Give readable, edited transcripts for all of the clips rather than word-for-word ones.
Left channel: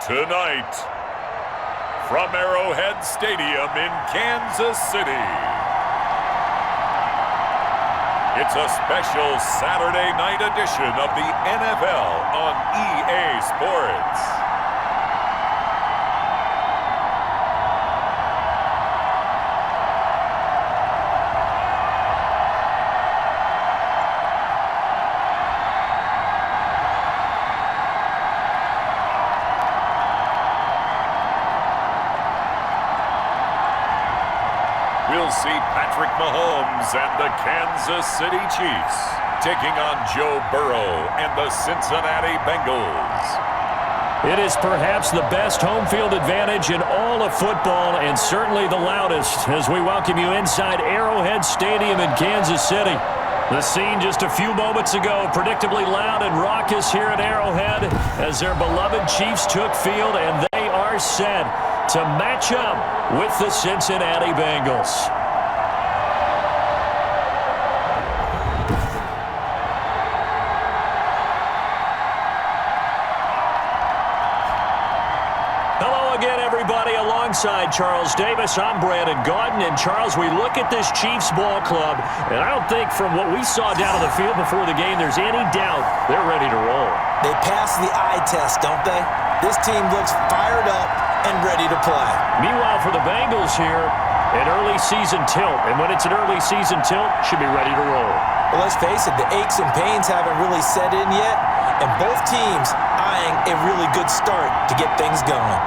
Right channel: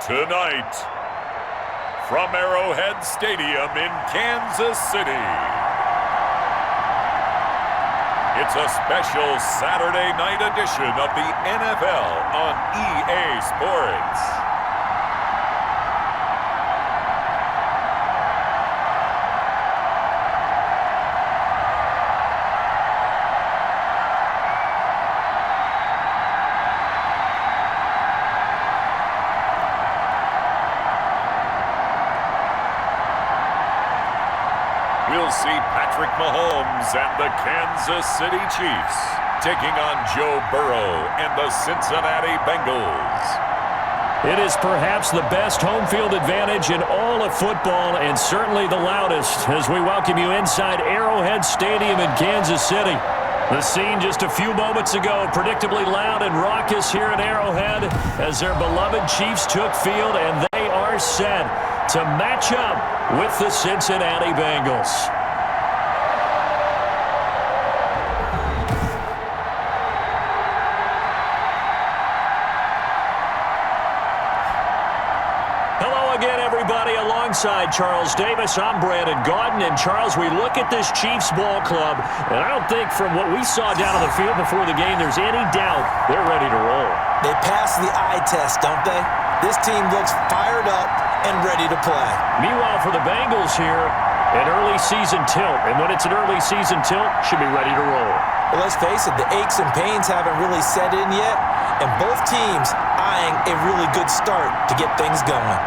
Tonight, from Arrowhead Stadium in Kansas City, it's a special Saturday night edition of the NFL on EA Sports. We'll see Patrick Mahomes and the Kansas City Chiefs taking on Joe Burrow and the Cincinnati Bengals. It is perhaps the best home field advantage in all of football, and certainly the loudest, as we welcome you inside Arrowhead Stadium in Kansas City. The scene just a few moments ago, predictably loud and raucous here at Arrowhead as their beloved Chiefs took field, and they are set to match up with the Cincinnati Bengals. Hello again, everybody. Alongside Charles Davis, I'm Brandon Gaudin. And Charles, we look at this Chiefs ball club, and I don't think from what we saw down on the field before the game there's any doubt they're ready to roll. They passed the eye test, don't they? This team looks fired up and ready to play. Meanwhile, for the Bengals here, an early season tilt. And when it's an early season tilt, should be ready to roll. Well, let's face it, the aches and pains haven't really set in yet, and both teams eyeing a really good start to get things going.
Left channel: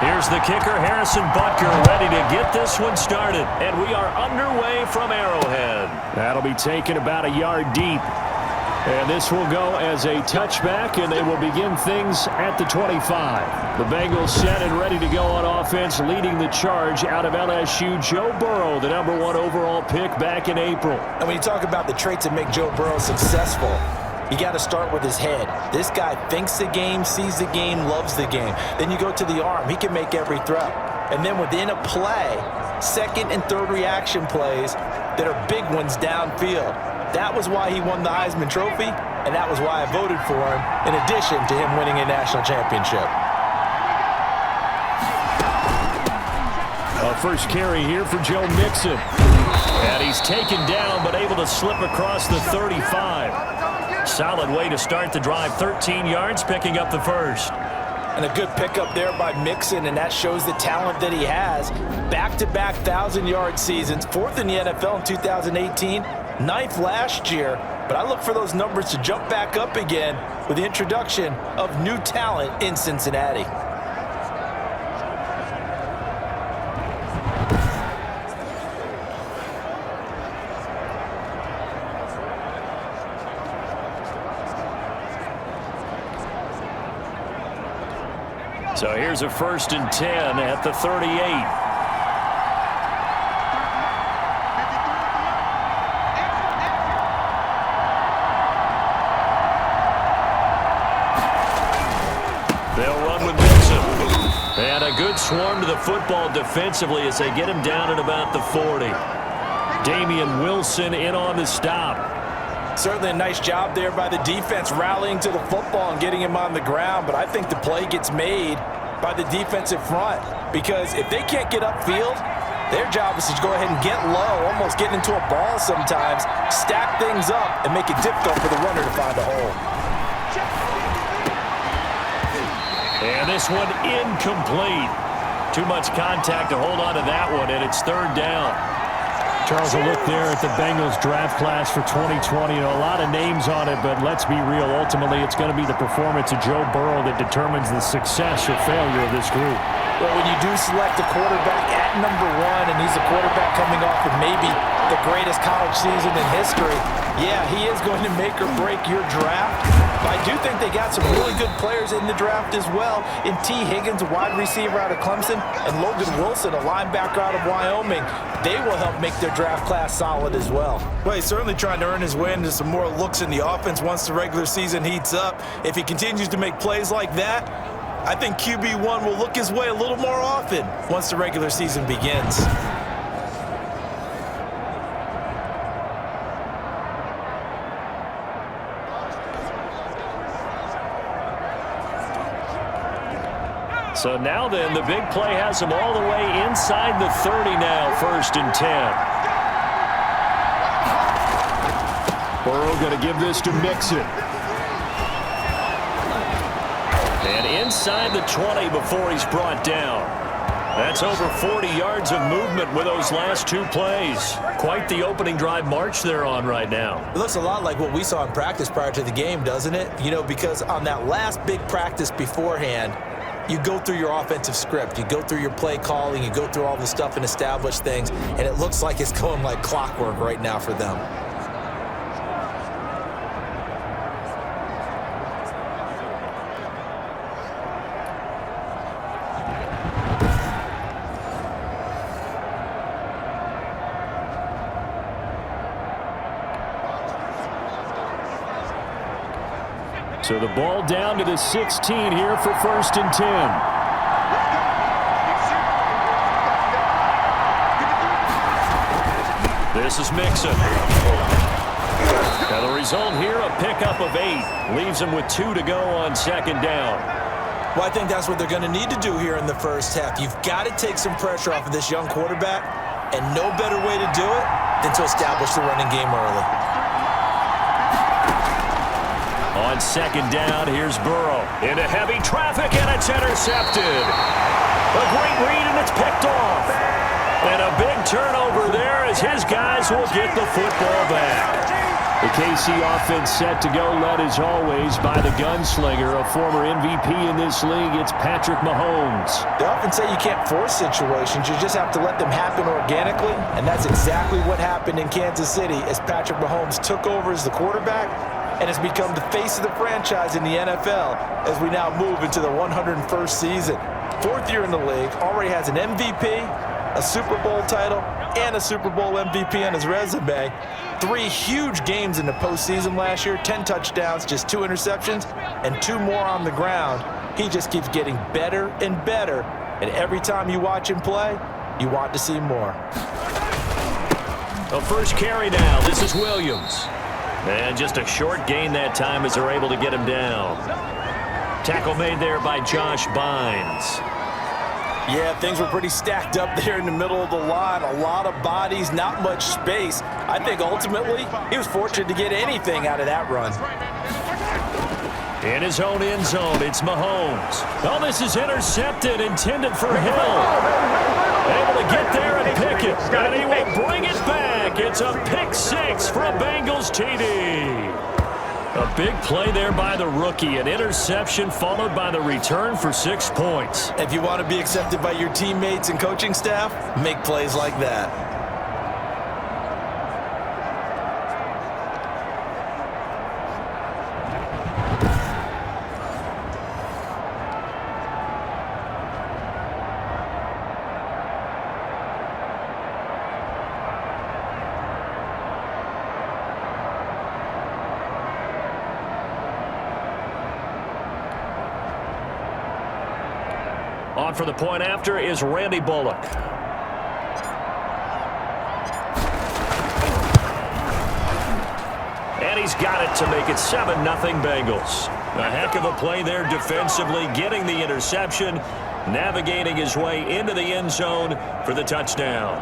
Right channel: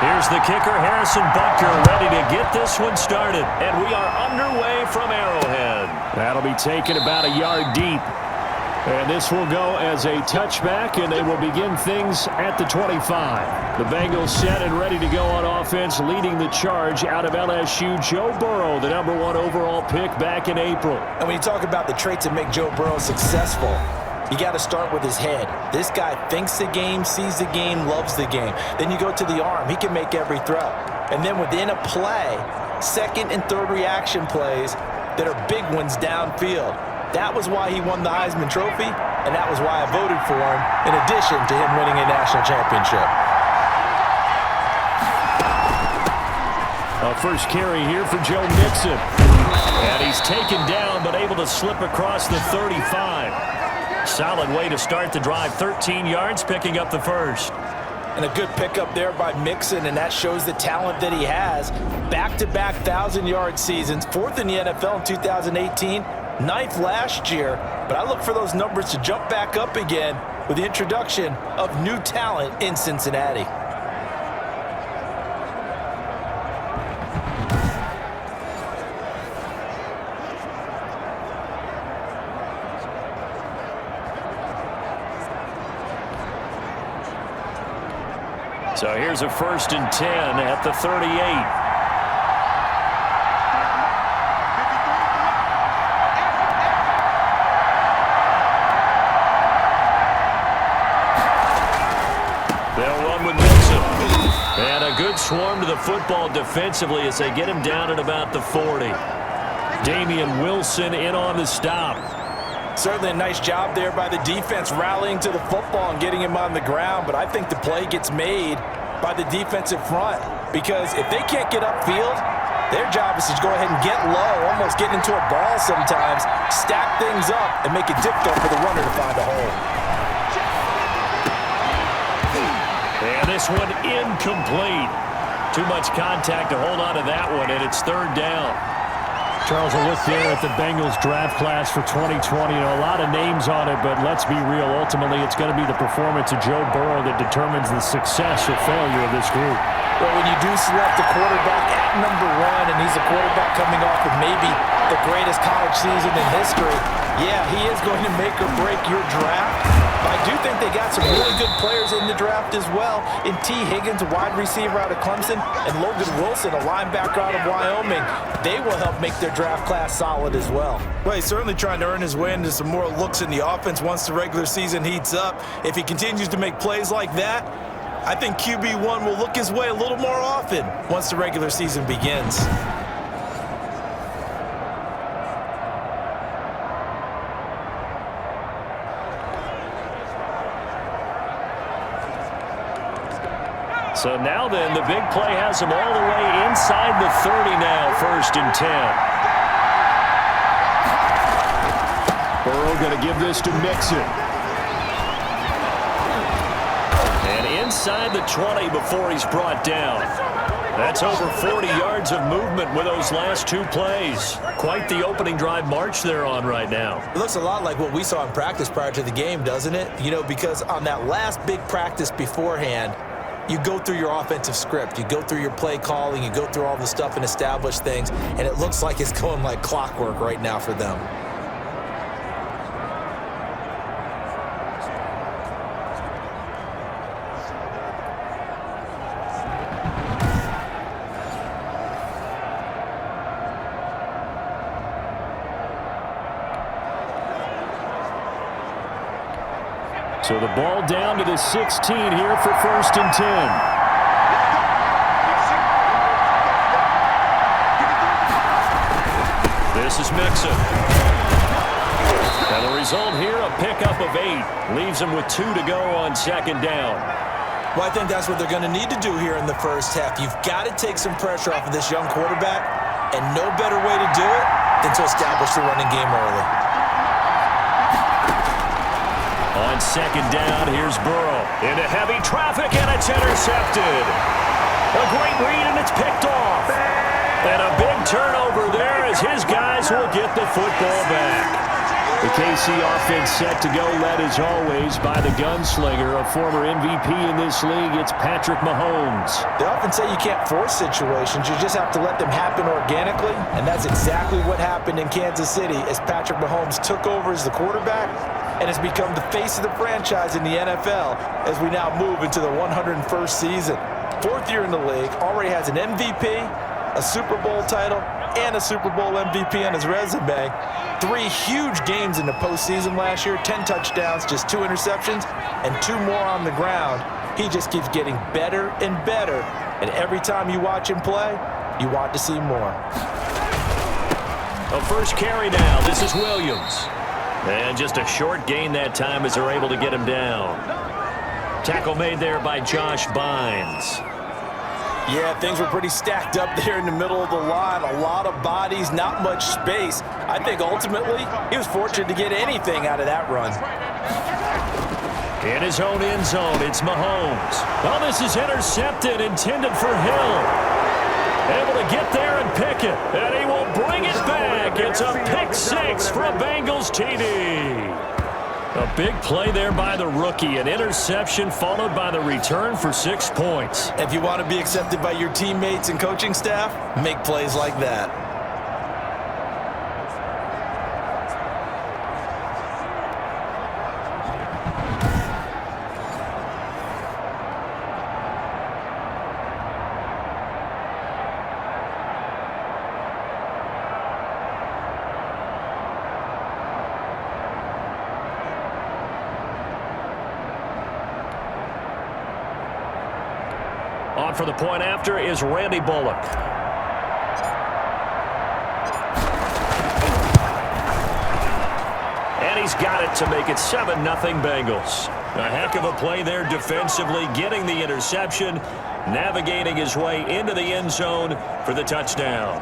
Here's the kicker, Harrison Butker, ready to get this one started. And we are underway from Arrowhead. That'll be taken about a yard deep. And this will go as a touchback, and they will begin things at the 25. The Bengals set and ready to go on offense, leading the charge out of LSU, Joe Burrow, the #1 overall pick back in April. And when you talk about the traits that make Joe Burrow successful, you got to start with his head. This guy thinks the game, sees the game, loves the game. Then you go to the arm. He can make every throw. And then within a play, second and third reaction plays that are big ones downfield. That was why he won the Heisman Trophy, and that was why I voted for him, in addition to him winning a national championship. A first carry here for Joe Mixon. And he's taken down, but able to slip across the 35. Solid way to start the drive, 13 yards, picking up the first. And a good pickup there by Mixon, and that shows the talent that he has. Back-to-back 1,000-yard seasons, 4th in the NFL in 2018, 9th last year. But I look for those numbers to jump back up again with the introduction of new talent in Cincinnati. So here's a 1st and 10 at the 38. They'll run with Mixon. And a good swarm to the football defensively as they get him down at about the 40. Damian Wilson in on the stop. Certainly a nice job there by the defense rallying to the football and getting him on the ground, but I think the play gets made by the defensive front because if they can't get upfield, their job is to go ahead and get low, almost get into a ball sometimes, stack things up, and make it difficult for the runner to find a hole. And this one incomplete. Too much contact to hold on to that one, and it's 3rd down. Charles, a look there at the Bengals draft class for 2020. You know, a lot of names on it, but let's be real. Ultimately, it's going to be the performance of Joe Burrow that determines the success or failure of this group. But when you do select a quarterback at number 1, and he's a quarterback coming off of maybe the greatest college season in history, yeah, he is going to make or break your draft. But I do think they got some really good players in the draft as well. In T. Higgins, a wide receiver out of Clemson, and Logan Wilson, a linebacker out of Wyoming. They will help make their draft class solid as well. Well, he's certainly trying to earn his way into some more looks in the offense once the regular season heats up. If he continues to make plays like that, I think QB1 will look his way a little more often once the regular season begins. So now then, the big play has him all the way inside the 30 now, 1st and 10. Burrow going to give this to Mixon. And inside the 20 before he's brought down. That's over 40 yards of movement with those last 2 plays. Quite the opening drive march they're on right now. It looks a lot like what we saw in practice prior to the game, doesn't it? You know, because on that last big practice beforehand, you go through your offensive script, you go through your play calling, you go through all the stuff and establish things, and it looks like it's going like clockwork right now for them. So the ball down to the 16 here for 1st and 10. This is Mixon. Now the result here, a pickup of 8. Leaves him with 2 to go on 2nd down. Well, I think that's what they're going to need to do here in the first half. You've got to take some pressure off of this young quarterback, and no better way to do it than to establish the running game early. On 2nd down, here's Burrow. Into heavy traffic, and it's intercepted. A great read, and it's picked off. And a big turnover there as his guys will get the football back. The KC offense set to go, led as always by the gunslinger, a former MVP in this league. It's Patrick Mahomes. They often say you can't force situations. You just have to let them happen organically, and that's exactly what happened in Kansas City as Patrick Mahomes took over as the quarterback and has become the face of the franchise in the NFL as we now move into the 101st season. 4th year in the league, already has an MVP, a Super Bowl title, and a Super Bowl MVP on his resume. 3 huge games in the postseason last year, 10 touchdowns, just 2 interceptions, and 2 more on the ground. He just keeps getting better and better, and every time you watch him play, you want to see more. A first carry now. This is Williams. And just a short gain that time as they're able to get him down. Tackle made there by Josh Bynes. Yeah, things were pretty stacked up there in the middle of the line. A lot of bodies, not much space. I think ultimately he was fortunate to get anything out of that run. In his own end zone, it's Mahomes. Oh, this is intercepted, intended for Hill. Able to get there and pick it, and he will bring it back. It's a pick six for a Bengals TD. A big play there by the rookie, an interception followed by the return for 6 points. If you want to be accepted by your teammates and coaching staff, make plays like that. On for the point after is Randy Bullock. And he's got it to make it 7-0 Bengals. A heck of a play there defensively, getting the interception, navigating his way into the end zone for the touchdown.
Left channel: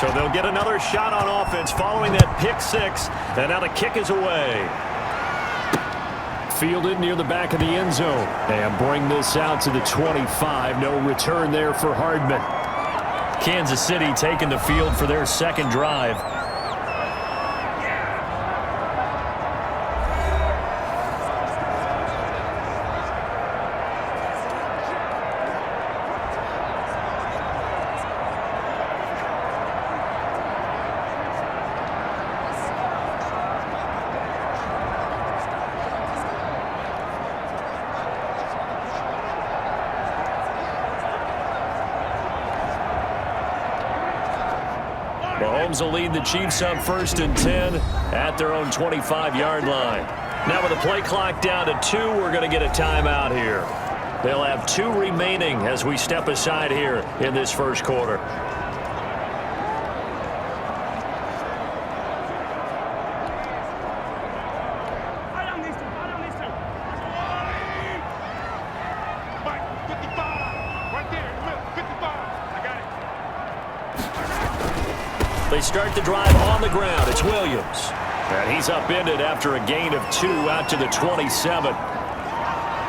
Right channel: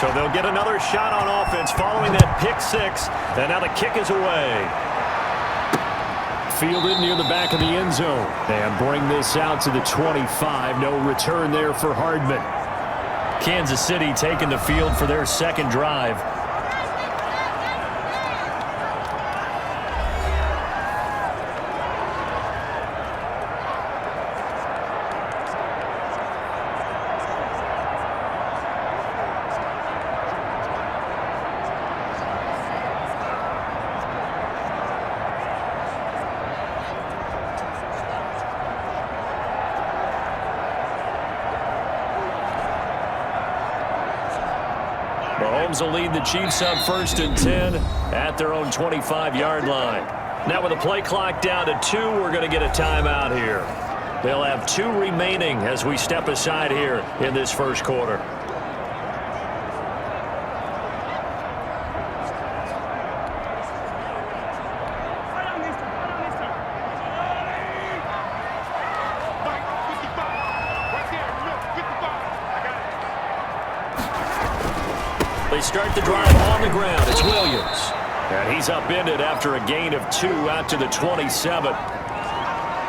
So they'll get another shot on offense following that pick six. And now the kick is away. Fielded near the back of the end zone. And bring this out to the 25. No return there for Hardman. Kansas City taking the field for their second drive. Mahomes will lead the Chiefs up 1st and 10 at their own 25-yard line. Now with the play clock down to 2, we're going to get a timeout here. They'll have 2 remaining as we step aside here in this first quarter. They start the drive on the ground. It's Williams. And he's upended after a gain of 2 out to the 27.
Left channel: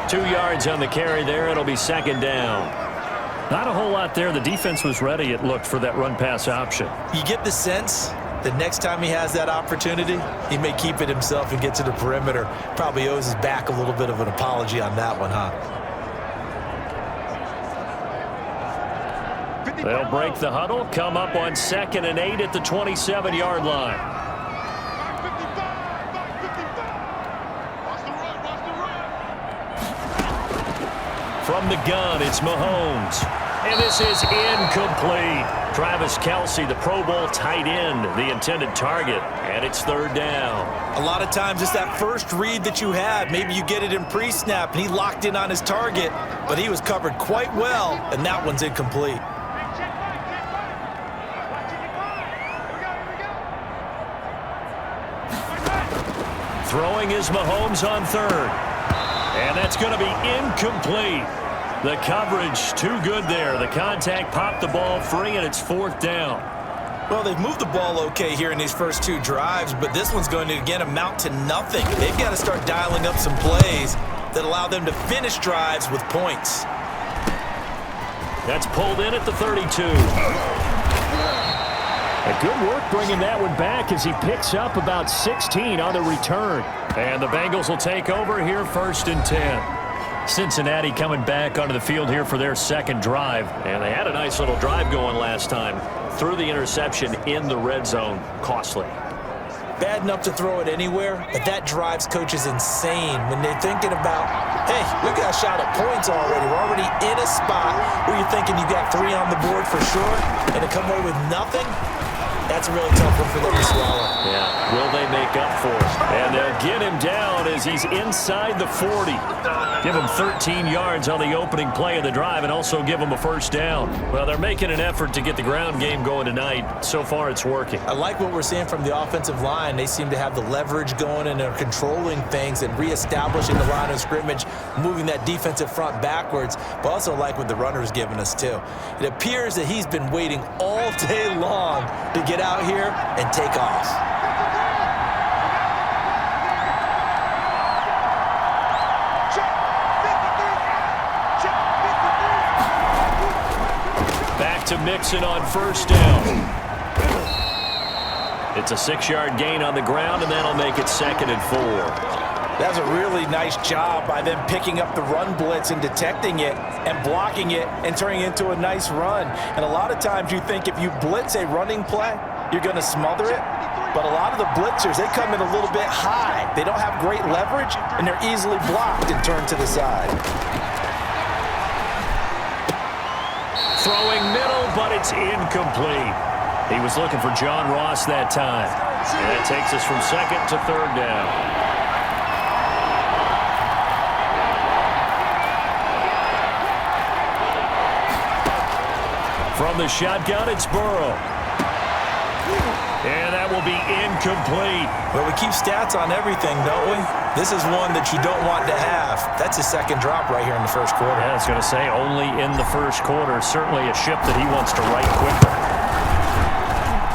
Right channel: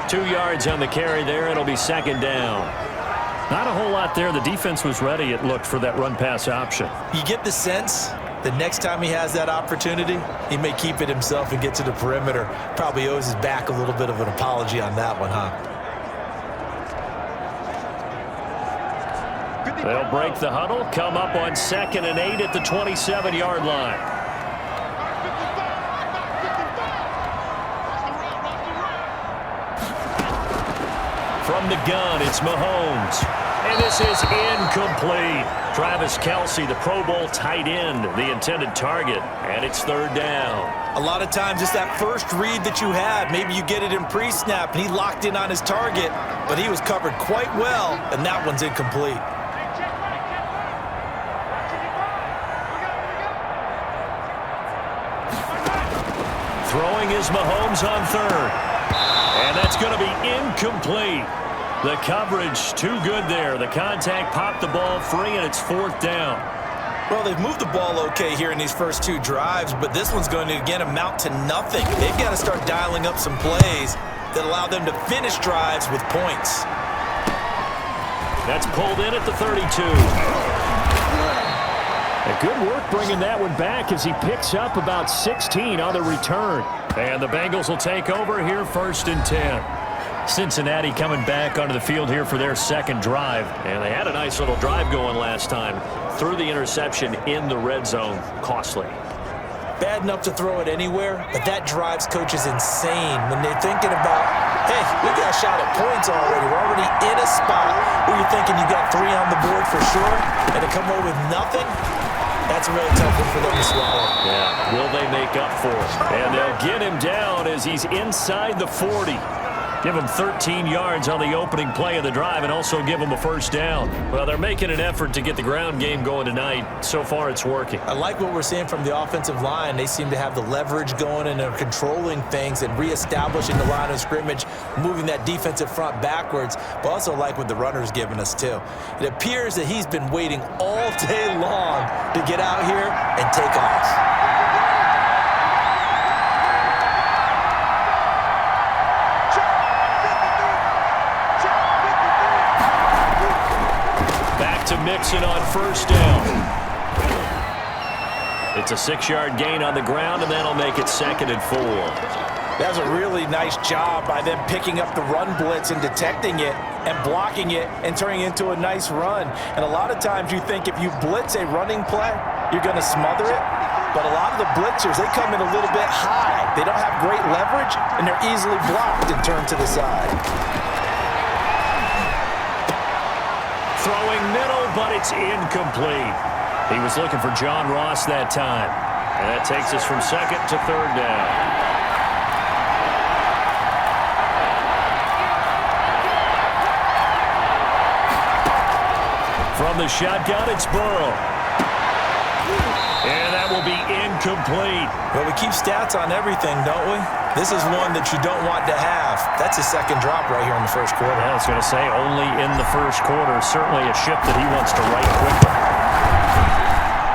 2 yards on the carry there. It'll be second down. Not a whole lot there. The defense was ready, it looked, for that run-pass option. You get the sense the next time he has that opportunity, he may keep it himself and get to the perimeter. Probably owes his back a little bit of an apology on that one, huh? They'll break the huddle, come up on 2nd and 8 at the 27-yard line. From the gun, it's Mahomes. And this is incomplete. Travis Kelce, the Pro Bowl tight end, the intended target. And it's 3rd down. A lot of times it's that first read that you have. Maybe you get it in pre-snap, and he locked in on his target, but he was covered quite well, and that one's incomplete. Throwing is Mahomes on 3rd. And that's going to be incomplete. The coverage too good there. The contact popped the ball free, and it's 4th down. Well, they've moved the ball okay here in these first 2 drives, but this one's going to, again, amount to nothing. They've got to start dialing up some plays that allow them to finish drives with points. That's pulled in at the 32. A good work bringing that one back as he picks up about 16 on the return. And the Bengals will take over here 1st and 10. Cincinnati coming back onto the field here for their second drive. And they had a nice little drive going last time. Threw the interception in the red zone. Costly. Bad enough to throw it anywhere, but that drives coaches insane when they're thinking about, hey, we've got a shot at points already. We're already in a spot where you're thinking you got 3 on the board for sure, and to come away with nothing, that's a really tough one for them to swallow. Yeah, will they make up for it? And they'll get him down as he's inside the 40. Give them 13 yards on the opening play of the drive and also give them a first down. Well, they're making an effort to get the ground game going tonight. So far, it's working. I like what we're seeing from the offensive line. They seem to have the leverage going and they're controlling things and reestablishing the line of scrimmage, moving that defensive front backwards, but also like what the runner's giving us too. It appears that he's been waiting all day long to get out here and take off. Back to Mixon on first down. It's a 6-yard gain on the ground, and that'll make it 2nd and 4. That was a really nice job by them picking up the run blitz and detecting it and blocking it and turning it into a nice run. And a lot of times you think if you blitz a running play, you're going to smother it. But a lot of the blitzers, they come in a little bit high. They don't have great leverage, and they're easily blocked and turned to the side. Throwing middle, but it's incomplete. He was looking for John Ross that time. And that takes us from 2nd to 3rd down. From the shotgun, it's Burrow. And that will be incomplete. Well, we keep stats on everything, don't we? This is one that you don't want to have. That's his second drop right here in the first quarter. Yeah, I was going to say only in the first quarter. Certainly a ship that he wants to right quickly.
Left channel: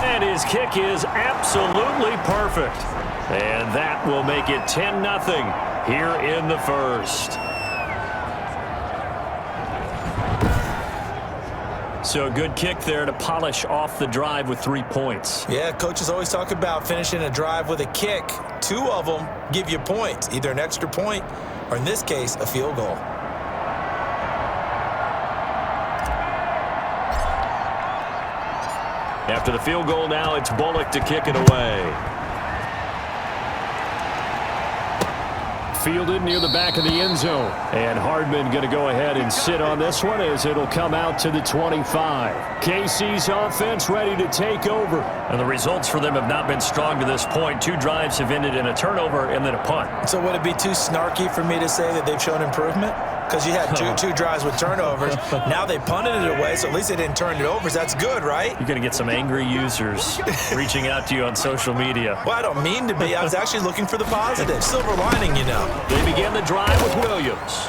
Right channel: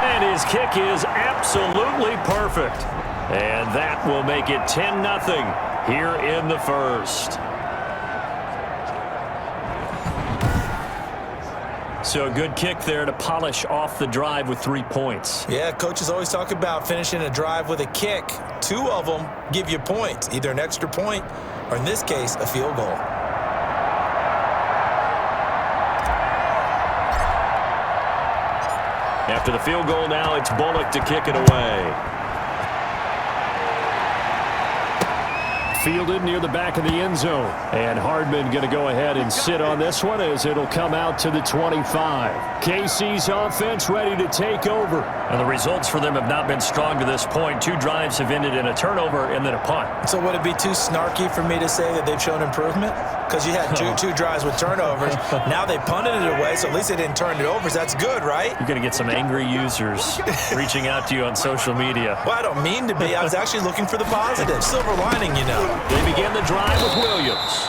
And his kick is absolutely perfect. And that will make it 10-0 here in the first. So a good kick there to polish off the drive with 3 points. Yeah, coaches always talk about finishing a drive with a kick. 2 of them give you points, either an extra point or, in this case, a field goal. After the field goal now, it's Bullock to kick it away. Fielded near the back of the end zone. And Hardman going to go ahead and sit on this one as it'll come out to the 25. KC's offense ready to take over. And the results for them have not been strong to this point. 2 drives have ended in a turnover and then a punt. So would it be too snarky for me to say that they've shown improvement? Because you had two drives with turnovers. Now they punted it away, so at least they didn't turn it over. So that's good, right? You're going to get some angry users reaching out to you on social media. Well, I don't mean to be. I was actually looking for the positive. Silver lining, you know. They begin the drive with Williams.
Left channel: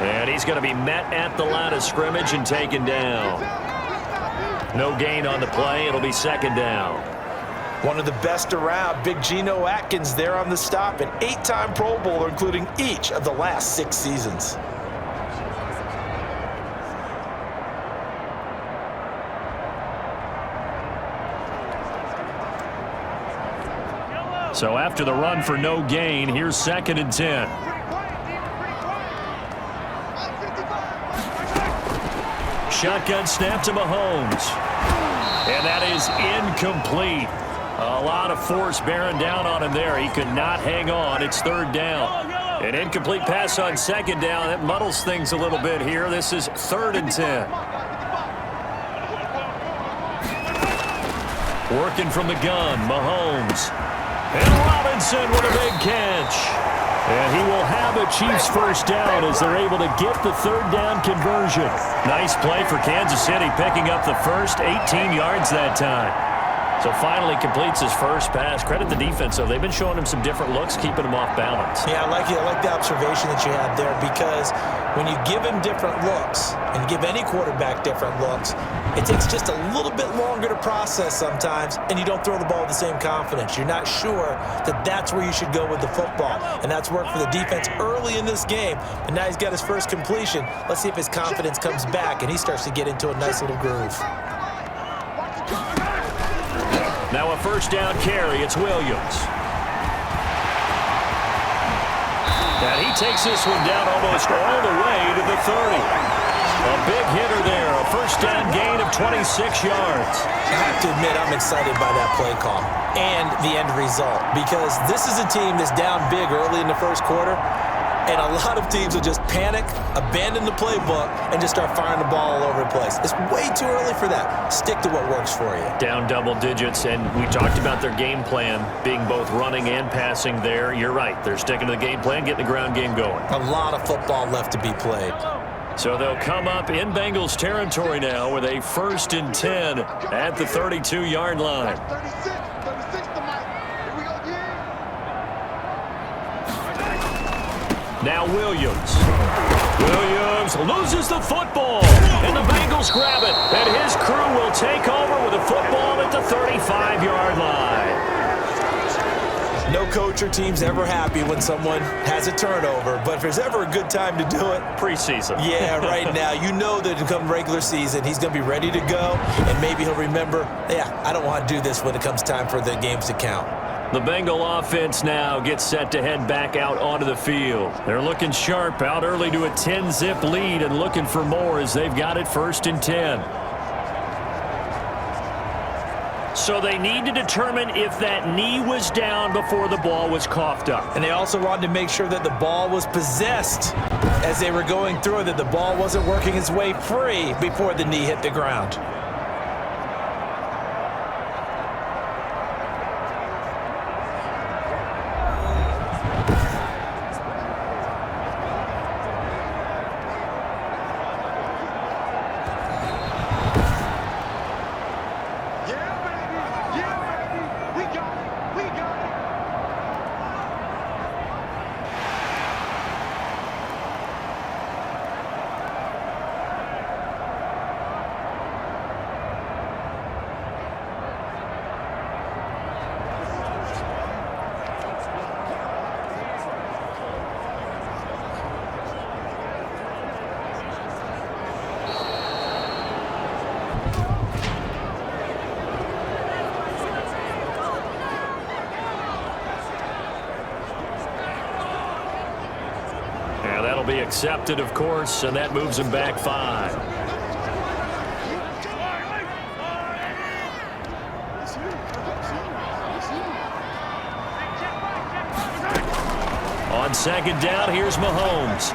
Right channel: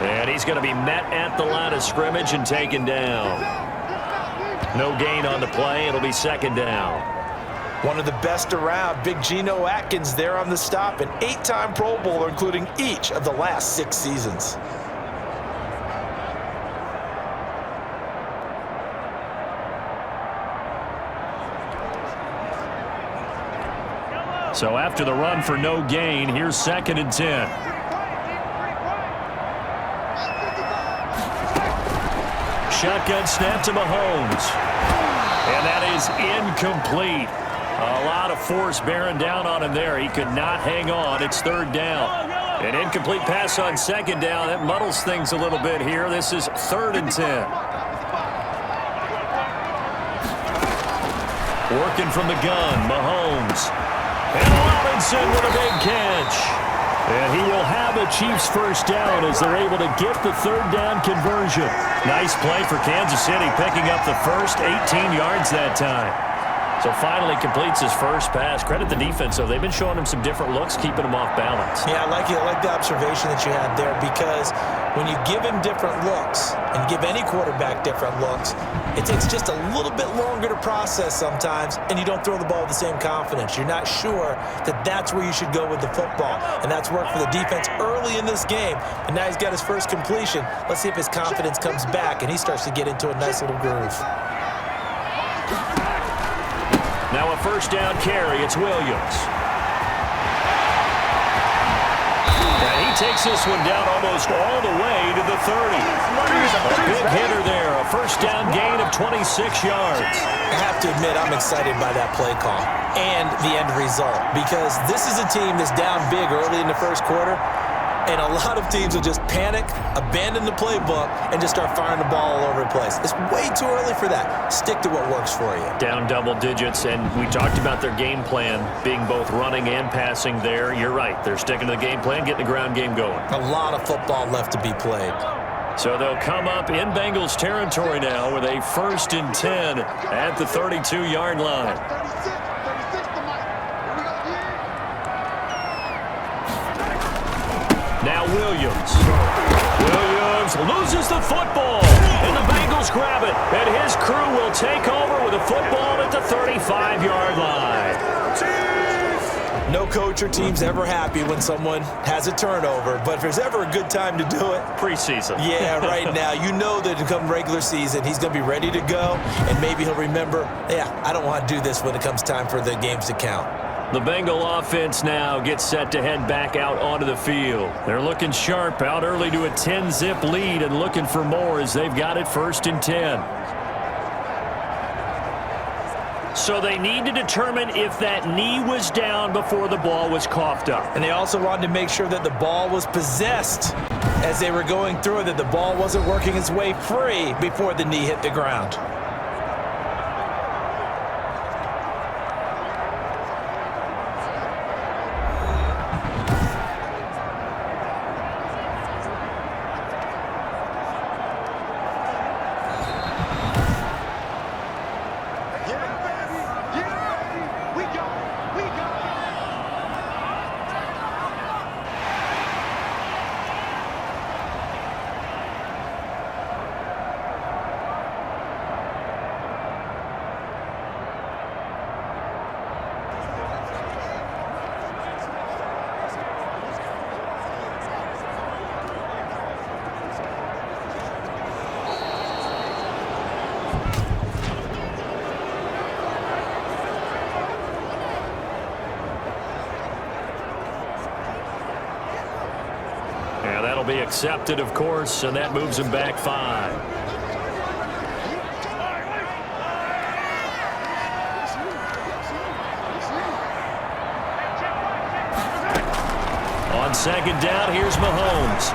And he's going to be met at the line of scrimmage and taken down. No gain on the play. It'll be 2nd down. One of the best around, Big Geno Atkins there on the stop, an 8-time Pro Bowler, including each of the last 6 seasons. So after the run for no gain, here's 2nd and 10. Shotgun snap to Mahomes. And that is incomplete. A lot of force bearing down on him there. He could not hang on. It's 3rd down. An incomplete pass on 2nd down. That muddles things a little bit here. This is 3rd and 10. Working from the gun, Mahomes. And Robinson with a big catch. And he will have a Chiefs first down as they're able to get the 3rd down conversion. Nice play for Kansas City, picking up the first 18 yards that time. So finally completes his first pass. Credit the defense, though. They've been showing him some different looks, keeping him off balance. Yeah, I like it. I like the observation that you had there, because when you give him different looks and give any quarterback different looks, it takes just a little bit longer to process sometimes, and you don't throw the ball with the same confidence. You're not sure that that's where you should go with the football, and that's worked for the defense early in this game. And now he's got his first completion. Let's see if his confidence comes back and he starts to get into a nice little groove. Now a first down carry. It's Williams. And he takes this one down almost all the way to the 30. A big hitter there. A first down gain of 26 yards. I have to admit, I'm excited by that play call and the end result, because this is a team that's down big early in the first quarter. And a lot of teams will just panic, abandon the playbook, and just start firing the ball all over the place. It's way too early for that. Stick to what works for you. Down double digits, and we talked about their game plan being both running and passing there. You're right. They're sticking to the game plan, getting the ground game going. A lot of football left to be played. So they'll come up in Bengals territory now with a 1st and 10 at the 32-yard line. 36 to Mike. Here we go, Now Williams. Williams loses the football, and the Bengals grab it, and his crew will take over with a football at the 35-yard line. No coach or team's ever happy when someone has a turnover, but if there's ever a good time to do it, Preseason. yeah, right now. You know that come regular season, he's going to be ready to go, and maybe he'll remember, yeah, I don't want to do this when it comes time for the games to count. The Bengal offense now gets set to head back out onto the field. They're looking sharp, out early to a 10-zip lead and looking for more as they've got it 1st and 10. So they need to determine if that knee was down before the ball was coughed up. And they also wanted to make sure that the ball was possessed as they were going through it, that the ball wasn't working its way free before the knee hit the ground. Yeah, that'll be accepted, of course, and that moves him back 5. On 2nd down, here's Mahomes.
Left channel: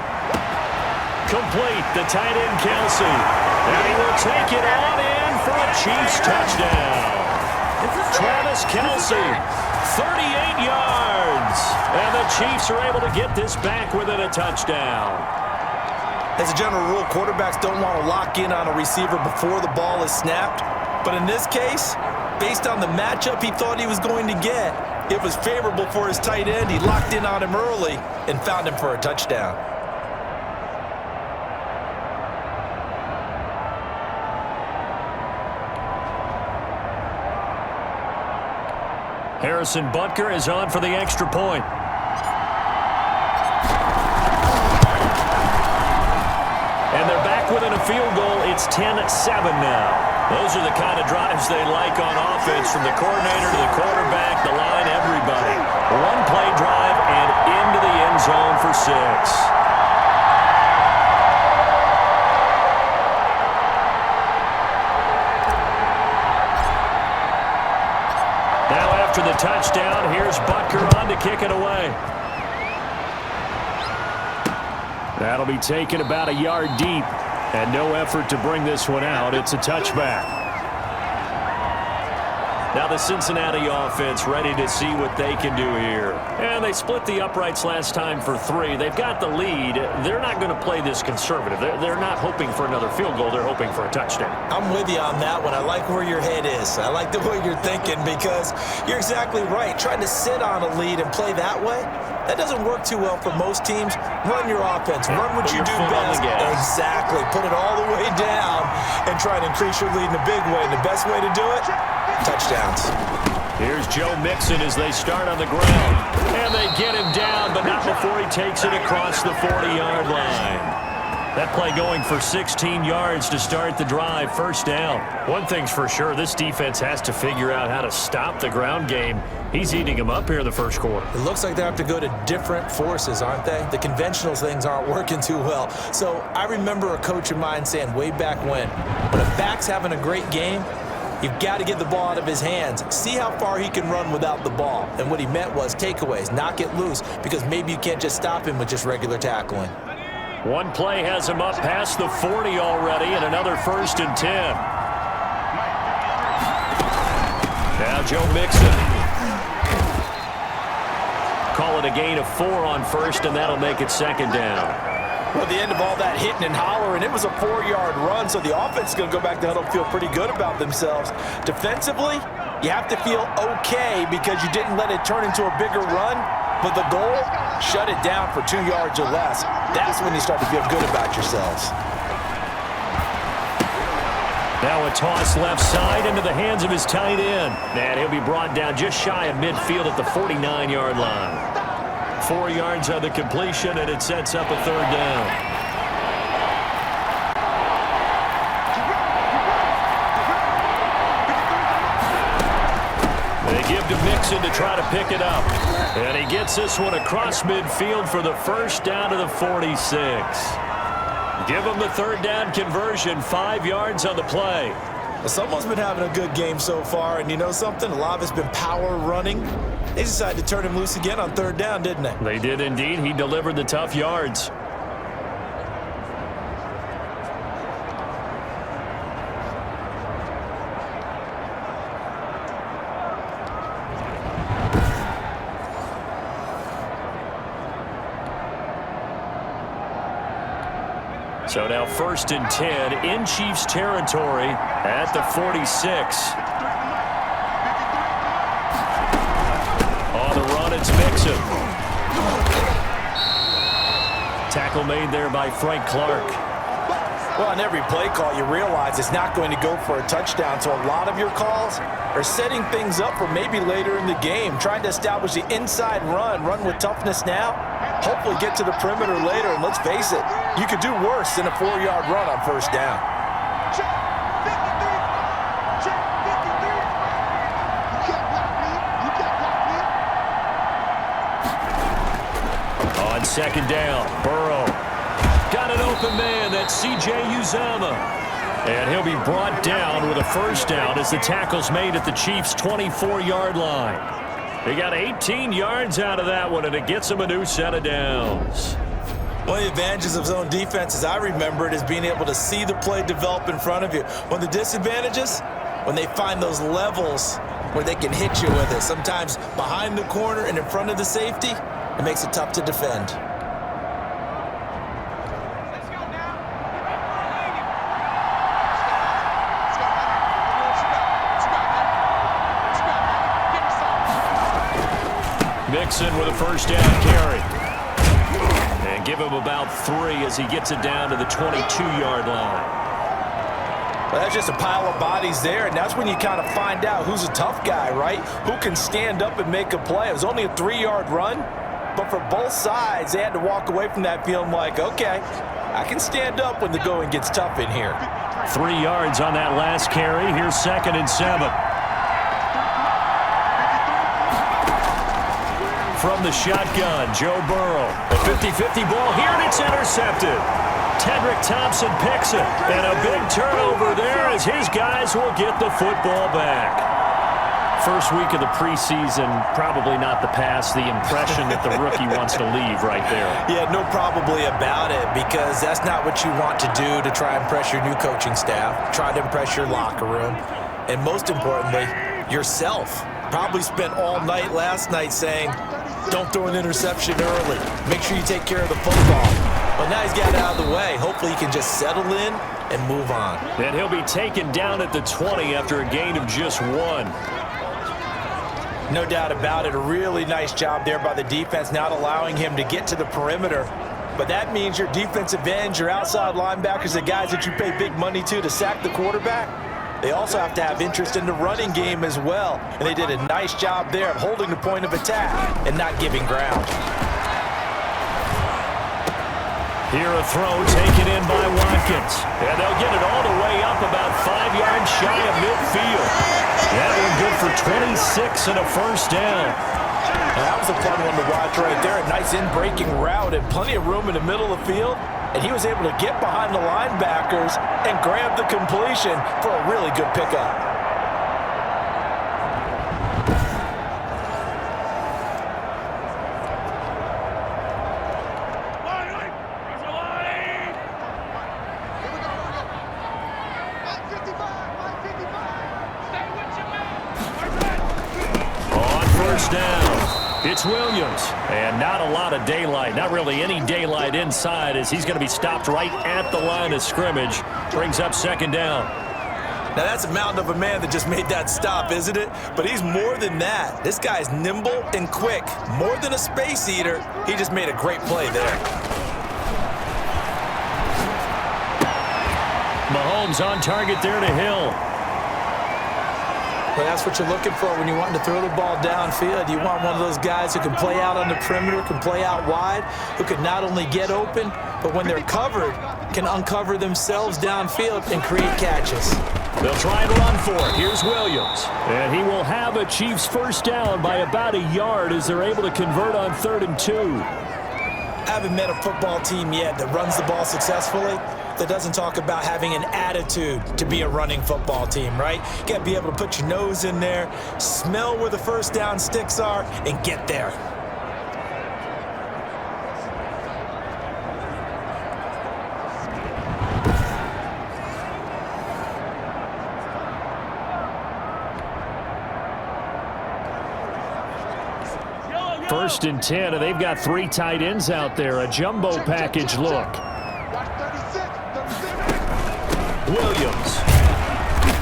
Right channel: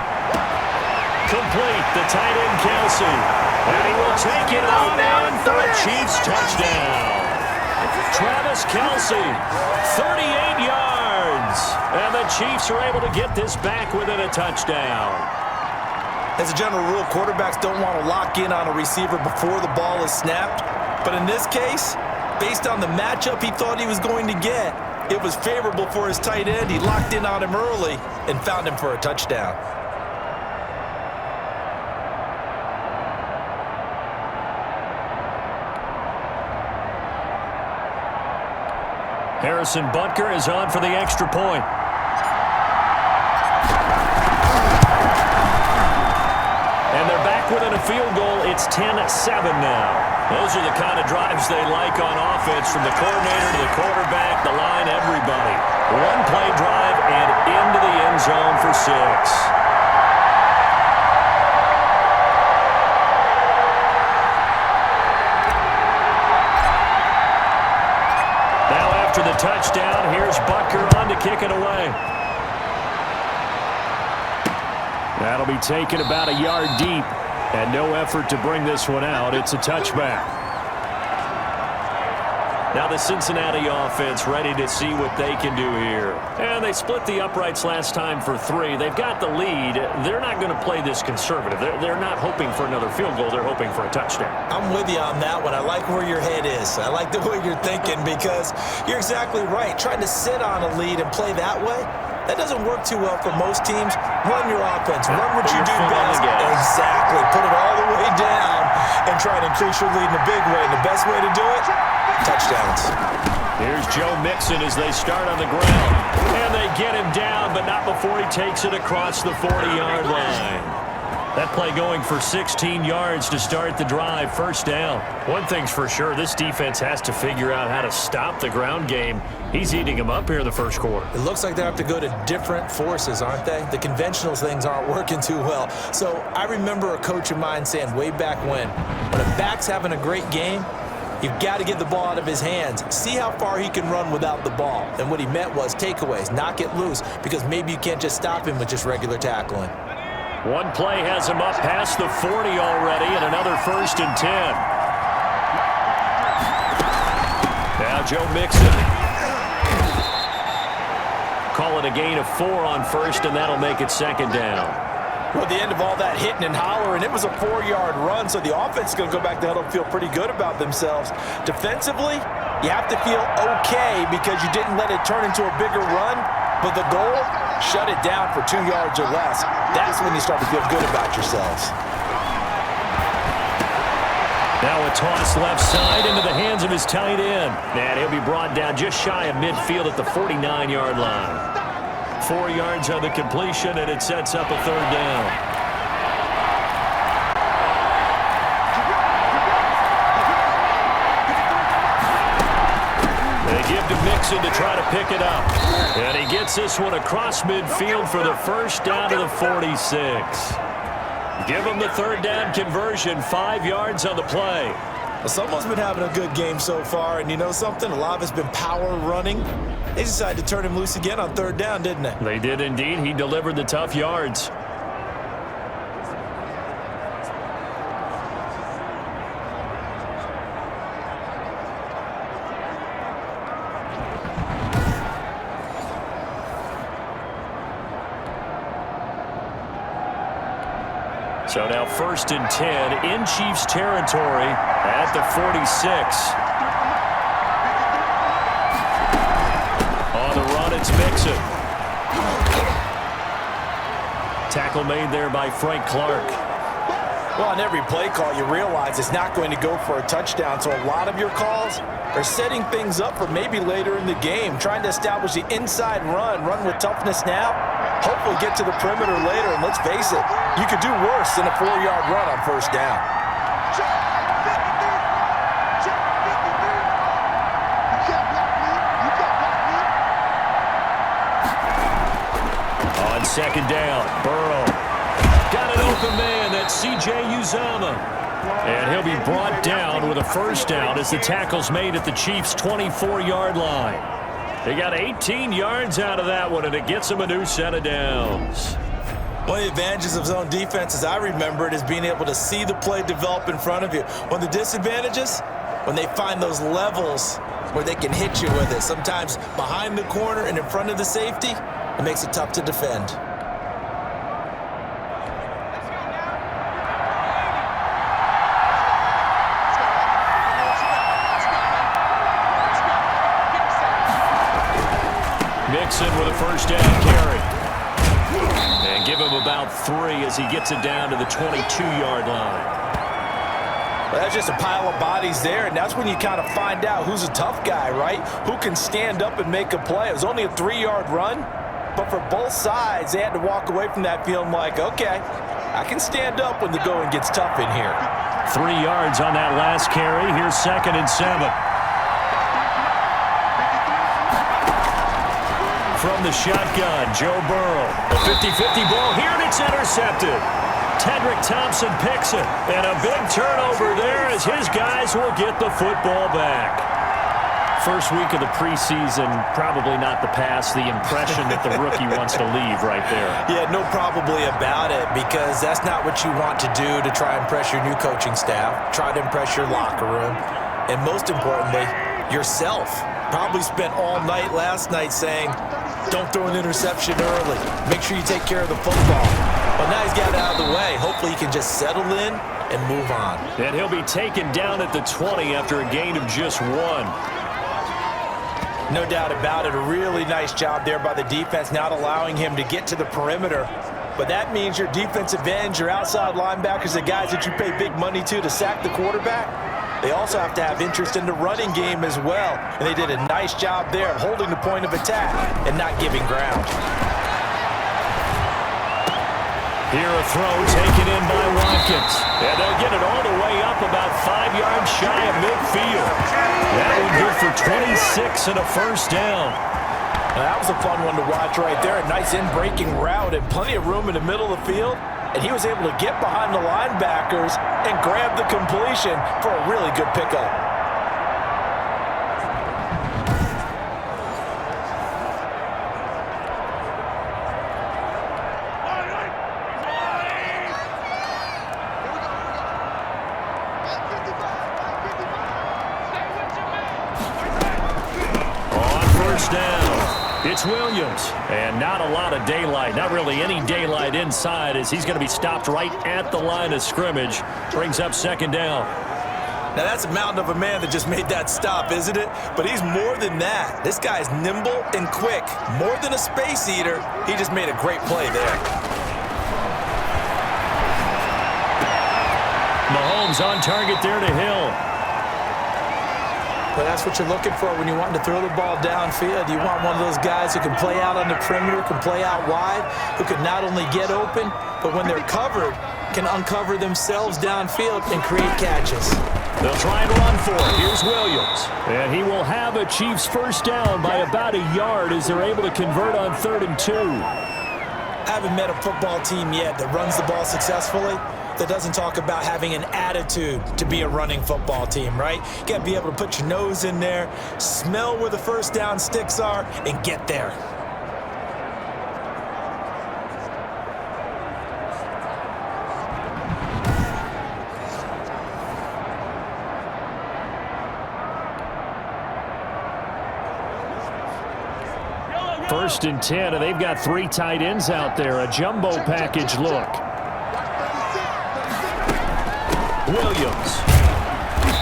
Complete, the tight end Kelsey. And he will take it on in for a Chiefs touchdown. Travis Kelsey, 38 yards. And the Chiefs are able to get this back within a touchdown. As a general rule, quarterbacks don't want to lock in on a receiver before the ball is snapped. But in this case, based on the matchup he thought he was going to get, it was favorable for his tight end. He locked in on him early and found him for a touchdown. Harrison Butker is on for the extra point. And they're back within a field goal. It's 10-7 now. Those are the kind of drives they like on offense, from the coordinator to the quarterback, the line, everybody. One-play drive and into the end zone for 6. Now after the touchdown, here's Butker on to kick it away. That'll be taken about a yard deep, and no effort to bring this one out. It's a touchback. Now the Cincinnati offense ready to see what they can do here. And they split the uprights last time for 3. They've got the lead. They're not going to play this conservative. They're not hoping for another field goal. They're hoping for a touchdown. I'm with you on that one. I like where your head is. I like the way you're thinking, because you're exactly right. Trying to sit on a lead and play that way, that doesn't work too well for most teams. Run your offense. Run what you do best. Exactly. Put it all the way down and try to increase your lead in a big way. And the best way to do it, touchdowns. Here's Joe Mixon as they start on the ground. And they get him down, but not before he takes it across the 40-yard line. That play going for 16 yards to start the drive. 1st down. One thing's for sure, this defense has to figure out how to stop the ground game. He's eating them up here in the 1st quarter. It looks like they have to go to different forces, aren't they? The conventional things aren't working too well. So I remember a coach of mine saying way back when a back's having a great game, You've got to get the ball out of his hands. See how far he can run without the ball. And what he meant was takeaways, knock it loose, because maybe you can't just stop him with just regular tackling. One play has him up past the 40 already, and another 1st and 10. Now Joe Mixon. Call it a gain of 4 on 1st, and that'll make it 2nd down. Well, at the end of all that hitting and hollering, it was a 4-yard run, so the offense is going to go back to huddle and feel pretty good about themselves. Defensively, you have to feel okay because you didn't let it turn into a bigger run, but the goal, shut it down for 2 yards or less. That's when you start to feel good about yourselves. Now a toss left side into the hands of his tight end. And he'll be brought down just shy of midfield at the 49-yard line. 4 yards on the completion, and it sets up a 3rd down. They give to Mixon to try to pick it up. And he gets this one across midfield for the 1st down to the 46. Give him the 3rd down conversion, 5 yards on the play. Well, someone's been having a good game so far, and you know something? A lot of it's been power running. They decided to turn him loose again on 3rd down, didn't they? They did indeed. He delivered the tough yards. So now 1st and 10 in Chiefs territory at the 46. On the run, it's Mixon. Tackle made there by Frank Clark. Well, on every play call, you realize it's not going to go for a touchdown, so a lot of your calls are setting things up for maybe later in the game, trying to establish the inside run with toughness now, hopefully get to the perimeter later, and let's face it, you could do worse than a 4-yard run on 1st down. Check 53. Check 53. You can't block me. You can't block me. On 2nd down, Burrow. Got an open man, that's C.J. Uzomah. And he'll be brought down with a 1st down as the tackle's made at the Chiefs' 24-yard line. They got 18 yards out of that one, and it gets them a new set of downs. One of the advantages of zone defense, as I remember it, is being able to see the play develop in front of you. One of the disadvantages, when they find those levels where they can hit you with it, sometimes behind the corner and in front of the safety, it makes it tough to defend. Mixon with a 1st down carry. And give him about 3 as he gets it down to the 22-yard line. Well, that's just a pile of bodies there, and that's when you kind of find out who's a tough guy, right? Who can stand up and make a play. It was only a 3-yard run, but for both sides, they had to walk away from that feeling like, okay, I can stand up when the going gets tough in here. 3 yards on that last carry. Here's 2nd and 7. From the shotgun, Joe Burrow. A 50-50 ball here, and it's intercepted. Tedrick Thompson picks it, and a big turnover there as his guys will get the football back. First week of the preseason, probably not the pass, the impression that the rookie wants to leave right there. Yeah, no probably about it, because that's not what you want to do to try and impress your new coaching staff, try to impress your locker room, and most importantly, yourself. Probably spent all night last night saying, don't throw an interception early. Make sure you take care of the football. But now he's got it out of the way. Hopefully he can just settle in and move on. And he'll be taken down at the 20 after a gain of just 1. No doubt about it. A really nice job there by the defense, not allowing him to get to the perimeter. But that means your defensive ends, your outside linebackers, the guys that you pay big money to sack the quarterback, they also have to have interest in the running game as well. And they did a nice job there of holding the point of attack and not giving ground. Here a throw taken in by Watkins. And they'll get it all the way up about 5 yards shy of midfield. That one good for 26 and a 1st down. Now, that was a fun one to watch right there. A nice in-breaking route and plenty of room in the middle of the field. And he was able to get behind the linebackers and grab the completion for a really good pickup. 55, Mike 55. Stay with your man. On first down, it's Williams. And not a lot of daylight, not really any daylight inside, as he's going to be stopped right at the line of scrimmage. Brings up second down. Now, that's a mountain of a man that just made that stop, isn't it? But he's more than that. This guy's nimble and quick. More than a space eater, he just made a great play there. Mahomes on target there to Hill. But that's what you're looking for when you want to throw the ball downfield. You want one of those guys who can play out on the perimeter, can play out wide, who can not only get open, but when they're covered, can uncover themselves downfield and create catches. They'll try and run for it. Here's Williams. And he will have a Chiefs first down by about a yard as they're able to convert on 3rd and 2. Haven't met a football team yet that runs the ball successfully that doesn't talk about having an attitude to be a running football team, right? You got to be able to put your nose in there, smell where the first down sticks are, and get there. First and 10, and they've got 3 tight ends out there. A jumbo package look. Watch 36, 36. Williams.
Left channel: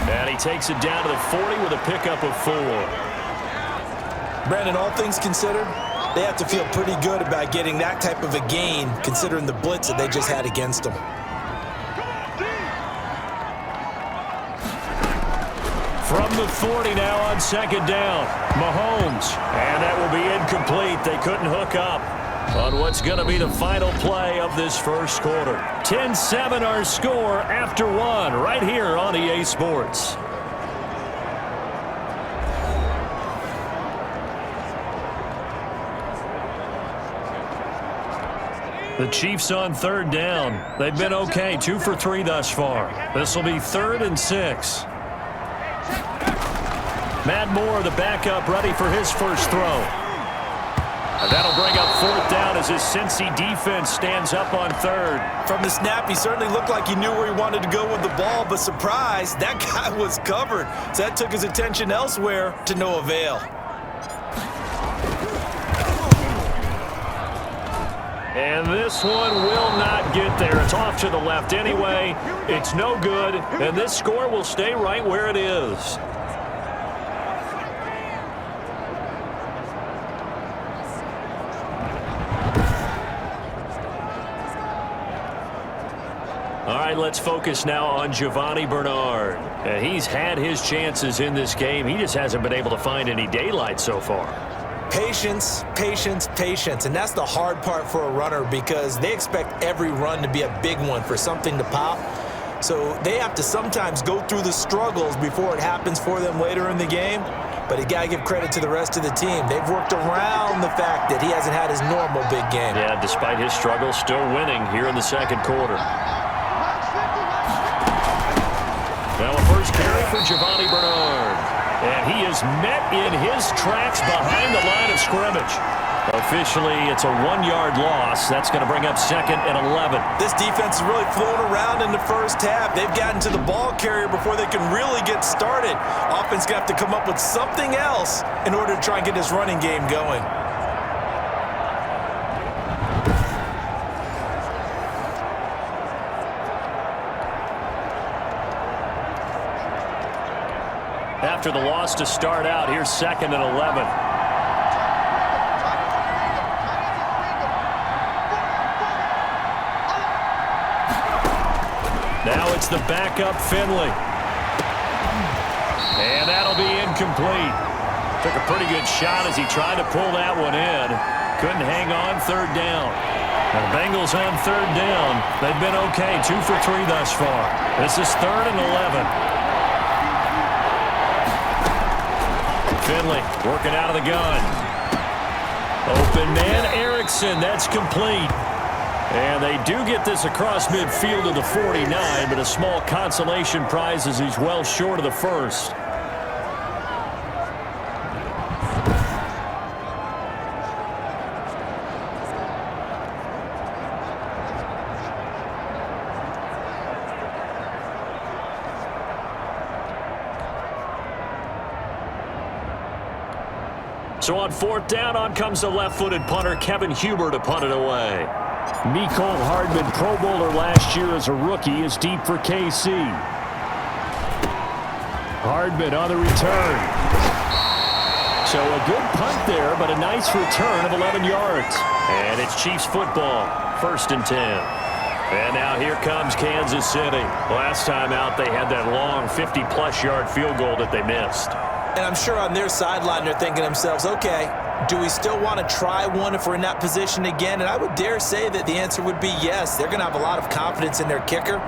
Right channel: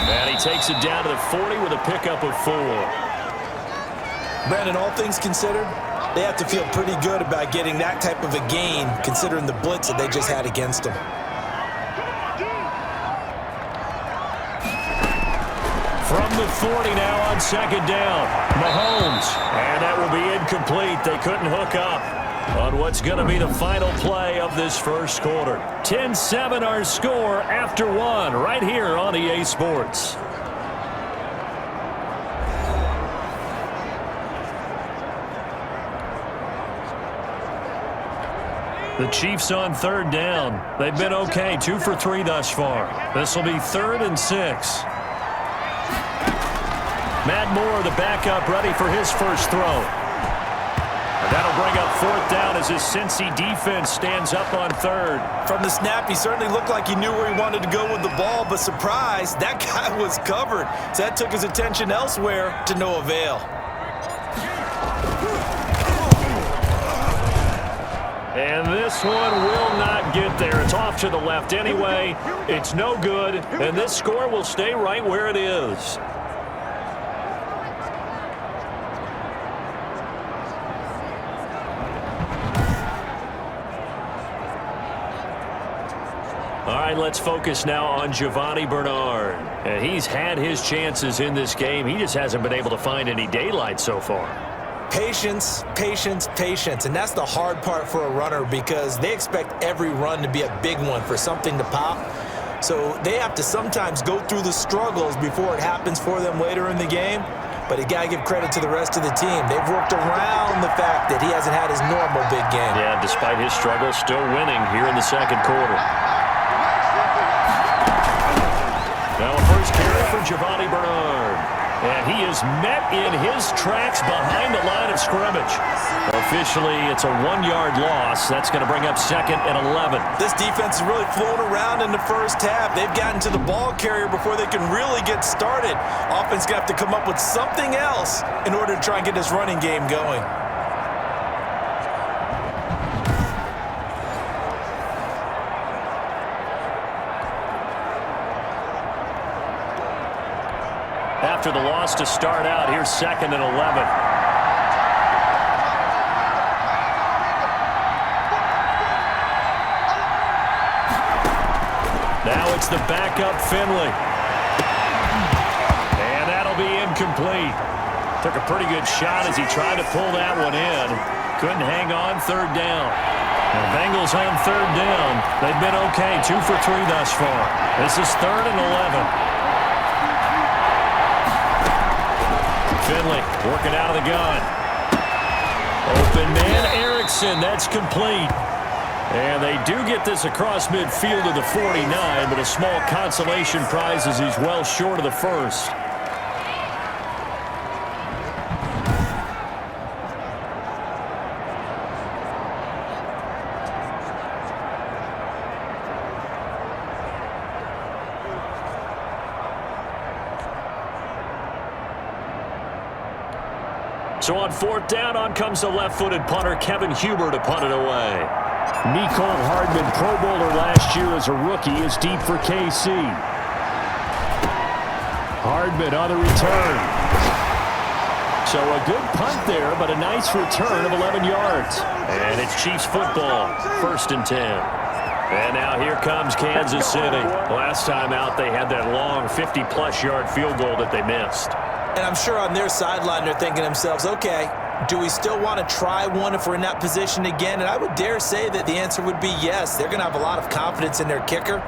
And he takes it down to the 40 with a pickup of 4. Brandon, all things considered, they have to feel pretty good about getting that type of a gain considering the blitz that they just had against them. From the 40 now on second down. Mahomes. And that will be incomplete. They couldn't hook up on what's going to be the final play of this first quarter. 10-7 our score after 1 right here on EA Sports. The Chiefs on 3rd down. They've been okay, 2 for 3 thus far. This will be 3rd and 6. Matt Moore, the backup, ready for his first throw. And that'll bring up 4th down as his Cincy defense stands up on 3rd. From the snap, he certainly looked like he knew where he wanted to go with the ball, but surprise, that guy was covered. So that took his attention elsewhere to no avail. And this one will not get there. It's off to the left anyway. It's no good, and this score will stay right where it is. All right, let's focus now on Giovanni Bernard. And he's had his chances in this game. He just hasn't been able to find any daylight so far. Patience, patience, patience. And that's the hard part for a runner because they expect every run to be a big one for something to pop. So they have to sometimes go through the struggles before it happens for them later in the game. But you got to give credit to the rest of the team. They've worked around the fact that he hasn't had his normal big game. Yeah, despite his struggles, still winning here in the second quarter. Now a first carry for Giovanni Bernard. And he is met in his tracks behind the line of scrimmage. Officially, it's a 1-yard loss. That's going to bring up 2nd and 11. This defense has really flown around in the first half. They've gotten to the ball carrier before they can really get started. Offense going to have to come up with something else in order to try and get this running game going. After the loss to start out, here's 2nd and 11. Now it's the backup Finley. And that'll be incomplete. Took a pretty good shot as he tried to pull that one in. Couldn't hang on 3rd down. Now the Bengals on 3rd down. They've been okay, 2 for 3 thus far. This is 3rd and 11. Finley working out of the gun. Open man, Erickson. That's complete. And they do get this across midfield to the 49, but a small consolation prize as he's well short of the first. So on 4th down, on comes the left-footed punter, Kevin Huber, to punt it away. Mecole Hardman, Pro Bowler last year as a rookie, is deep for KC. Hardman on the return. So a good punt there, but a nice return of 11 yards. And it's Chiefs football, 1st and 10. And now here comes Kansas City. Last time out, they had that long 50-plus yard field goal that they missed. And I'm sure on their sideline they're thinking to themselves, okay, do we still want to try one if we're in that position again? And I would dare say that the answer would be yes. They're going to have a lot of confidence in their kicker.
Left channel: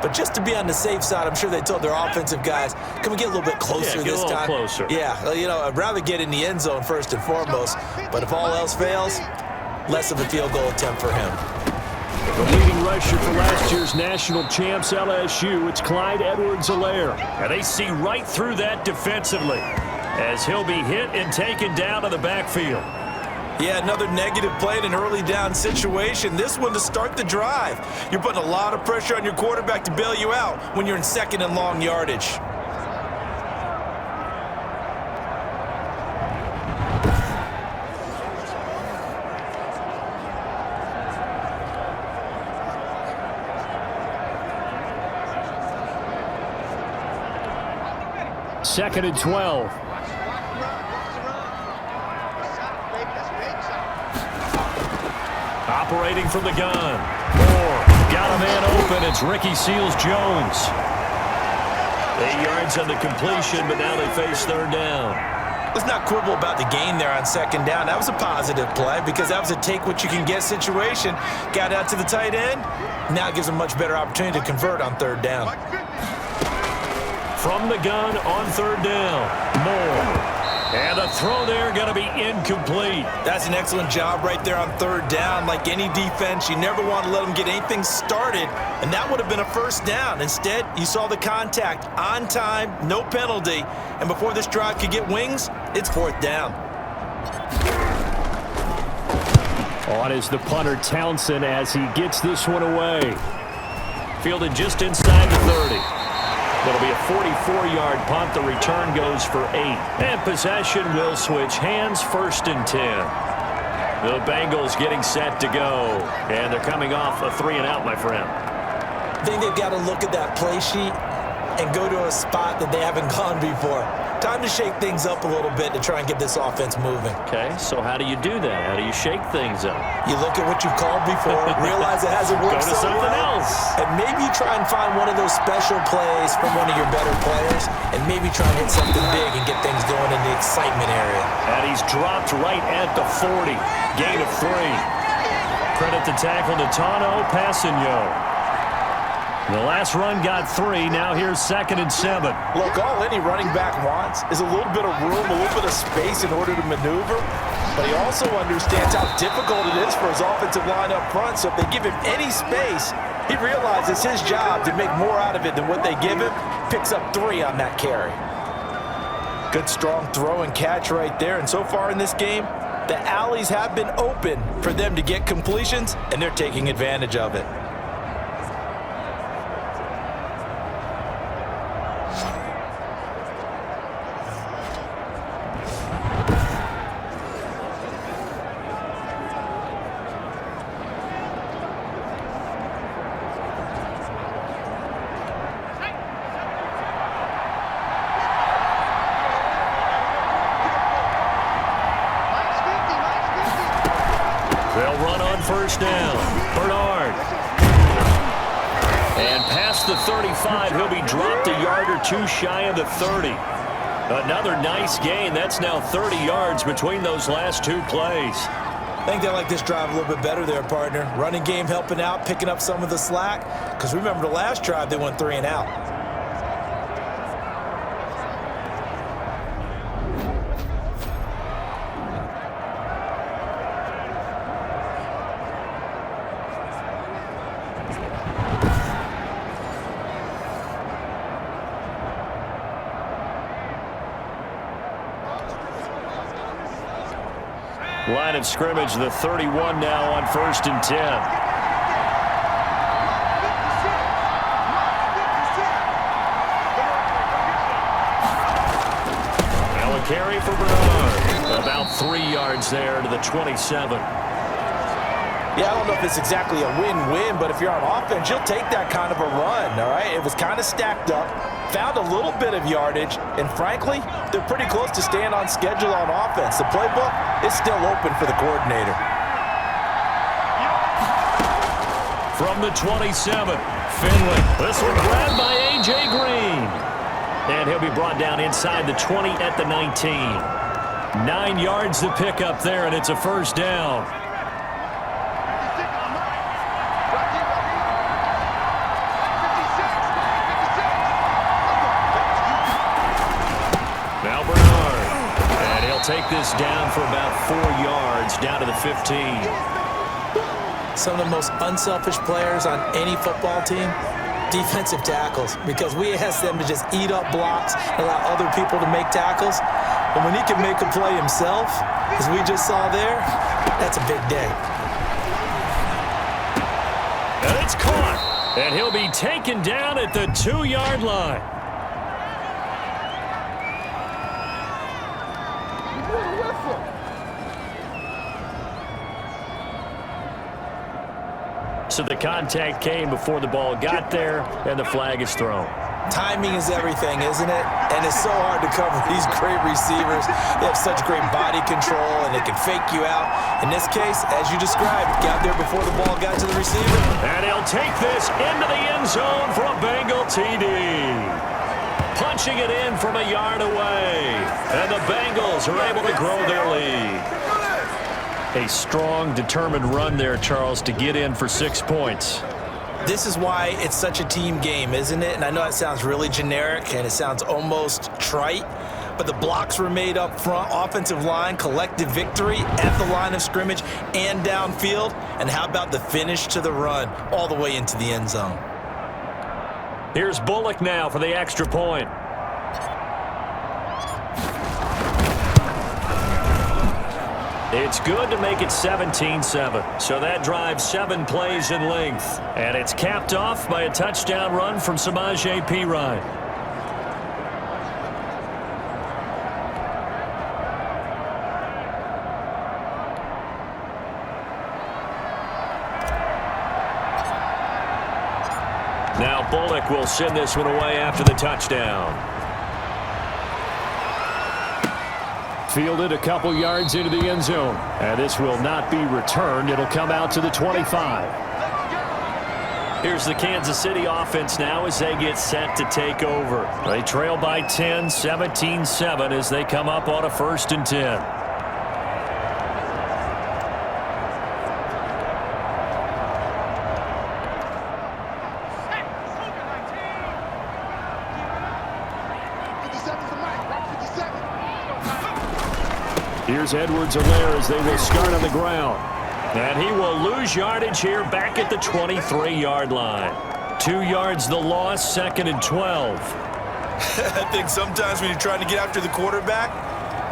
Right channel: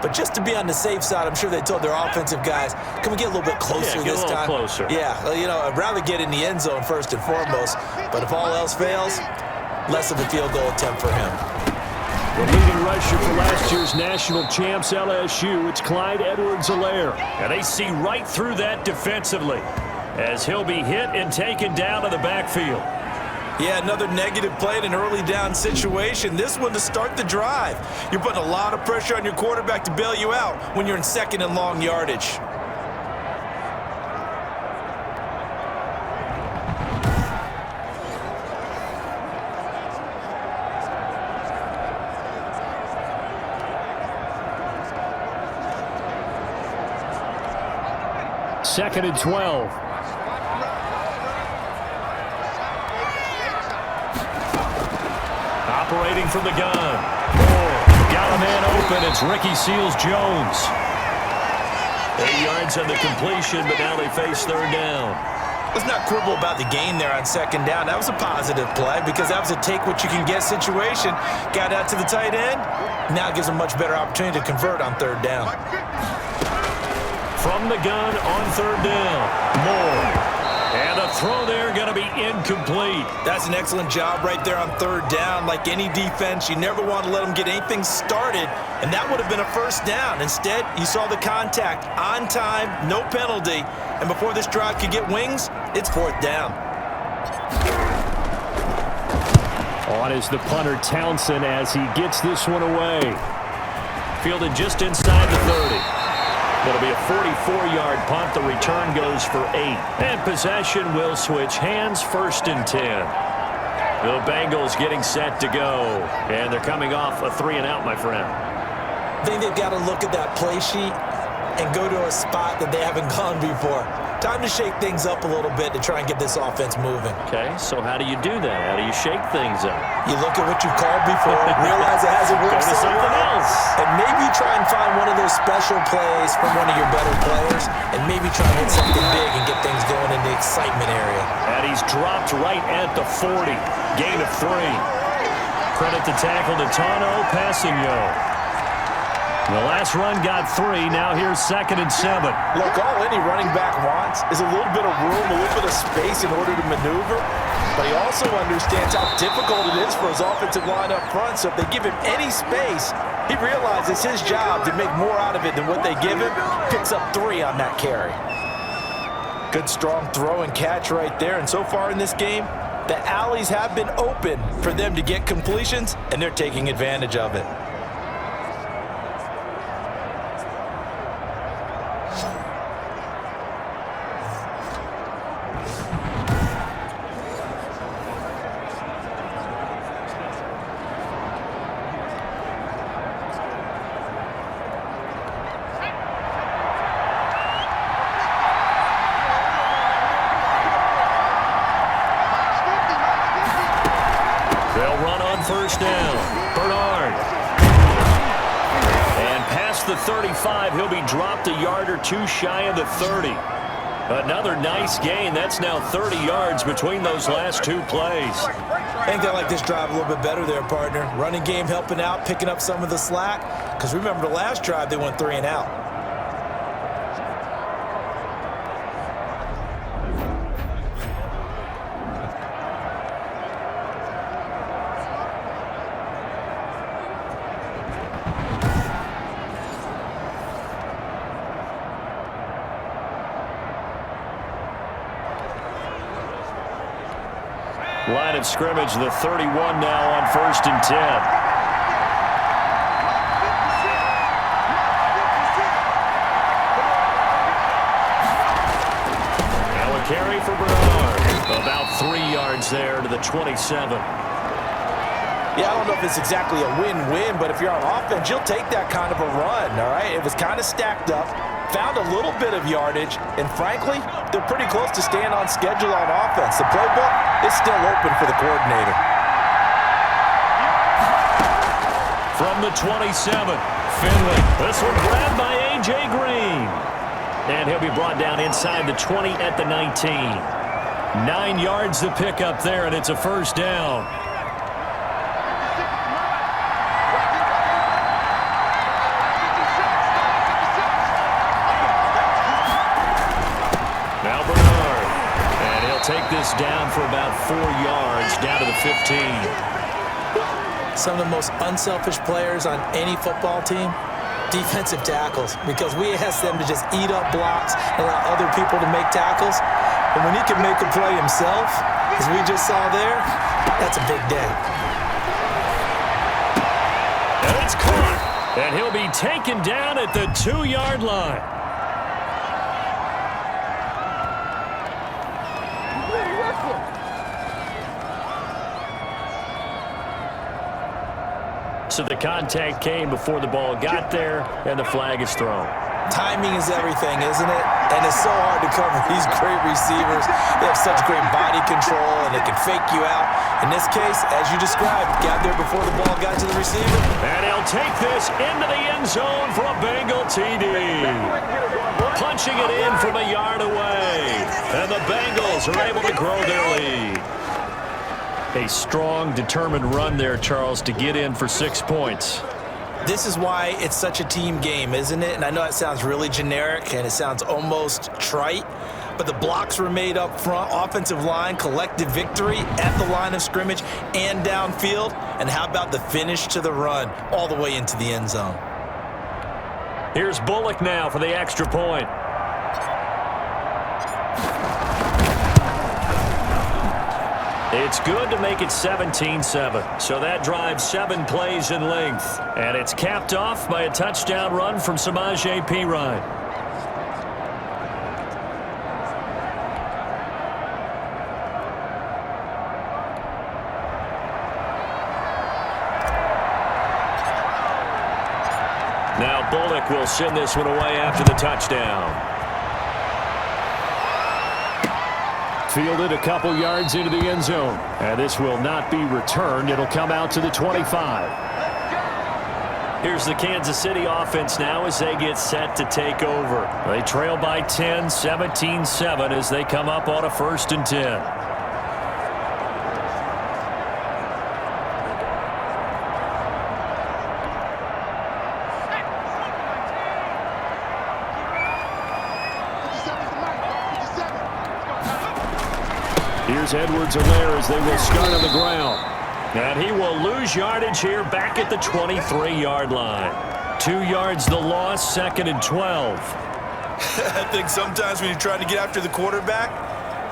But just to be on the safe side, I'm sure they told their offensive guys, can we get a little bit closer this time? Get a little closer. Yeah, you know, I'd rather get in the end zone first and foremost. But if all else fails, less of a field goal attempt for him. The leading rusher for last year's national champs, LSU, it's Clyde Edwards-Helaire. And they see right through that defensively as he'll be hit and taken down to the backfield. Yeah, another negative play in an early down situation. This one to start the drive. You're putting a lot of pressure on your quarterback to bail you out when you're in 2nd and long yardage. Second and 12. Operating from the gun. Moore got a man open. It's Ricky Seals-Jones. 8 yards on the completion, but now they face 3rd down. Let's not quibble about the gain there on 2nd down. That was a positive play because that was a take-what-you-can-get situation. Got out to the tight end. Now it gives them a much better opportunity to convert on 3rd down. From the gun on 3rd down. Moore. And the throw there going to be incomplete. That's an excellent job right there on 3rd down. Like any defense, you never want to let them get anything started, and that would have been a 1st down. Instead, you saw the contact on time, no penalty, and before this drive could get wings, it's 4th down. On is the punter Townsend as he gets this one away. Fielded just inside the 30. It'll be a 44-yard punt. The return goes for 8. And possession will switch hands, 1st and 10. The Bengals getting set to go. And they're coming off a 3-and-out, my friend. I think they've got to look at that play sheet and go to a spot that they haven't gone before. Time to shake things up a little bit to try and get this offense moving. Okay, so how do you do that? How do you shake things up? You look at what you've called before, realize it hasn't worked Go to so something well, else. and maybe you try and find one of those special plays from one of your better players, and maybe try and hit something big and get things going in the excitement area. And he's dropped right at the 40. Gain of 3. Credit the tackle to Tano Passigno. The last run got 3. Now here's 2nd and 7. Look, all any running back wants is a little bit of room, a little bit of space in order to maneuver. But he also understands how difficult it is for his offensive line up front. So if they give him any space, he realizes it's his job to make more out of it than what they give him. Picks up 3 on that carry. Good strong throw and catch right there. And so far in this game, the alleys have been open for them to get completions, and they're taking advantage of it. They'll run on 1st down. Bernard. And past the 35, he'll be dropped a yard or 2 shy of the 30. Another nice gain. That's now 30 yards between those last 2 plays. I think they like this drive a little bit better there, partner. Running game helping out, picking up some of the slack. Because remember, the last drive, they went 3-and-out. Line of scrimmage, the 31 now on 1st and 10. Now a carry for Bernard. About 3 yards there to the 27. Yeah, I don't know if it's exactly a win-win, but if you're on offense, you'll take that kind of a run, all right? It was kind of stacked up, found a little bit of yardage, and frankly, they're pretty close to staying on schedule on offense. The playbook is still open for the coordinator. From the 27, Finley. This one grabbed by A.J. Green. And he'll be brought down inside the 20 at the 19. 9 yards to pick up there, and it's a first down. Now Bernard. And he'll take this down for about 4 yards, down to the 15. Some of the most unselfish players on any football team, defensive tackles, because we ask them to just eat up blocks, allow other people to make tackles. And when he can make a play himself, as we just saw there, that's a big day. And it's caught. And he'll be taken down at the 2-yard line. So the contact came before the ball got there, and the flag is thrown. Timing is everything, isn't it? And it's so hard to cover these great receivers. They have such great body control, and they can fake you out. In this case, as you described, got there before the ball got to the receiver. And he'll take this into the end zone for a Bengal TD. Punching it in from a yard away. And the Bengals are able to grow their lead. A strong, determined run there, Charles, to get in for 6 points. This is why it's such a team game, isn't it? And I know it sounds really generic and it sounds almost trite, but the blocks were made up front, offensive line, collective victory at the line of scrimmage and downfield. And how about the finish to the run all the way into the end zone? Here's Bullock now for the extra point. It's good to make it 17-7. So that drives 7 plays in length. And it's capped off by a touchdown run from Samaje Perine. Now Bullock will send this one away after the touchdown. Fielded a couple yards into the end zone. And this will not be returned. It'll come out to the 25. Here's the Kansas City offense now as they get set to take over. They trail by 10, 17-7 as they come up on a 1st and 10. Here's Edwards-Helaire as they will start on the ground. And he will lose yardage here back at the 23-yard line. 2 yards the loss, 2nd and 12. I think sometimes when you're trying to get after the quarterback,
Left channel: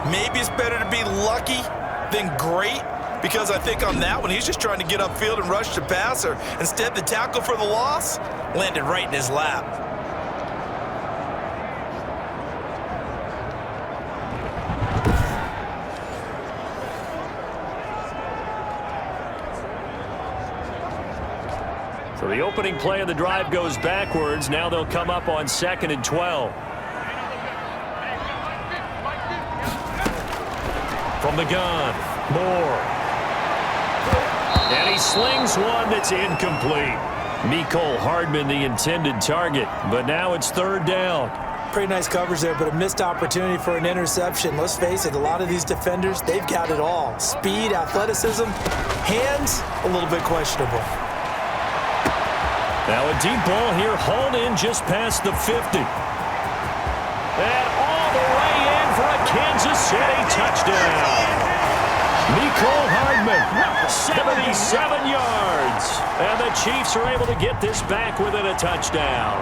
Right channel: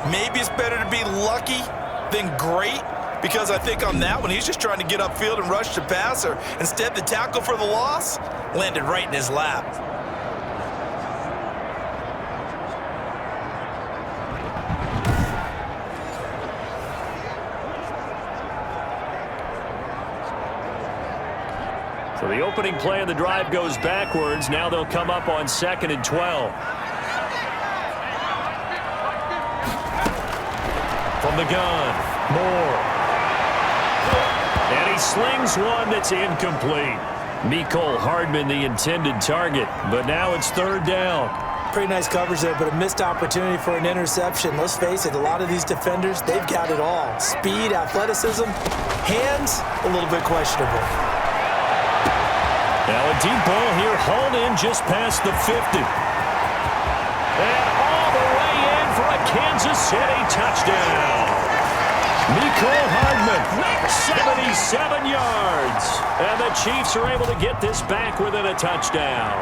maybe it's better to be lucky than great, because I think on that one, he's just trying to get upfield and rush the passer. Instead, the tackle for the loss landed right in his lap. So the opening play of the drive goes backwards. Now they'll come up on 2nd and 12. From the gun, Moore. And he slings one that's incomplete. Mecole Hardman, the intended target, but now it's 3rd down. Pretty nice coverage there, but a missed opportunity for an interception. Let's face it, a lot of these defenders, they've got it all. Speed, athleticism, hands, a little bit questionable. Now a deep ball here, hauled in just past the 50. And all the way in for a Kansas City touchdown. Mecole Hardman, 77 yards. And the Chiefs are able to get this back within a touchdown.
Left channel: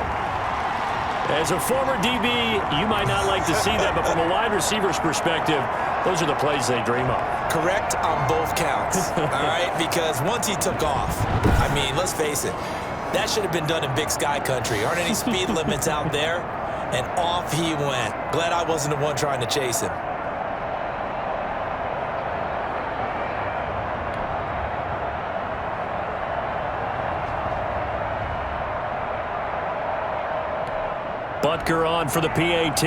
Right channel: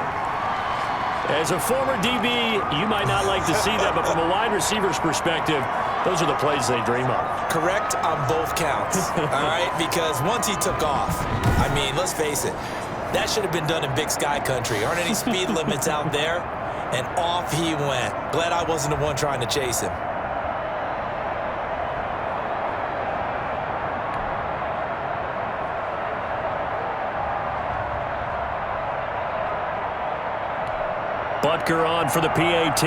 As a former DB, you might not like to see that, but from a wide receiver's perspective, those are the plays they dream of. Correct on both counts, all right? Because once he took off, I mean, let's face it, that should have been done in Big Sky country. Aren't any speed limits out there? And off he went. Glad I wasn't the one trying to chase him. Butker on for the PAT.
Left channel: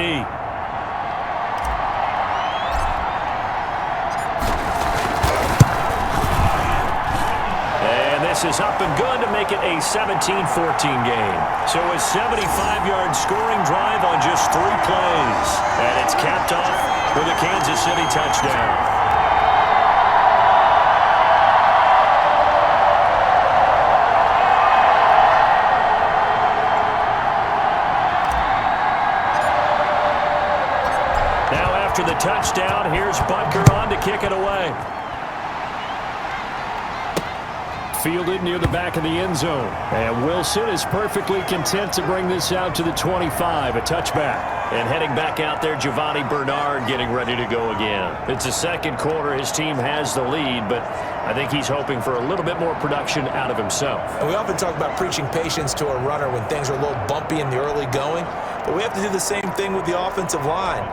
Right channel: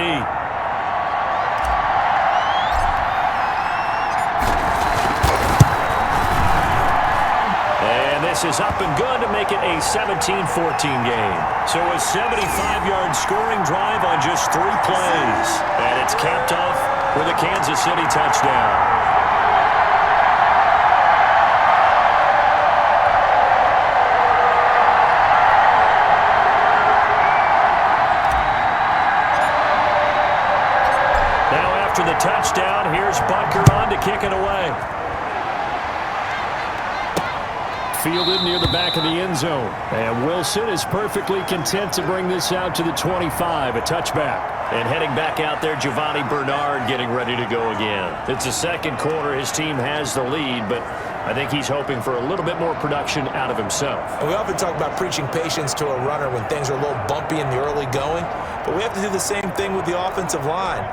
And this is up and good to make it a 17-14 game. So a 75-yard scoring drive on just 3 plays. And it's capped off with a Kansas City touchdown. Now after the touchdown, here's Butker on to kick it away. Fielded near the back of the end zone. And Wilson is perfectly content to bring this out to the 25, a touchback. And heading back out there, Giovanni Bernard getting ready to go again. It's the second quarter. His team has the lead, but I think he's hoping for a little bit more production out of himself. And we often talk about preaching patience to a runner when things are a little bumpy in the early going, but we have to do the same thing with the offensive line.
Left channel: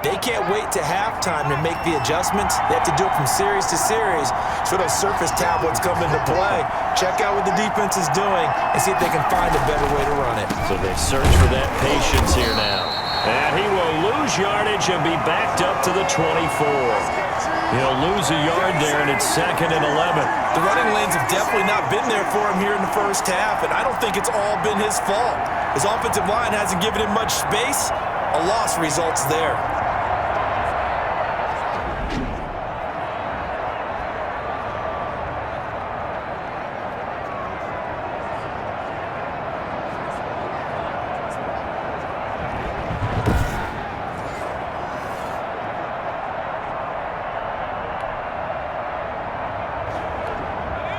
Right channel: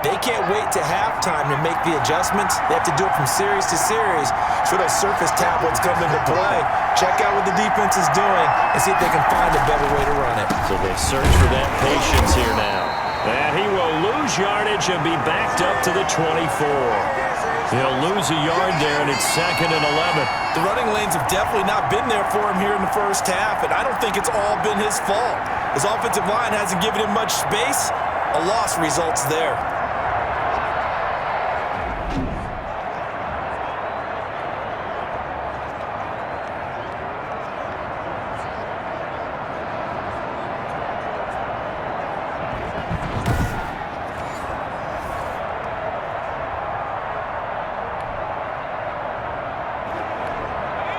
They can't wait to halftime to make the adjustments. They have to do it from series to series so those surface tablets come into play. Check out what the defense is doing and see if they can find a better way to run it. So they search for that patience here now. And he will lose yardage and be backed up to the 24. He'll lose a yard there, and it's 2nd and 11. The running lanes have definitely not been there for him here in the first half, and I don't think it's all been his fault. His offensive line hasn't given him much space. A loss results there.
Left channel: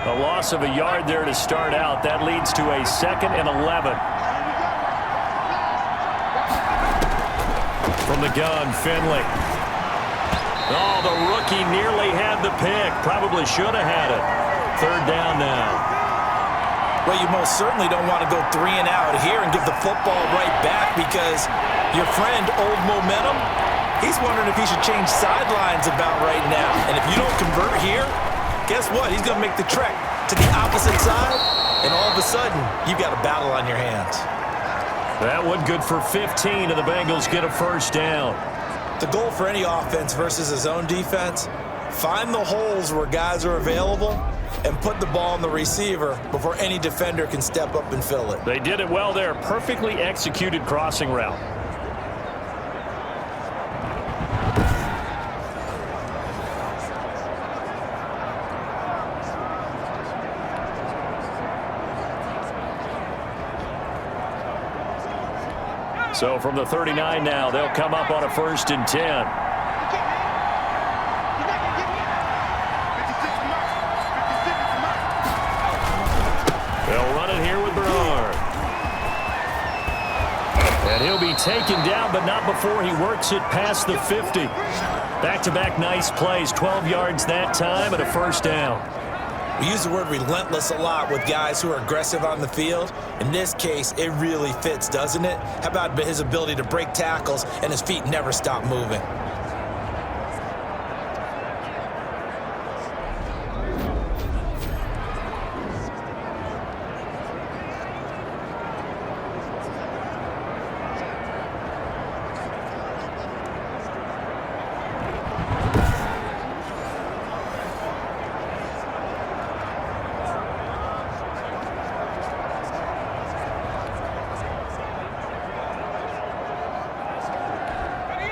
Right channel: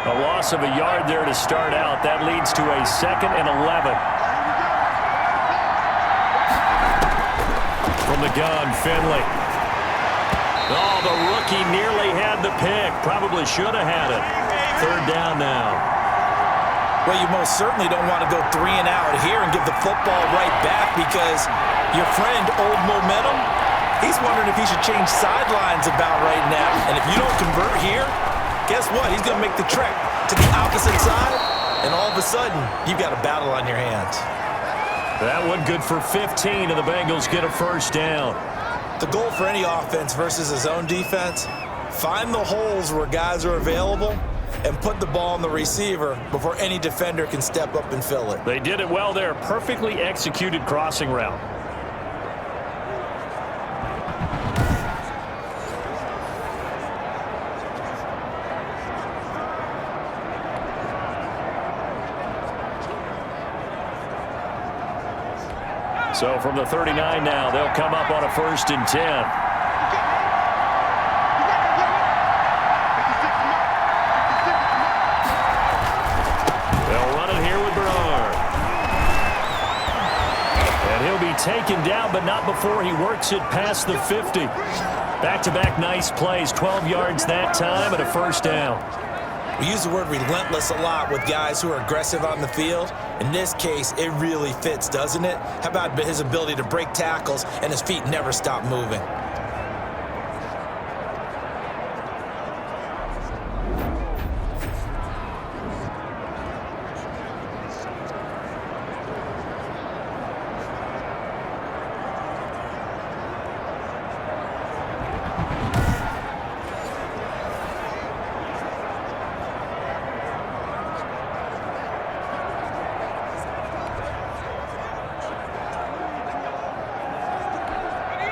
A loss of a yard there to start out. That leads to a 2nd and 11. From the gun, Finley. Oh, the rookie nearly had the pick. Probably should have had it. 3rd down now. Well, you most certainly don't want to go 3 and out here and give the football right back because your friend, Old Momentum, he's wondering if he should change sidelines about right now. And if you don't convert here, guess what? He's going to make the trek to the opposite side, and all of a sudden, you've got a battle on your hands. That one good for 15, and the Bengals get a 1st down. The goal for any offense versus a zone defense, find the holes where guys are available and put the ball on the receiver before any defender can step up and fill it. They did it well there. Perfectly executed crossing route. So from the 39 now, they'll come up on a 1st and 10. They'll run it here with Bernard. And he'll be taken down, but not before he works it past the 50. Back-to-back nice plays, 12 yards that time and a 1st down. We use the word relentless a lot with guys who are aggressive on the field. In this case, it really fits, doesn't it? How about his ability to break tackles and his feet never stop moving?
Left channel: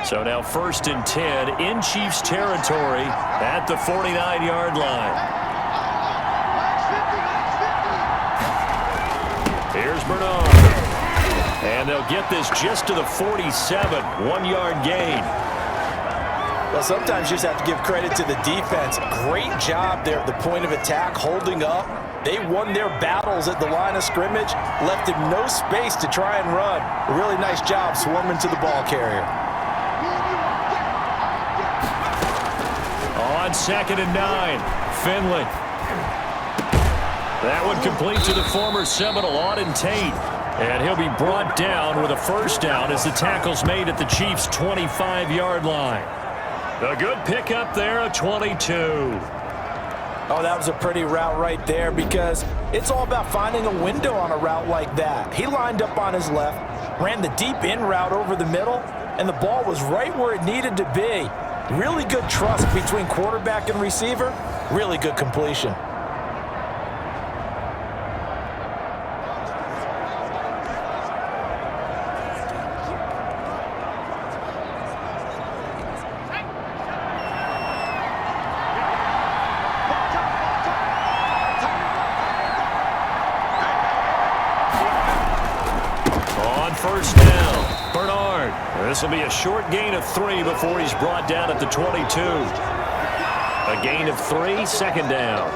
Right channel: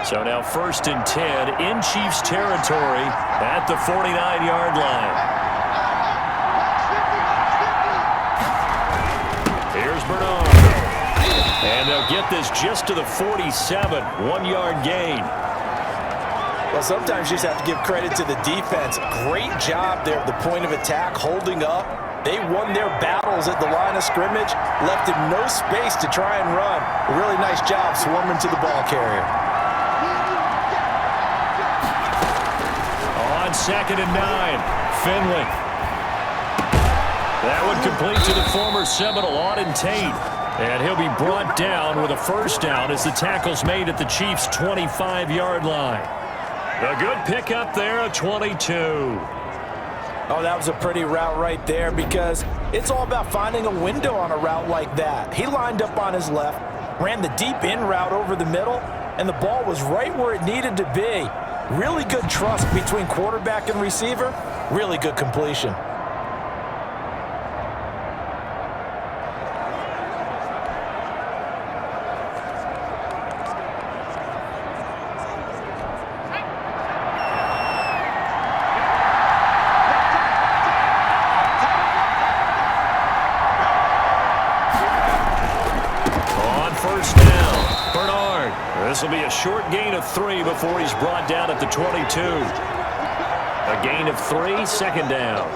So now 1st and 10 in Chiefs territory at the 49-yard line. Here's Bernard. And they'll get this just to the 47, 1-yard gain. Well, sometimes you just have to give credit to the defense. Great job there at the point of attack, holding up. They won their battles at the line of scrimmage, left him no space to try and run. A really nice job swarming to the ball carrier. On 2nd and 9, Finley. That one complete to the former Seminole, Auden Tate. And he'll be brought down with a 1st down as the tackle's made at the Chiefs' 25-yard line. A good pickup there, a 22. Oh, that was a pretty route right there because it's all about finding a window on a route like that. He lined up on his left, ran the deep in route over the middle, and the ball was right where it needed to be. Really good trust between quarterback and receiver. Really good completion. First down, Bernard. This will be a short gain of 3 before he's brought down at the 22. A gain of 3, second down.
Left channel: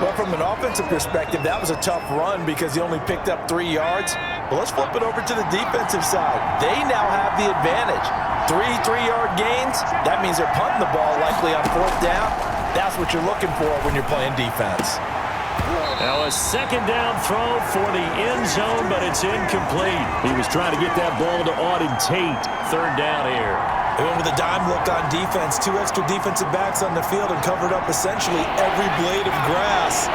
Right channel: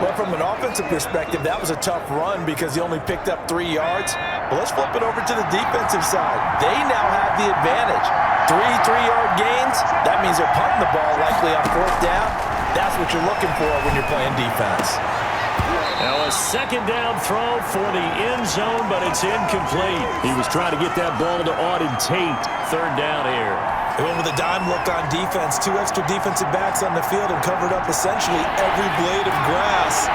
Well, from an offensive perspective, that was a tough run because he only picked up 3 yards. But let's flip it over to the defensive side. They now have the advantage. 3 3-yard gains, that means they're punting the ball likely on 4th down. That's what you're looking for when you're playing defense. Now a second down throw for the end zone, but it's incomplete. He was trying to get that ball to Auden Tate. Third down here. They went with a dime look on defense. 2 extra defensive backs on the field and covered up essentially every blade of grass.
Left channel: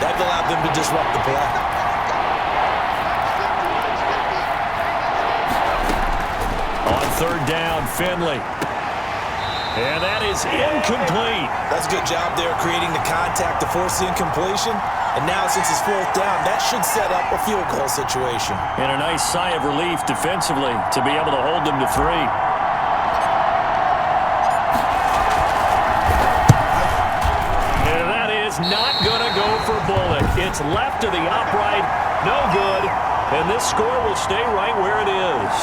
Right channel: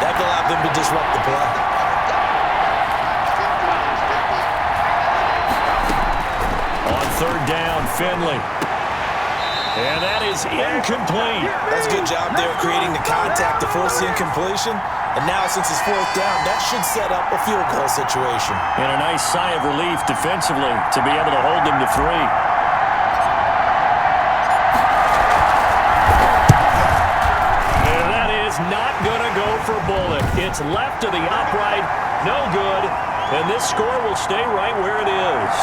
That allowed them to disrupt the play. On third down, Finley. And that is incomplete. That's a good job there creating the contact to force the incompletion. And now since it's 4th down, that should set up a field goal situation. And a nice sigh of relief defensively to be able to hold them to 3. And that is not going to go for Bullock. It's left to the upright. No good. And this score will stay right where it is.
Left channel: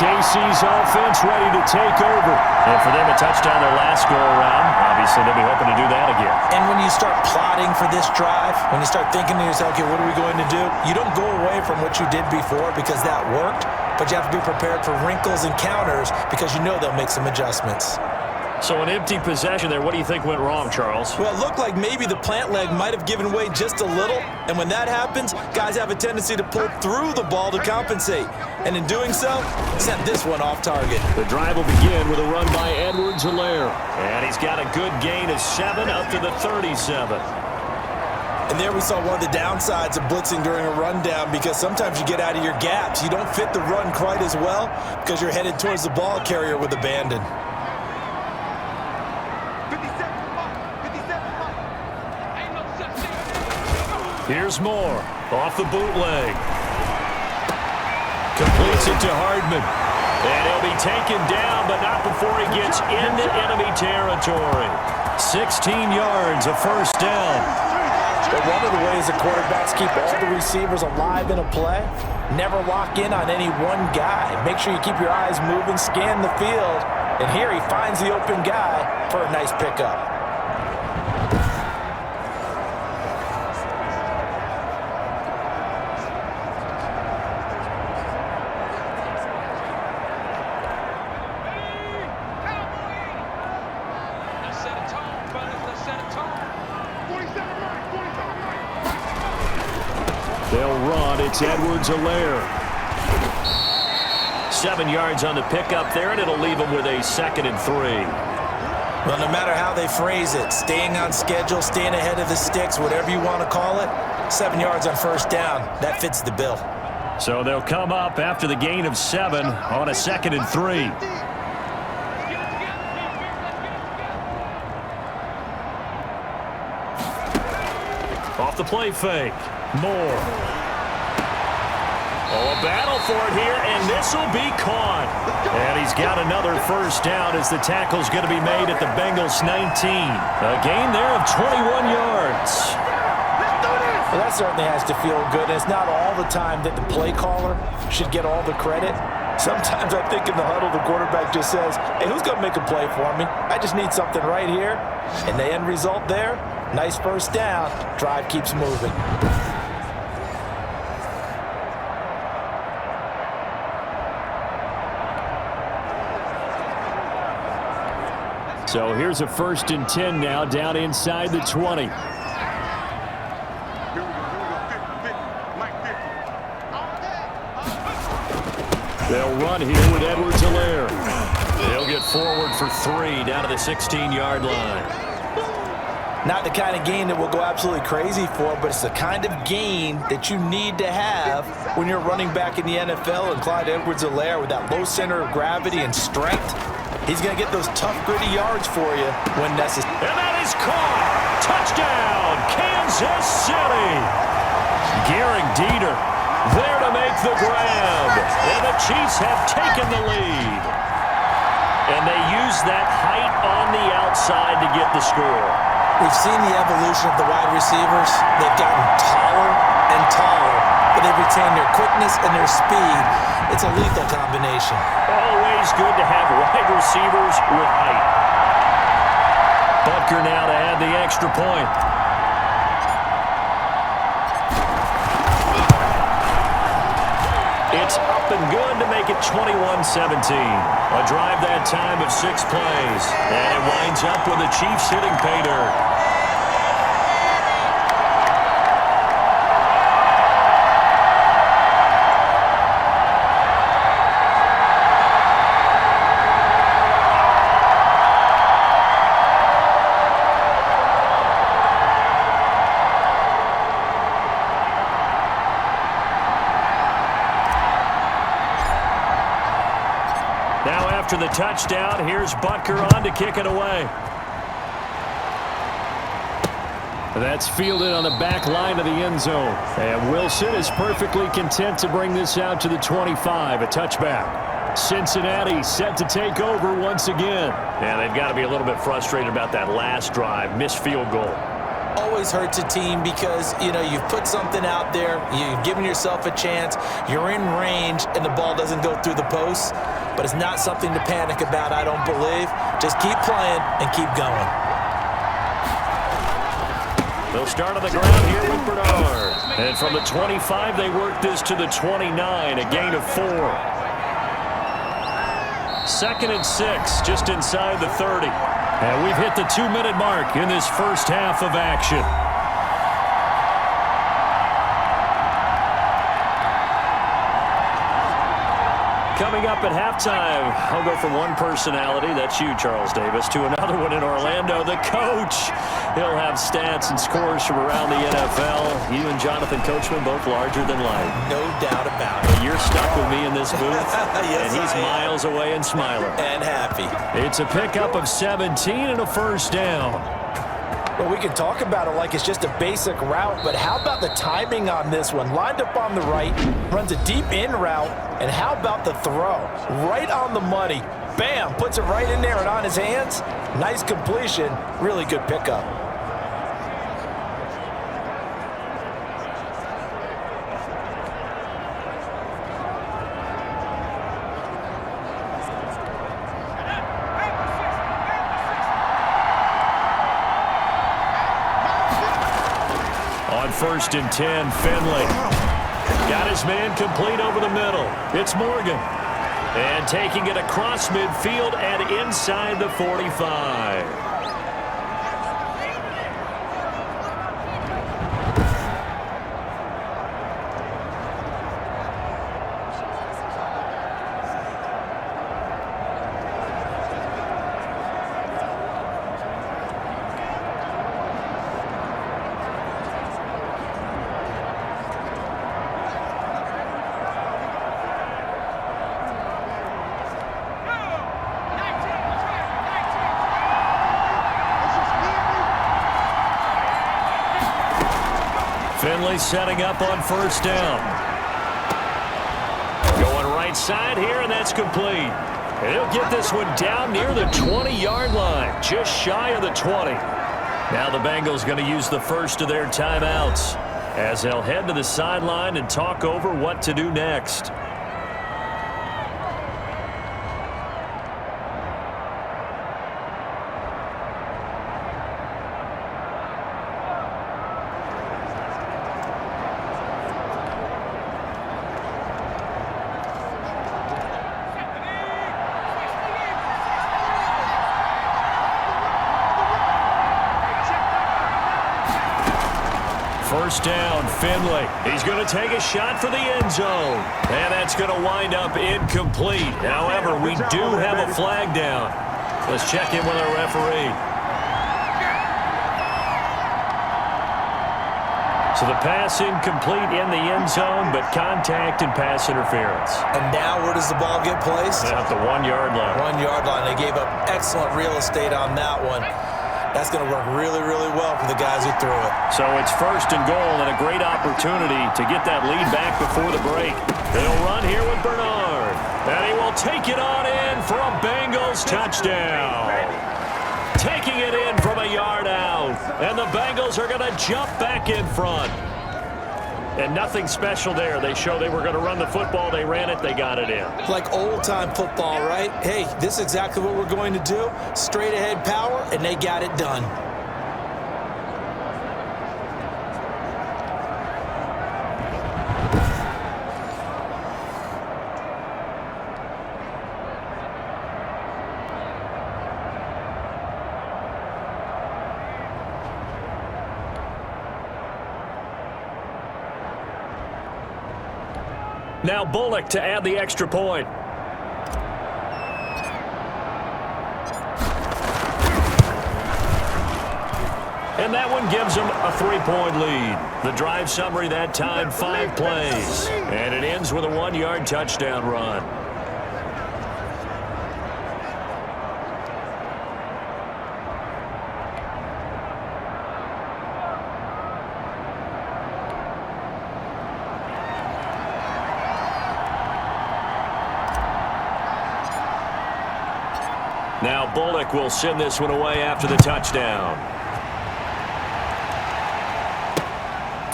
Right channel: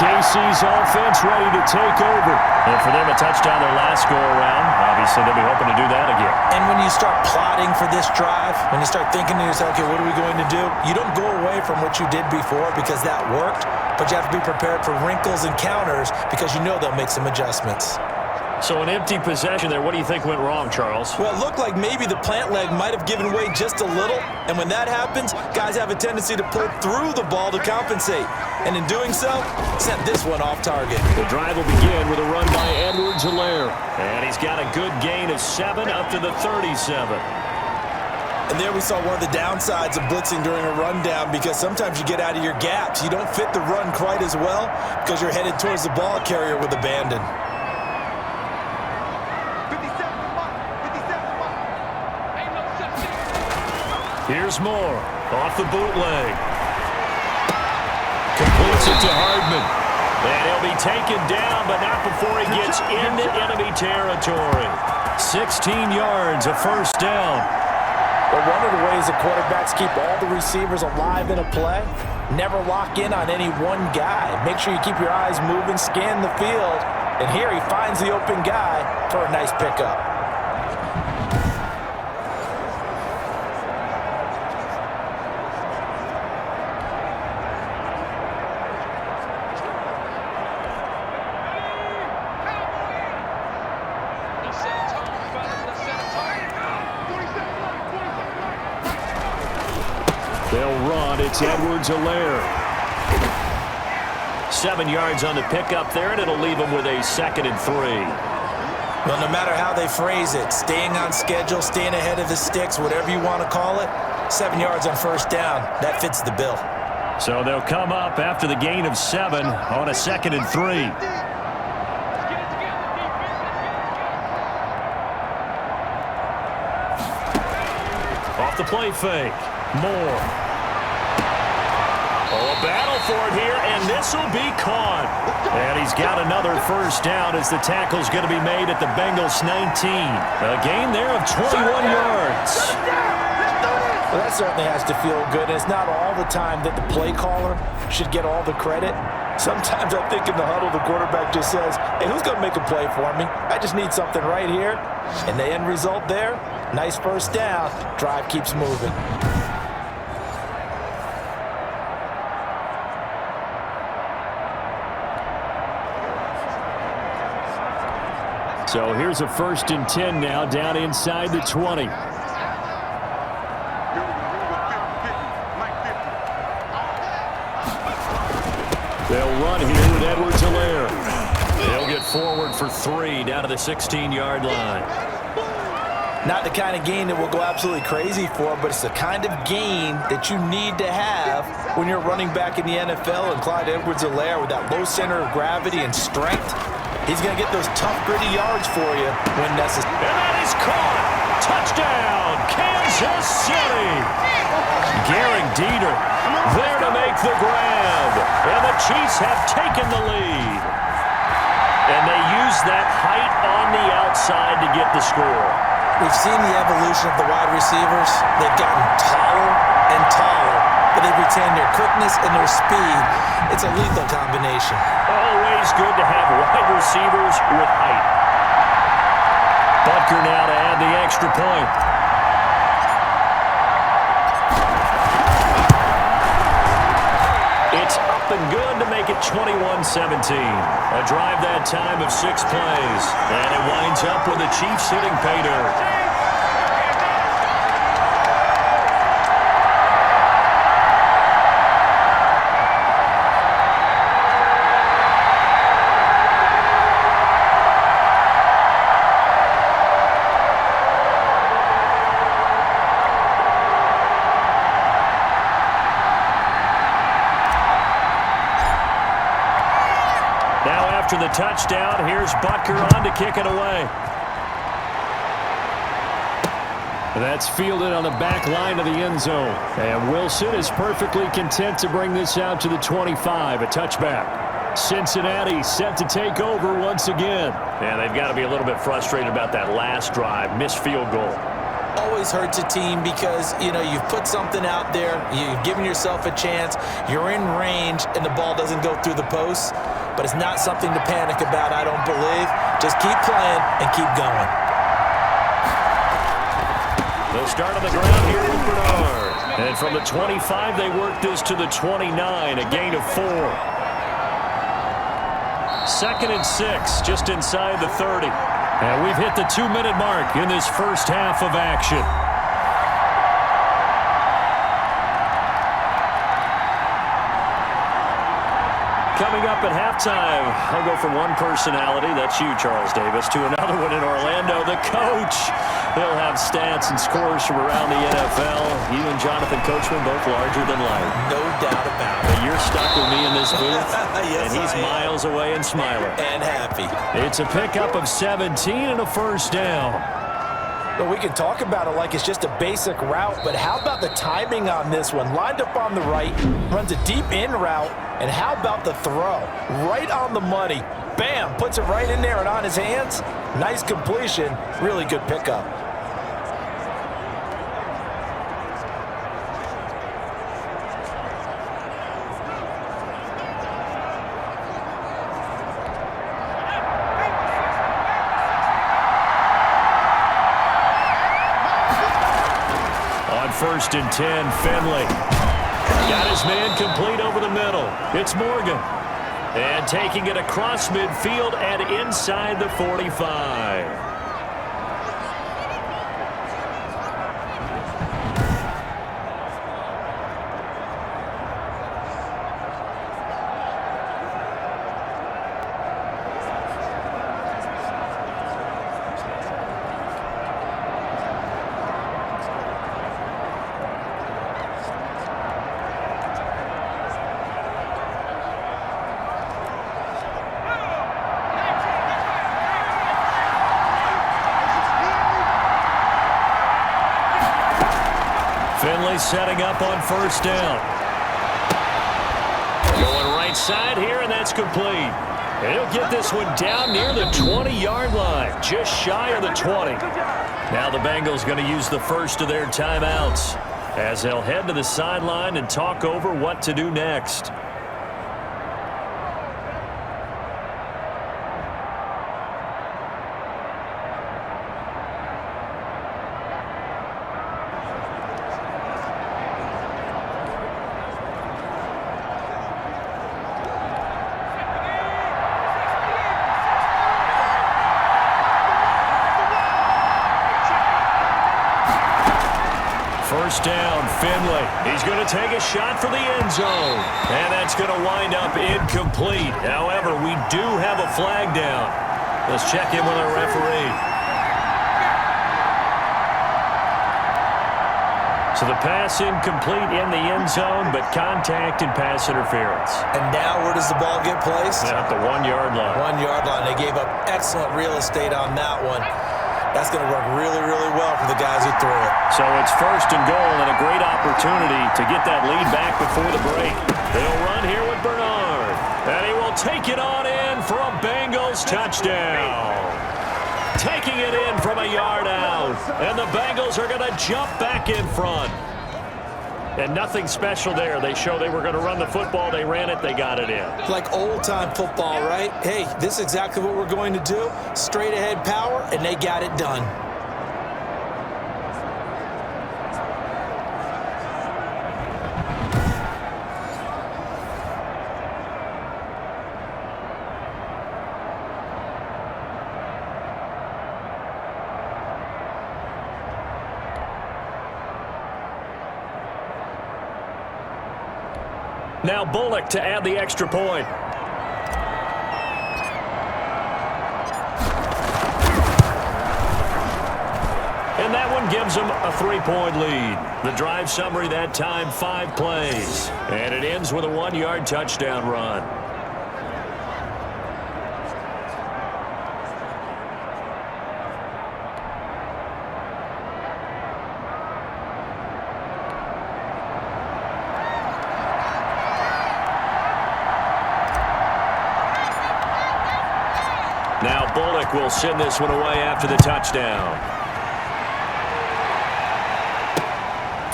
KC's offense ready to take over. And for them, a touchdown their last go-around. Obviously, they'll be hoping to do that again. And when you start plotting for this drive, when you start thinking to yourself, okay, what are we going to do? You don't go away from what you did before because that worked, but you have to be prepared for wrinkles and counters because you know they'll make some adjustments. So an empty possession there. What do you think went wrong, Charles? Well, it looked like maybe the plant leg might have given way just a little, and when that happens, guys have a tendency to pull through the ball to compensate. And in doing so, sent this one off target. The drive will begin with a run by Edwards-Helaire. And he's got a good gain of 7 up to the 37. And there we saw one of the downsides of blitzing during a rundown because sometimes you get out of your gaps. You don't fit the run quite as well because you're headed towards the ball carrier with abandon. Here's Moore off the bootleg. Completes it to Hardman. And he'll be taken down, but not before he gets into enemy territory. 16 yards, a first down. But one of the ways that quarterbacks keep all the receivers alive in a play, never lock in on any one guy. Make sure you keep your eyes moving, scan the field. And here he finds the open guy for a nice pickup. They'll run. It's Edwards-Helaire. 7 yards on the pickup there, and it'll leave them with a 2nd and 3. Well, no matter how they phrase it, staying on schedule, staying ahead of the sticks, whatever you want to call it, 7 yards on first down, that fits the bill. So they'll come up after the gain of 7 on a 2nd and 3. Off the play fake. Moore. Oh, a battle for it here, and this will be caught. And he's got another first down as the tackle's going to be made at the Bengals 19. A gain there of 21 yards. Well, that certainly has to feel good. And it's not all the time that the play caller should get all the credit. Sometimes I think in the huddle, the quarterback just says, hey, who's going to make a play for me? I just need something right here. And the end result there, nice first down. Drive keeps moving. So here's a 1st and 10 now down inside the 20. Here we go. 50, Mike 50. They'll run here with Edwards-Helaire. They'll get forward for 3 down to the 16-yard line. Not the kind of gain that we'll go absolutely crazy for, but it's the kind of gain that you need to have when you're running back in the NFL. And Clyde Edwards-Helaire, with that low center of gravity and strength, he's going to get those tough, gritty yards for you when necessary. And that is caught. Touchdown, Kansas City. Garrett Dieter there to make the grab. And the Chiefs have taken the lead. And they use that height on the outside to get the score. We've seen the evolution of the wide receivers. They've gotten taller and taller, but they've retained their quickness and their speed. It's a lethal combination. Always good to have wide receivers with height. Butker now to add the extra point. It's up and good to make it 21-17. A drive that time of 6 plays. And it winds up with the Chiefs hitting pay dirt. Now after the touchdown, here's Butker on to kick it away. That's fielded on the back line of the end zone. And Wilson is perfectly content to bring this out to the 25, a touchback. Cincinnati set to take over once again. Yeah, they've got to be a little bit frustrated about that last drive, missed field goal. Always hurts a team because, you've put something out there, you've given yourself a chance, you're in range, and the ball doesn't go through the posts. But it's not something to panic about, I don't believe. Just keep playing and keep going. They'll start on the ground here with Bernard. And from the 25, they work this to the 29, a gain of 4. 2nd and 6, just inside the 30. And we've hit the 2-minute mark in this first half of action. Coming up at halftime, I'll go from one personality, that's you, Charles Davis, to another one in Orlando, the coach. He'll have stats and scores from around the NFL. You and Jonathan Coachman, both larger than life. No doubt about it. But you're stuck with me in this booth, Yes, and he's miles away and smiling. And happy. It's a pickup of 17 and a first down. Well, we can talk about it like it's just a basic route, but how about the timing on this one? Lined up on the right, runs a deep in route, and how about the throw? Right on the money. Bam, puts it right in there and on his hands. Nice completion, really good pickup. On 1st and 10, Finley. Got his man complete over the middle. It's Morgan. And taking it across midfield and inside the 45. Finley setting up on 1st down. Going right side here, and that's complete. And he'll get this one down near the 20-yard line, just shy of the 20. Now the Bengals going to use the first of their timeouts as they'll head to the sideline and talk over what to do next. First down, Finley. He's going to take a shot for the end zone. And that's going to wind up incomplete. However, we do have a flag down. Let's check in with our referee. So the pass incomplete in the end zone, but contact and pass interference. And now where does the ball get placed? Yeah, at the 1 yard line. 1 yard line. They gave up excellent real estate on that one. That's going to work really, really well for the guys who threw it. So it's first and goal and a great opportunity to get that lead back before the break. They'll run here with Bernard. And he will take it on in for a Bengals touchdown. Taking it in from a yard out. And the Bengals are going to jump back in front. And nothing special there. They show they were going to run the football. They ran it. They got it in. Like old-time football, right? Hey, this is exactly what we're going to do. Straight-ahead power, and they got it done. Now Bullock to add the extra point. And that one gives them a 3-point lead. The drive summary that time, 5 plays. And it ends with a 1-yard touchdown run. Now Bullock will send this one away after the touchdown.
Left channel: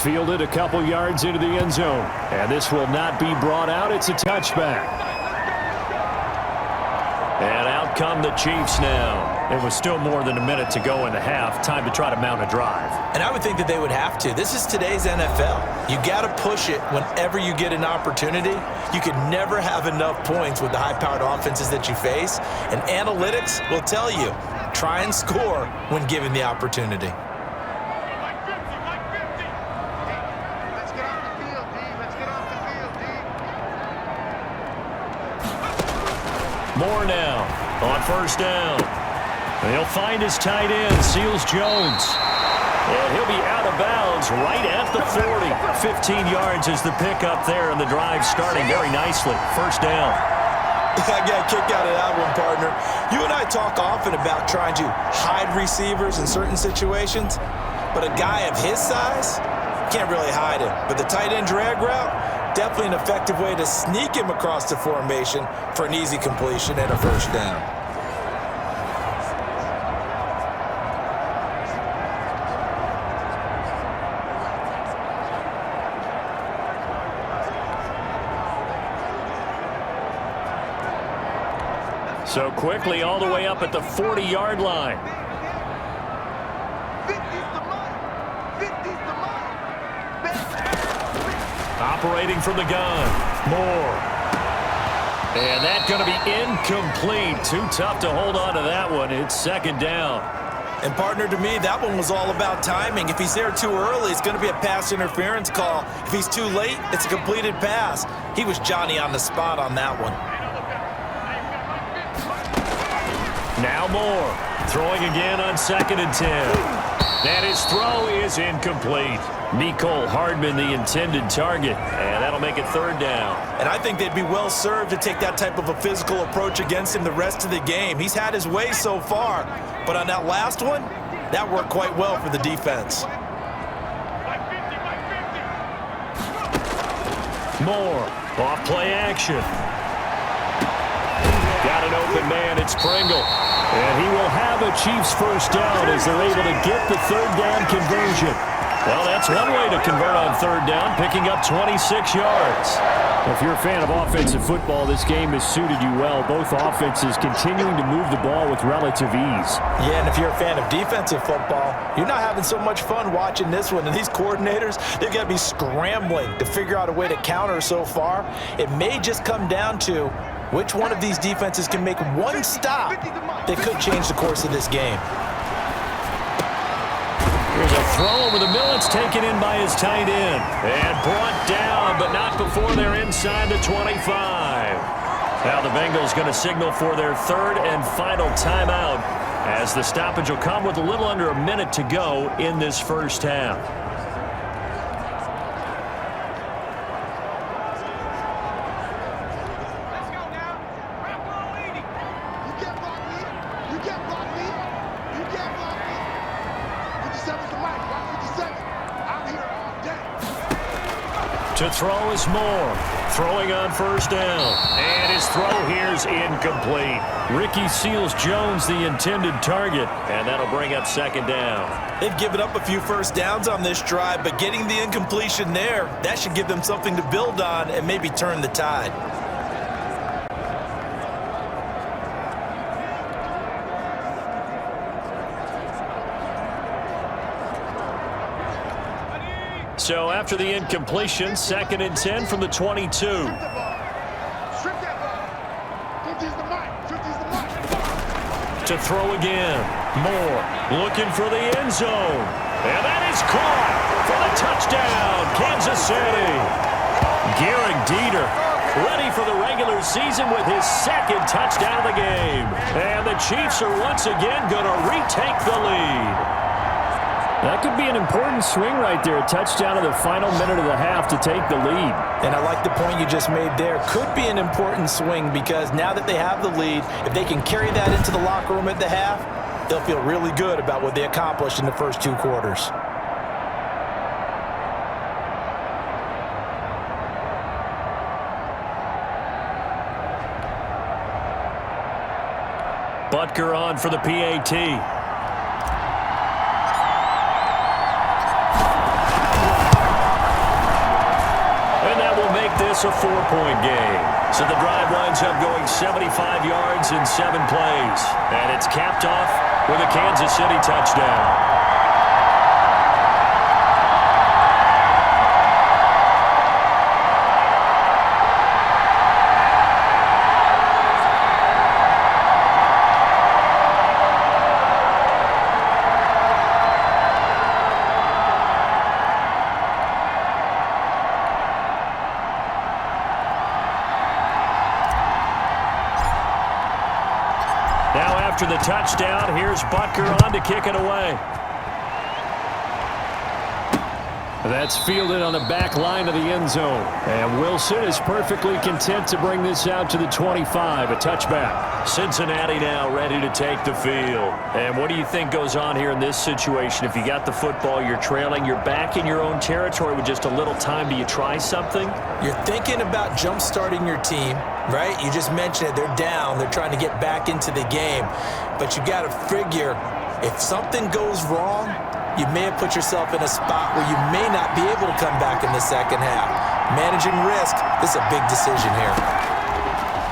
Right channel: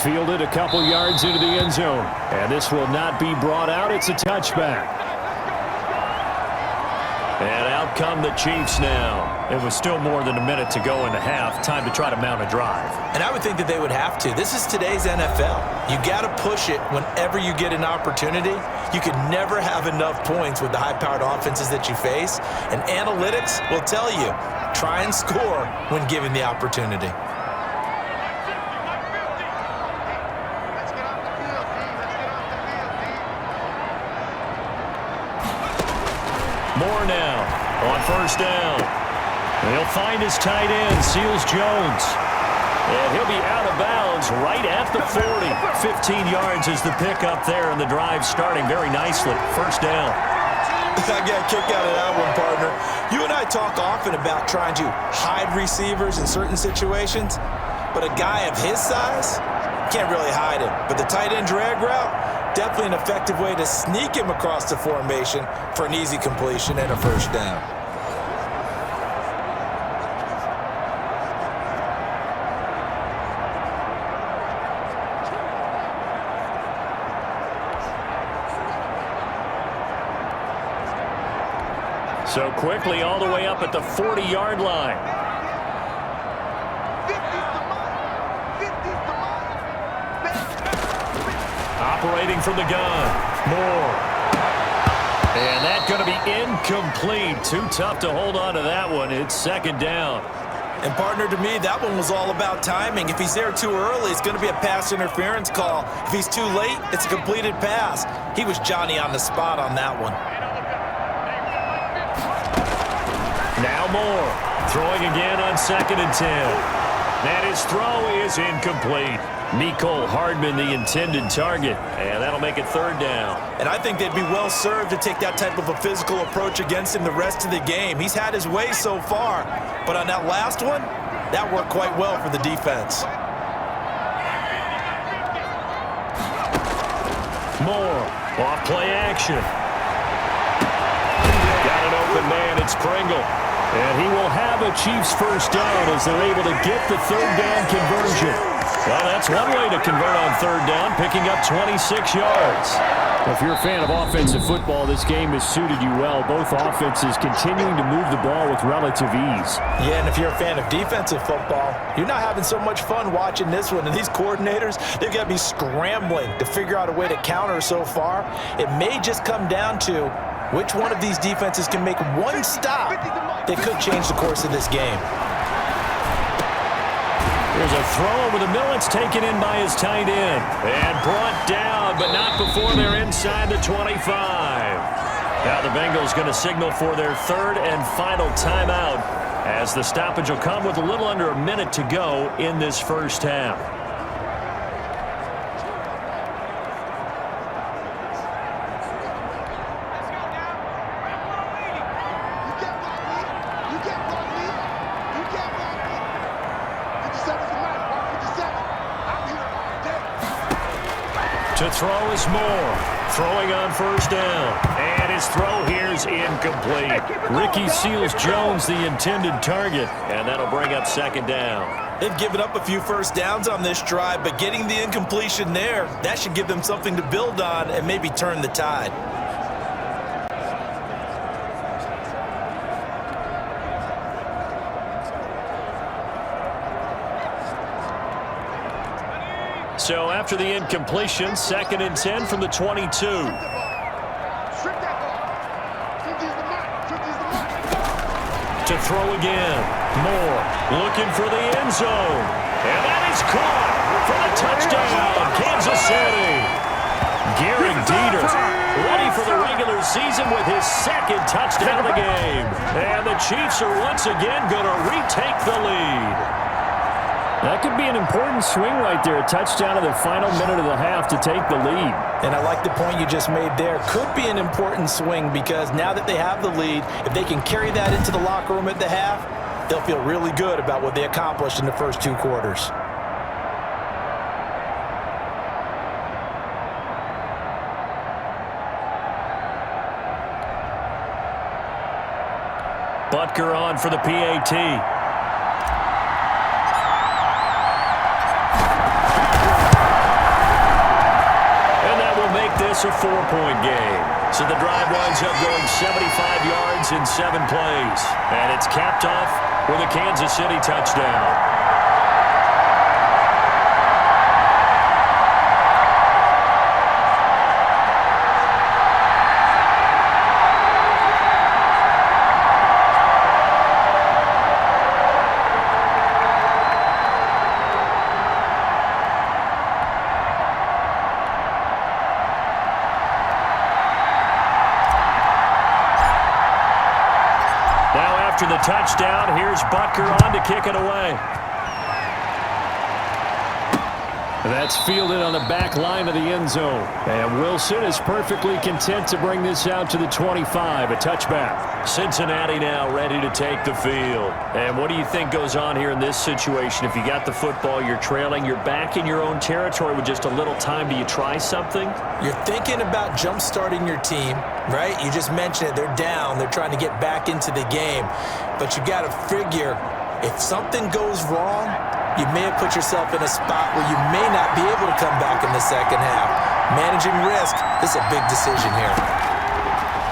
Fielded a couple yards into the end zone. And this will not be brought out. It's a touchback. And out come the Chiefs now. It was still more than a minute to go in the half. Time to try to mount a drive. And I would think that they would have to. This is today's NFL. You got to push it whenever you get an opportunity. You can never have enough points with the high-powered offenses that you face. And analytics will tell you, try and score when given the opportunity. Let's get off the field, D. Let's get off the field, D. More now on first down. He'll find his tight end, Seals Jones. And he'll be out of bounds right at the 40. 15 yards is the pickup there, and the drive starting very nicely. First down. I got a kick out of that one, partner. You and I talk often about trying to hide receivers in certain situations, but a guy of his size, can't really hide him. But the tight end drag route, definitely an effective way to sneak him across the formation for an easy completion and a first down. So quickly all the way up at the 40-yard line. 50's the money. 50's the money. Operating from the gun. Moore. And that's going to be incomplete. Too tough to hold on to that one. It's second down. And partner, to me, that one was all about timing. If he's there too early, it's going to be a pass interference call. If he's too late, it's a completed pass. He was Johnny on the spot on that one. Now Moore. Throwing again on 2nd and 10. And his throw is incomplete. Mecole Hardman, the intended target. And that'll make it third down. And I think they'd be well served to take that type of a physical approach against him the rest of the game. He's had his way so far. But on that last one, that worked quite well for the defense. Moore. Off play action. Got an open man. It's Pringle. And he will have a Chiefs first down as they're able to get the third down conversion. Well, that's one way to convert on third down, picking up 26 yards. If you're a fan of offensive football, this game has suited you well. Both offenses continuing to move the ball with relative ease. Yeah, and if you're a fan of defensive football, you're not having so much fun watching this one. And these coordinators, they've got to be scrambling to figure out a way to counter so far. It may just come down to which one of these defenses can make one stop that could change the course of this game. Here's a throw over the middle. It's taken in by his tight end. And brought down, but not before they're inside the 25. Now the Bengals going to signal for their third and final timeout as the stoppage will come with a little under a minute to go in this first half. Let's go now. Rock roll leading. You can't block me. You can't block me. You can't block me. 57's the mic. Rock 57. I'm here all day. To throw is Moore. Throwing on first down. And his throw here's incomplete. Ricky Seals-Jones, the intended target. And that'll bring up second down. They've given up a few first downs on this drive, but getting the incompletion there, that should give them something to build on and maybe turn the tide. So after the incompletion, 2nd and 10 from the 22. Strip that ball. Strip that ball. 50's the mic. 50's the mic. To throw again. Moore looking for the end zone. And that is caught for the touchdown, Kansas City. Garrett Dieter ready for the regular season with his second touchdown of the game. And the Chiefs are once again going to retake the lead. That could be an important swing right there. A touchdown in the final minute of the half to take the lead. And I like the point you just made there. Could be an important swing because now that they have the lead, if they can carry that into the locker room at the half, they'll feel really good about what they accomplished in the first 2 quarters. Butker on for the PAT. Make this a 4-point game. So the drive winds up going 75 yards in 7 plays. And it's capped off with a Kansas City touchdown. Now after the touchdown, here's Butker on to kick it away. That's fielded on the back line of the end zone. And Wilson is perfectly content to bring this out to the 25, a touchback. Cincinnati now ready to take the field. And what do you think goes on here in this situation? If you got the football, you're trailing, you're back in your own territory with just a little time. Do you try something? You're thinking about jump-starting your team, right? You just mentioned it. They're down. They're trying to get back into the game. But you got to figure if something goes wrong, you may have put yourself in a spot where you may not be able to come back in the second half. Managing risk, this is a big decision here.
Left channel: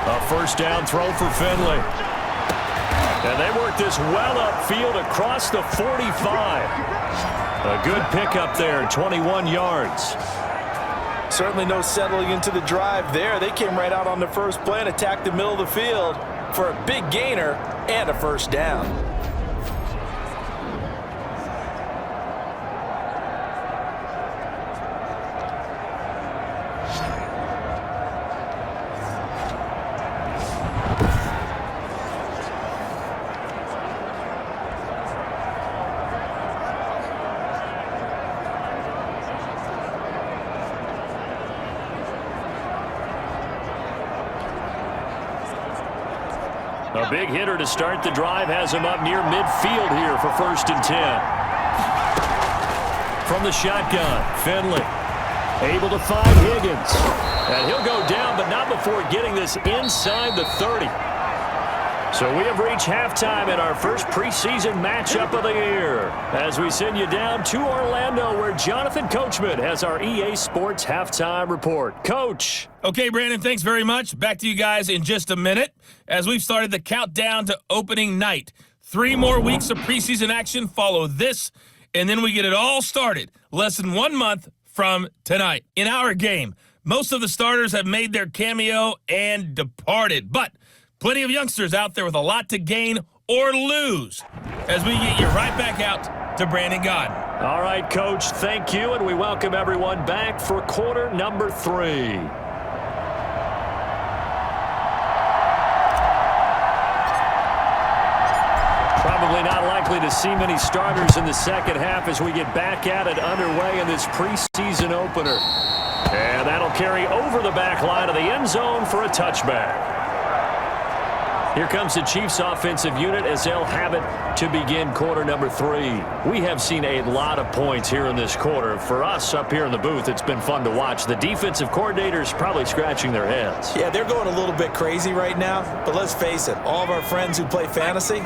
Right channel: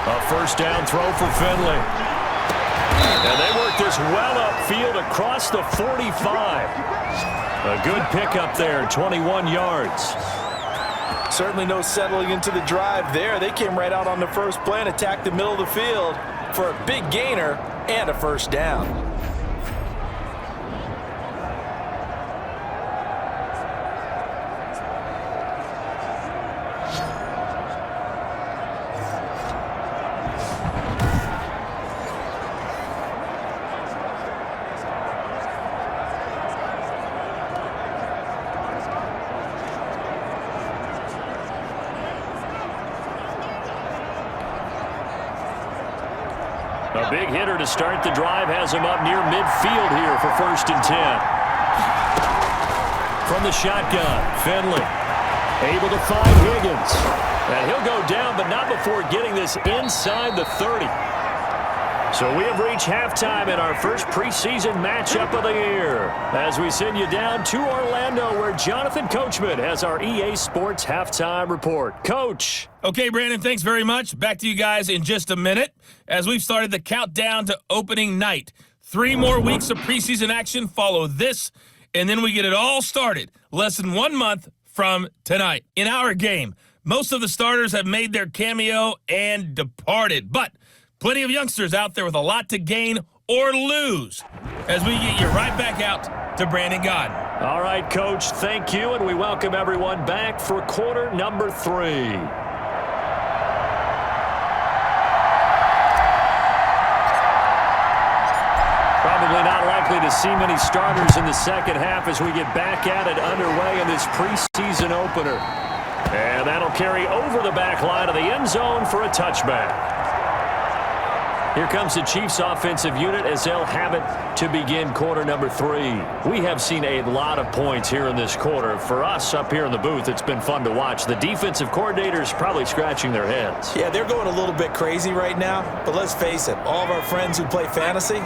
A first down throw for Finley. And they work this well upfield across the 45. A good pickup there, 21 yards. Certainly no settling into the drive there. They came right out on the first play and attacked the middle of the field for a big gainer and a first down. A big hitter to start the drive has him up near midfield here for 1st and 10. From the shotgun, Finley able to find Higgins. And he'll go down, but not before getting this inside the 30. So we have reached halftime in our first preseason matchup of the year as we send you down to Orlando where Jonathan Coachman has our EA Sports halftime report. Coach. Okay, Brandon, thanks very much. Back to you guys in just a minute as we've started the countdown to opening night. 3 more weeks of preseason action follow this, and then we get it all started less than 1 month from tonight. In our game, most of the starters have made their cameo and departed, but plenty of youngsters out there with a lot to gain or lose as we get you right back out to Brandon Gaudin. All right, Coach, thank you, and we welcome everyone back for quarter number 3. Probably not likely to see many starters in the second half as we get back at it underway in this preseason opener. And that'll carry over the back line of the end zone for a touchback. Here comes the Chiefs offensive unit as they'll have it to begin quarter number 3. We have seen a lot of points here in this quarter. For us up here in the booth, it's been fun to watch. The defensive coordinators probably scratching their heads. Yeah, they're going a little bit crazy right now, but let's face it, all of our friends who play fantasy,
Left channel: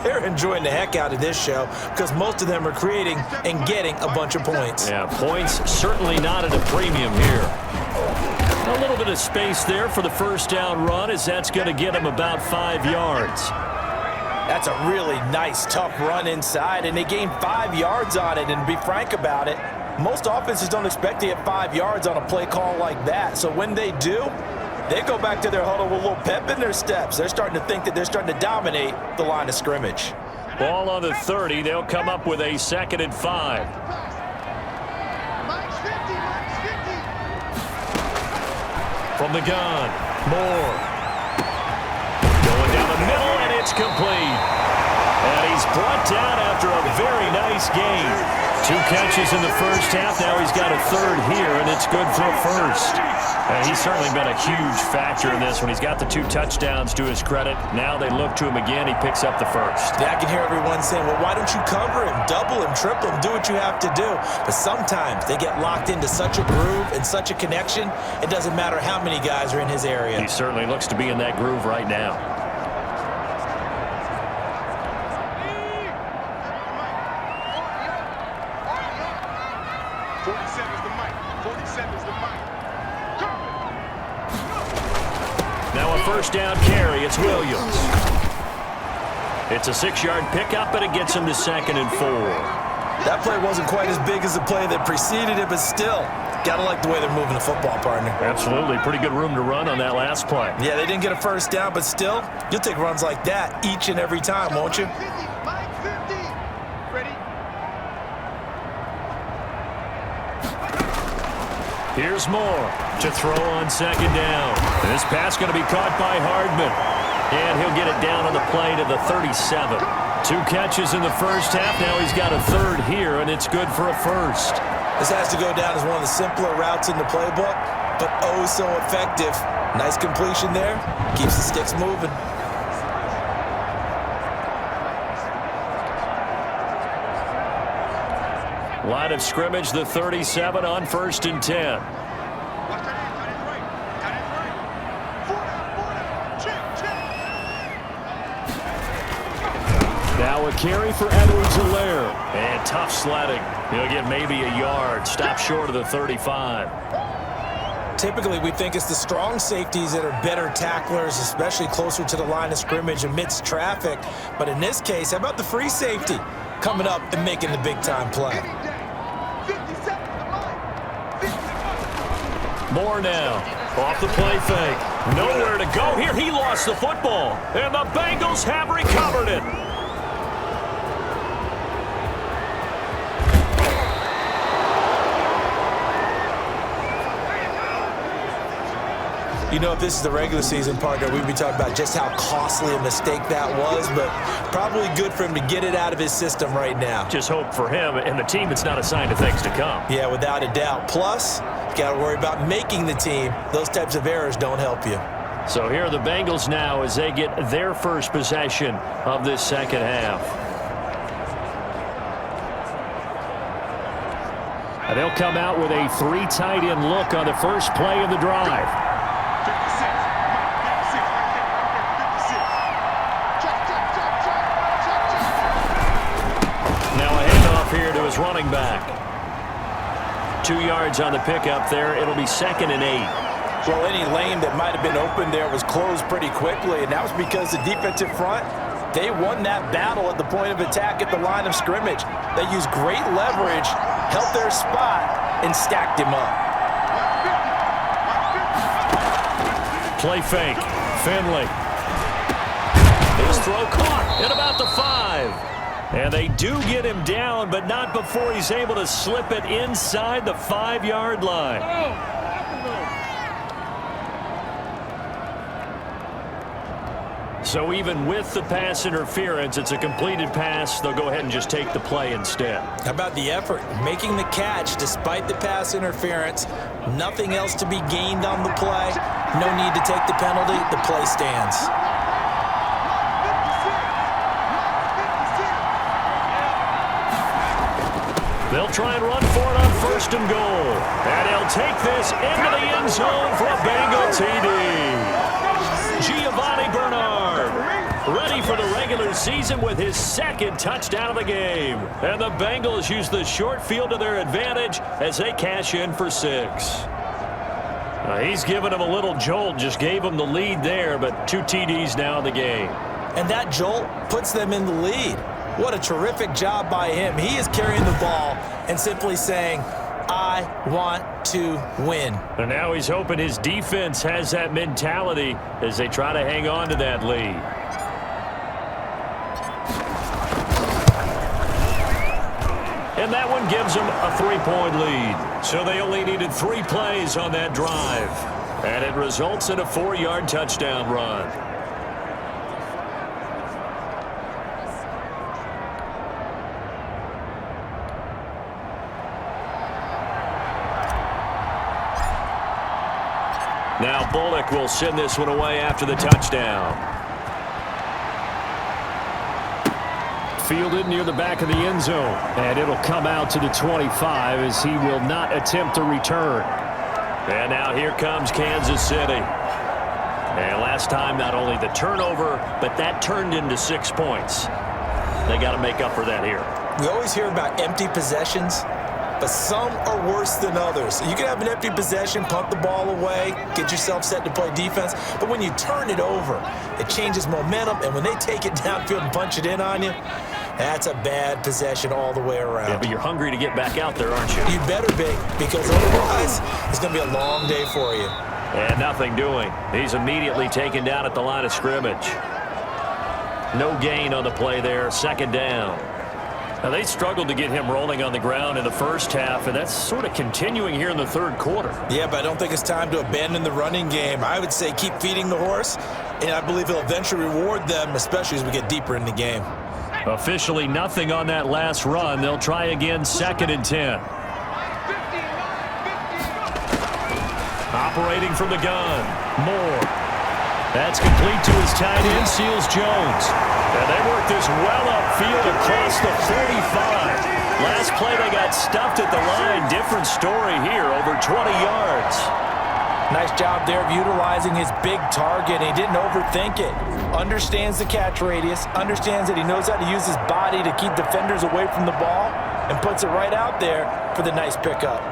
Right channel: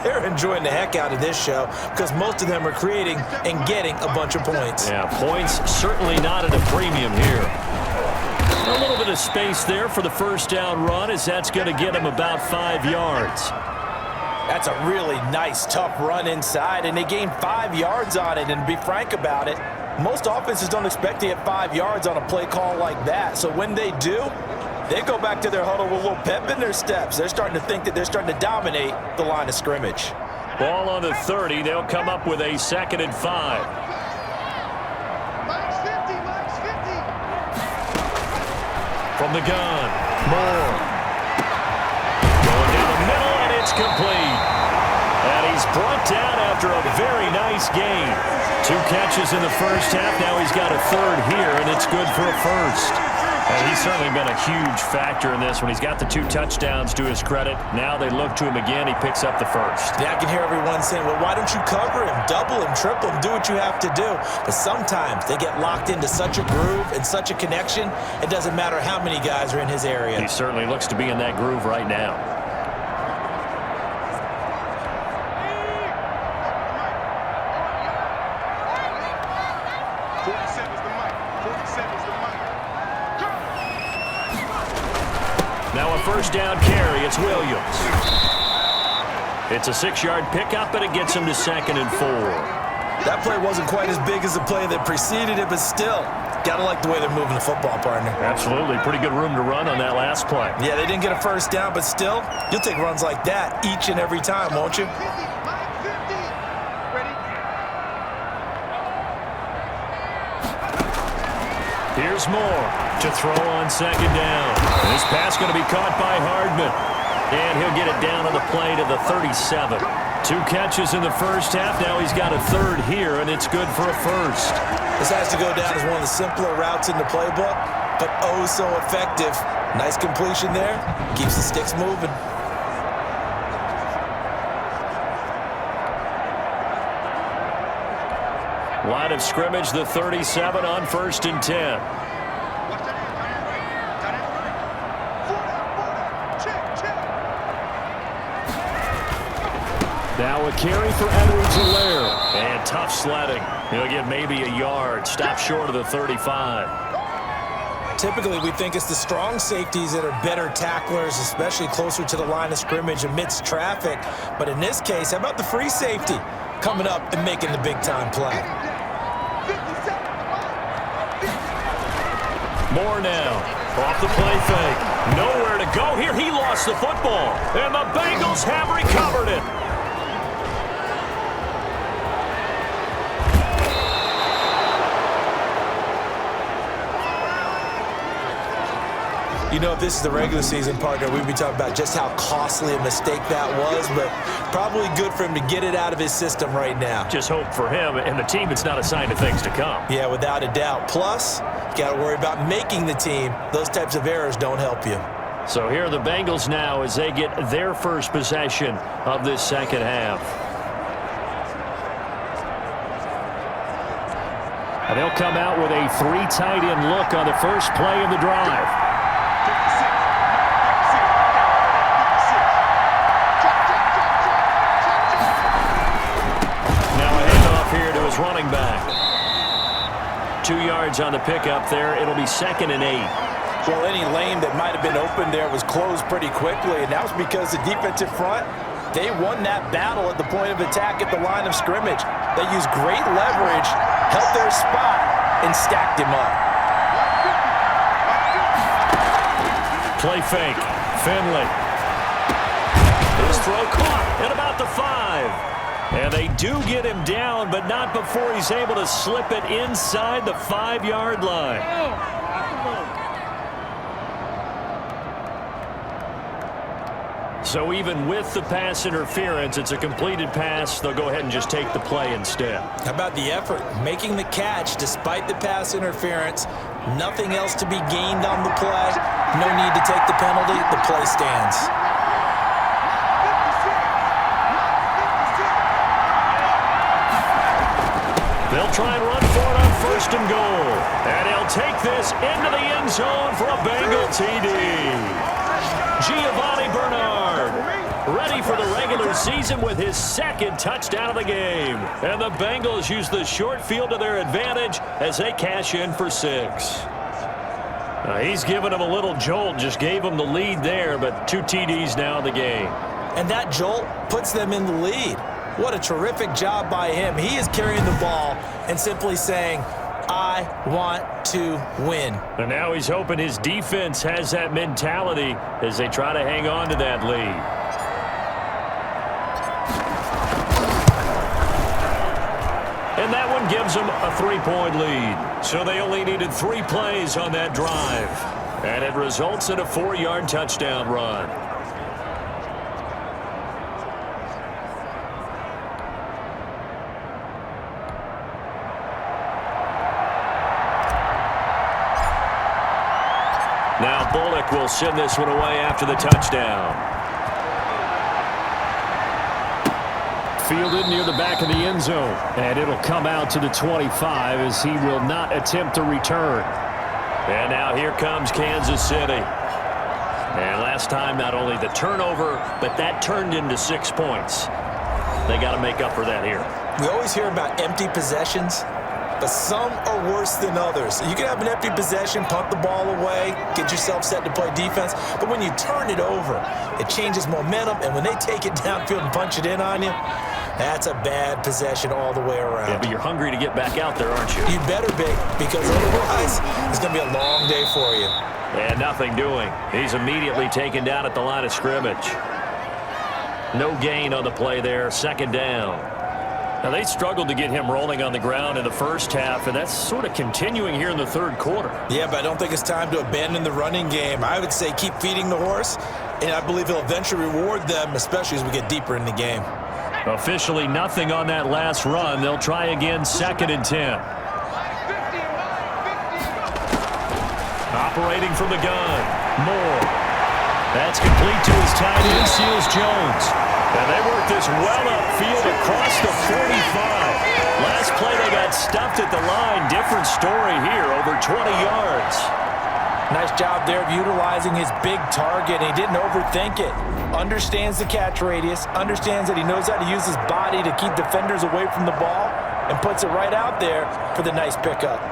they're enjoying the heck out of this show because most of them are creating and getting a bunch of points. Yeah, points certainly not at a premium here. A little bit of space there for the first down run as that's going to get him about 5 yards. That's a really nice, tough run inside, and they gained 5 yards on it. And to be frank about it, most offenses don't expect to get 5 yards on a play call like that. So when they do, they go back to their huddle with a little pep in their steps. They're starting to think that they're starting to dominate the line of scrimmage. Ball on the 30. They'll come up with a 2nd and 5. From the gun, Moore. Going down the middle, and it's complete. And he's brought down after a very nice game. 2 catches in the first half. Now he's got a 3rd here, and it's good for a 1st. And he's certainly been a huge factor in this when he's got the 2 touchdowns to his credit. Now they look to him again. He picks up the 1st. Yeah, I can hear everyone saying, well, why don't you cover him, double him, triple him, do what you have to do. But sometimes they get locked into such a groove and such a connection, it doesn't matter how many guys are in his area. He certainly looks to be in that groove right now. Now a first down carry. It's Williams. It's a 6-yard pickup, and it gets him to 2nd and 4. That play wasn't quite as big as the play that preceded it, but still, gotta like the way they're moving the football, partner. Absolutely. Pretty good room to run on that last play. Yeah, they didn't get a first down, but still, you'll take runs like that each and every time, won't you? Here's Moore to throw on 2nd down. This pass going to be caught by Hardman. And he'll get it down on the play to the 37. 2 catches in the first half. Now he's got a 3rd here, and it's good for a 1st. This has to go down as one of the simpler routes in the playbook, but oh so effective. Nice completion there. Keeps the sticks moving. Line of scrimmage, the 37 on 1st and 10. Now a carry for Edwards-Helaire. And tough sledding. He'll get maybe a yard. Stop short of the 35. Typically, we think it's the strong safeties that are better tacklers, especially closer to the line of scrimmage amidst traffic. But in this case, how about the free safety coming up and making the big-time play? Moore now, off the play fake. Nowhere to go here. He lost the football, and the Bengals have recovered it. You know, if this is the regular season, partner, we'd be talking about just how costly a mistake that was, but probably good for him to get it out of his system right now. Just hope for him and the team it's not a sign of things to come. Yeah, without a doubt. Plus, you got to worry about making the team. Those types of errors don't help you. So here are the Bengals now as they get their first possession of this second half. And they'll come out with a 3 tight end look on the first play of the drive. Running back. 2 yards on the pickup there. It'll be 2nd and 8. Well, any lane that might have been open there was closed pretty quickly, and that was because the defensive front, they won that battle at the point of attack at the line of scrimmage. They used great leverage, held their spot, and stacked him up. Play fake. Finley. His throw caught at about the 5. And they do get him down, but not before he's able to slip it inside the 5-yard line. So even with the pass interference, it's a completed pass. They'll go ahead and just take the play instead. How about the effort? Making the catch despite the pass interference. Nothing else to be gained on the play. No need to take the penalty. The play stands. They'll try and run for it on 1st and goal. And he'll take this into the end zone for a Bengal TD. Giovanni Bernard, ready for the regular season with his 2nd touchdown of the game. And the Bengals use the short field to their advantage as they cash in for 6. He's given them a little jolt, just gave them the lead there, but 2 TDs now in the game. And that jolt puts them in the lead. What a terrific job by him. He is carrying the ball and simply saying, I want to win. And now he's hoping his defense has that mentality as they try to hang on to that lead. And that one gives them a 3-point lead. So they only needed 3 plays on that drive. And it results in a 4-yard touchdown run. Now Bullock will send this one away after the touchdown. Fielded near the back of the end zone. And it'll come out to the 25 as he will not attempt to return. And now here comes Kansas City. And last time, not only the turnover, but that turned into 6 points. They got to make up for that here. We always hear about empty possessions, but some are worse than others. You can have an empty possession, punt the ball away, get yourself set to play defense, but when you turn it over, it changes momentum, and when they take it downfield and punch it in on you, that's a bad possession all the way around. Yeah, but you're hungry to get back out there, aren't you? You better be, because otherwise, it's going to be a long day for you. And nothing doing. He's immediately taken down at the line of scrimmage. No gain on the play there, 2nd down. Now, they struggled to get him rolling on the ground in the first half, and that's sort of continuing here in the 3rd quarter. Yeah, but I don't think it's time to abandon the running game. I would say keep feeding the horse, and I believe he'll eventually reward them, especially as we get deeper in the game. Officially nothing on that last run. They'll try again, 2nd and 10. Operating from the gun. Moore. That's complete to his tight end, Seals Jones. And they work this well upfield across the 45. Last play, they got stuffed at the line. Different story here, over 20 yards. Nice job there of utilizing his big target, and he didn't overthink it. Understands the catch radius, understands that he knows how to use his body to keep defenders away from the ball, and puts it right out there for the nice pickup.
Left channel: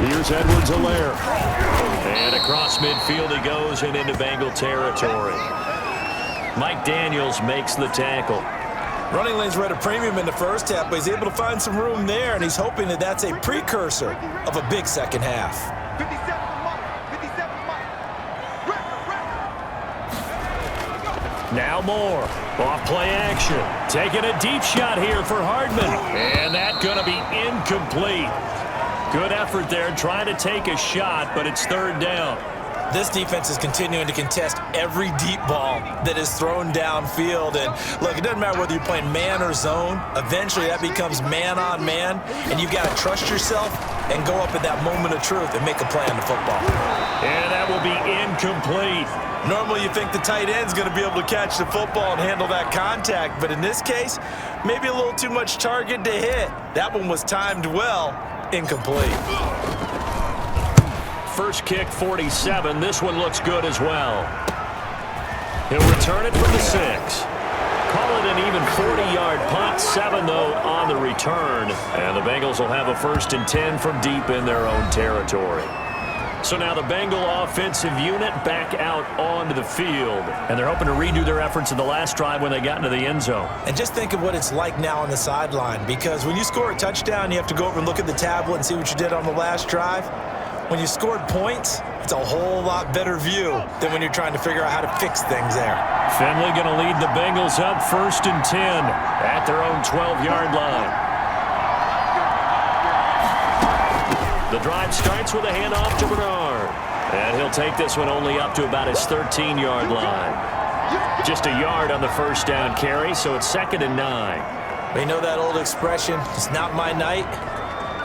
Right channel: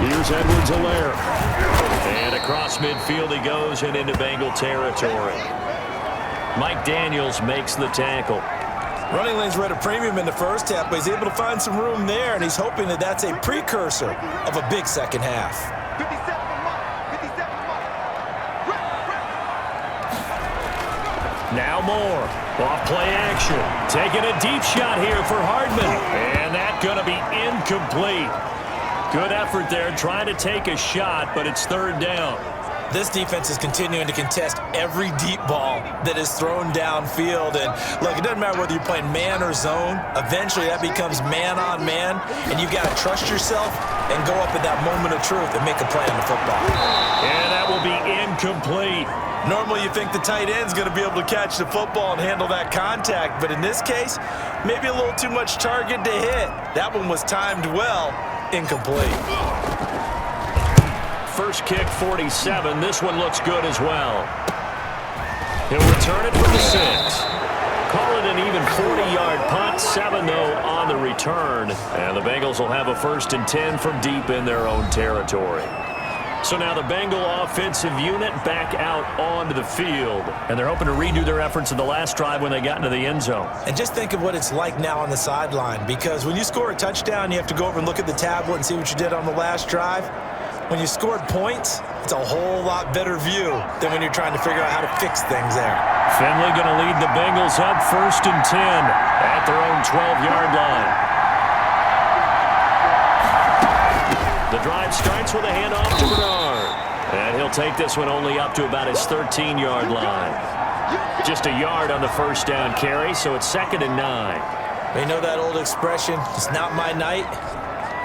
Here's Edwards-Helaire. And across midfield he goes and into Bengal territory. Mike Daniels makes the tackle. Running lanes were at a premium in the first half, but he's able to find some room there, and he's hoping that that's a precursor of a big second half. 57 for Mike. 57 for Mike. Now Moore. Off play action. Taking a deep shot here for Hardman. And that's going to be incomplete. Good effort there, trying to take a shot, but it's 3rd down. This defense is continuing to contest every deep ball that is thrown downfield. And look, it doesn't matter whether you're playing man or zone. Eventually, that becomes man on man, and you've got to trust yourself and go up at that moment of truth and make a play on the football. And that will be incomplete. Normally, you think the tight end's going to be able to catch the football and handle that contact, but in this case, maybe a little too much target to hit. That one was timed well. Incomplete. First kick, 47. This one looks good as well. He'll return it from the 6. Call it an even 40-yard punt, 7 though on the return. And the Bengals will have a 1st and 10 from deep in their own territory. So now the Bengal offensive unit back out onto the field. And they're hoping to redo their efforts in the last drive when they got into the end zone. And just think of what it's like now on the sideline, because when you score a touchdown, you have to go over and look at the tablet and see what you did on the last drive. When you scored points, it's a whole lot better view than when you're trying to figure out how to fix things there. Finley going to lead the Bengals up 1st and 10 at their own 12-yard line. The drive starts with a handoff to Bernard. And he'll take this one only up to about his 13-yard line. Just a yard on the 1st down carry, so it's 2nd and 9. You know that old expression, it's not my night?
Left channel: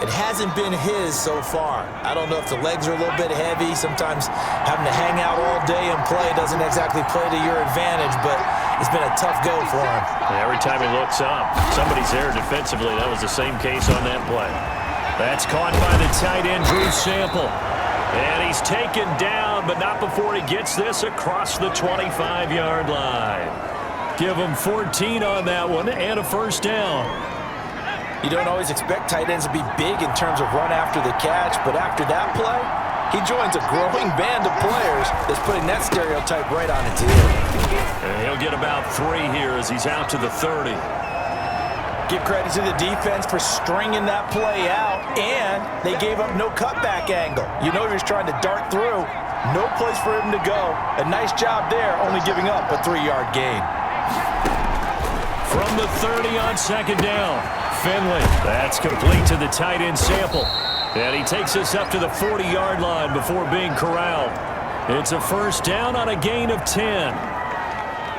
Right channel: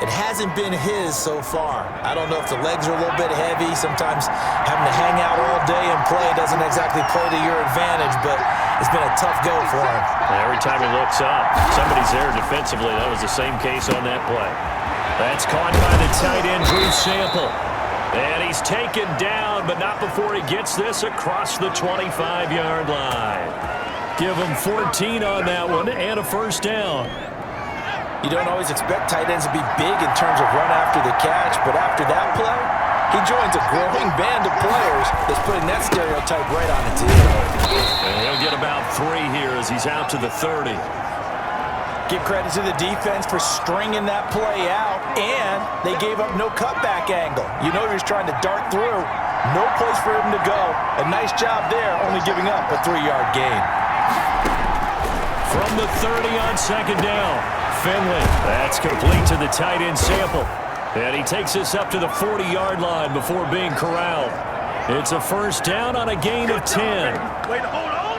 It hasn't been his so far. I don't know if the legs are a little bit heavy. Sometimes having to hang out all day and play doesn't exactly play to your advantage, but it's been a tough go for him. Every time he looks up, somebody's there defensively. That was the same case on that play. That's caught by the tight end, Drew Sample. And he's taken down, but not before he gets this across the 25-yard line. Give him 14 on that one and a 1st down. You don't always expect tight ends to be big in terms of run after the catch, but after that play, he joins a growing band of players that's putting that stereotype right on its ear. And he'll get about 3 here as he's out to the 30. Give credit to the defense for stringing that play out, and they gave up no cutback angle. You know he was trying to dart through. No place for him to go. A nice job there, only giving up a 3-yard gain. From the 30 on 2nd down, Finley. That's complete to the tight end Sample. And he takes us up to the 40-yard line before being corralled. It's a 1st down on a gain of 10.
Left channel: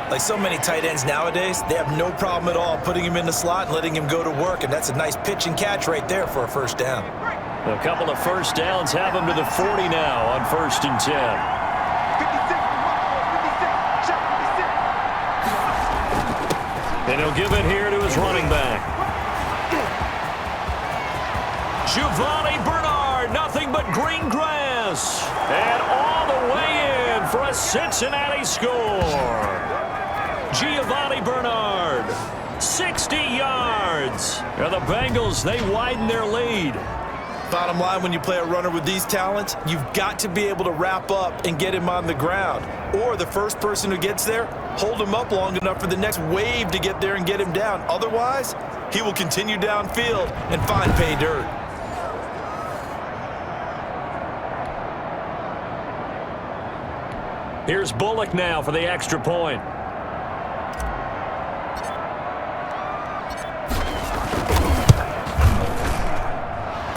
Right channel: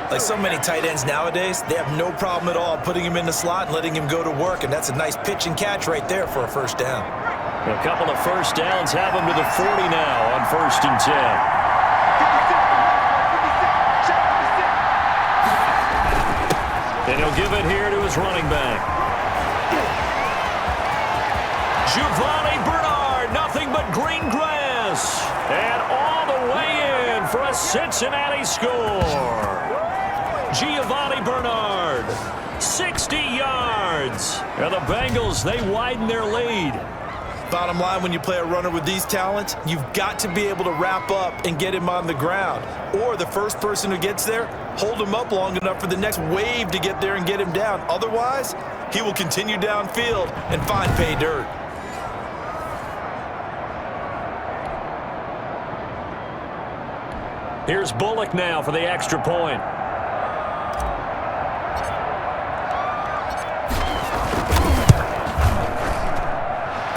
Like so many tight ends nowadays, they have no problem at all putting him in the slot and letting him go to work, and that's a nice pitch and catch right there for a 1st down. A couple of 1st downs have him to the 40 now on 1st and 10. And he'll give it here to his running back. Giovanni Bernard, nothing but green grass. And all the way in for a Cincinnati score. Giovanni Bernard, 60 yards. And the Bengals, they widen their lead. Bottom line, when you play a runner with these talents, you've got to be able to wrap up and get him on the ground. Or the first person who gets there, hold him up long enough for the next wave to get there and get him down. Otherwise, he will continue downfield and find pay dirt. Here's Bullock now for the extra point.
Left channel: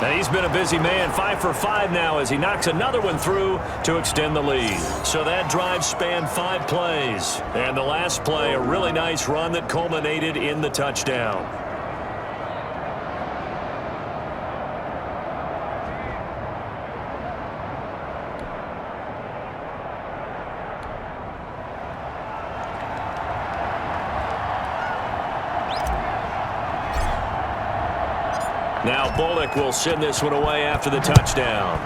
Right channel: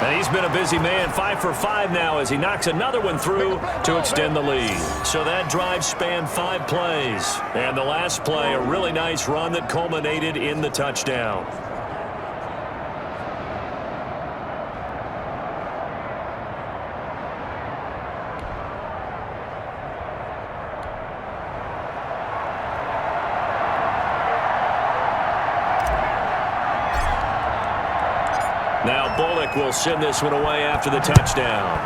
And he's been a busy man, 5 for 5 now as he knocks another one through to extend the lead. So that drive spanned 5 plays. And the last play, a really nice run that culminated in the touchdown. Now Bullock will send this one away after the touchdown.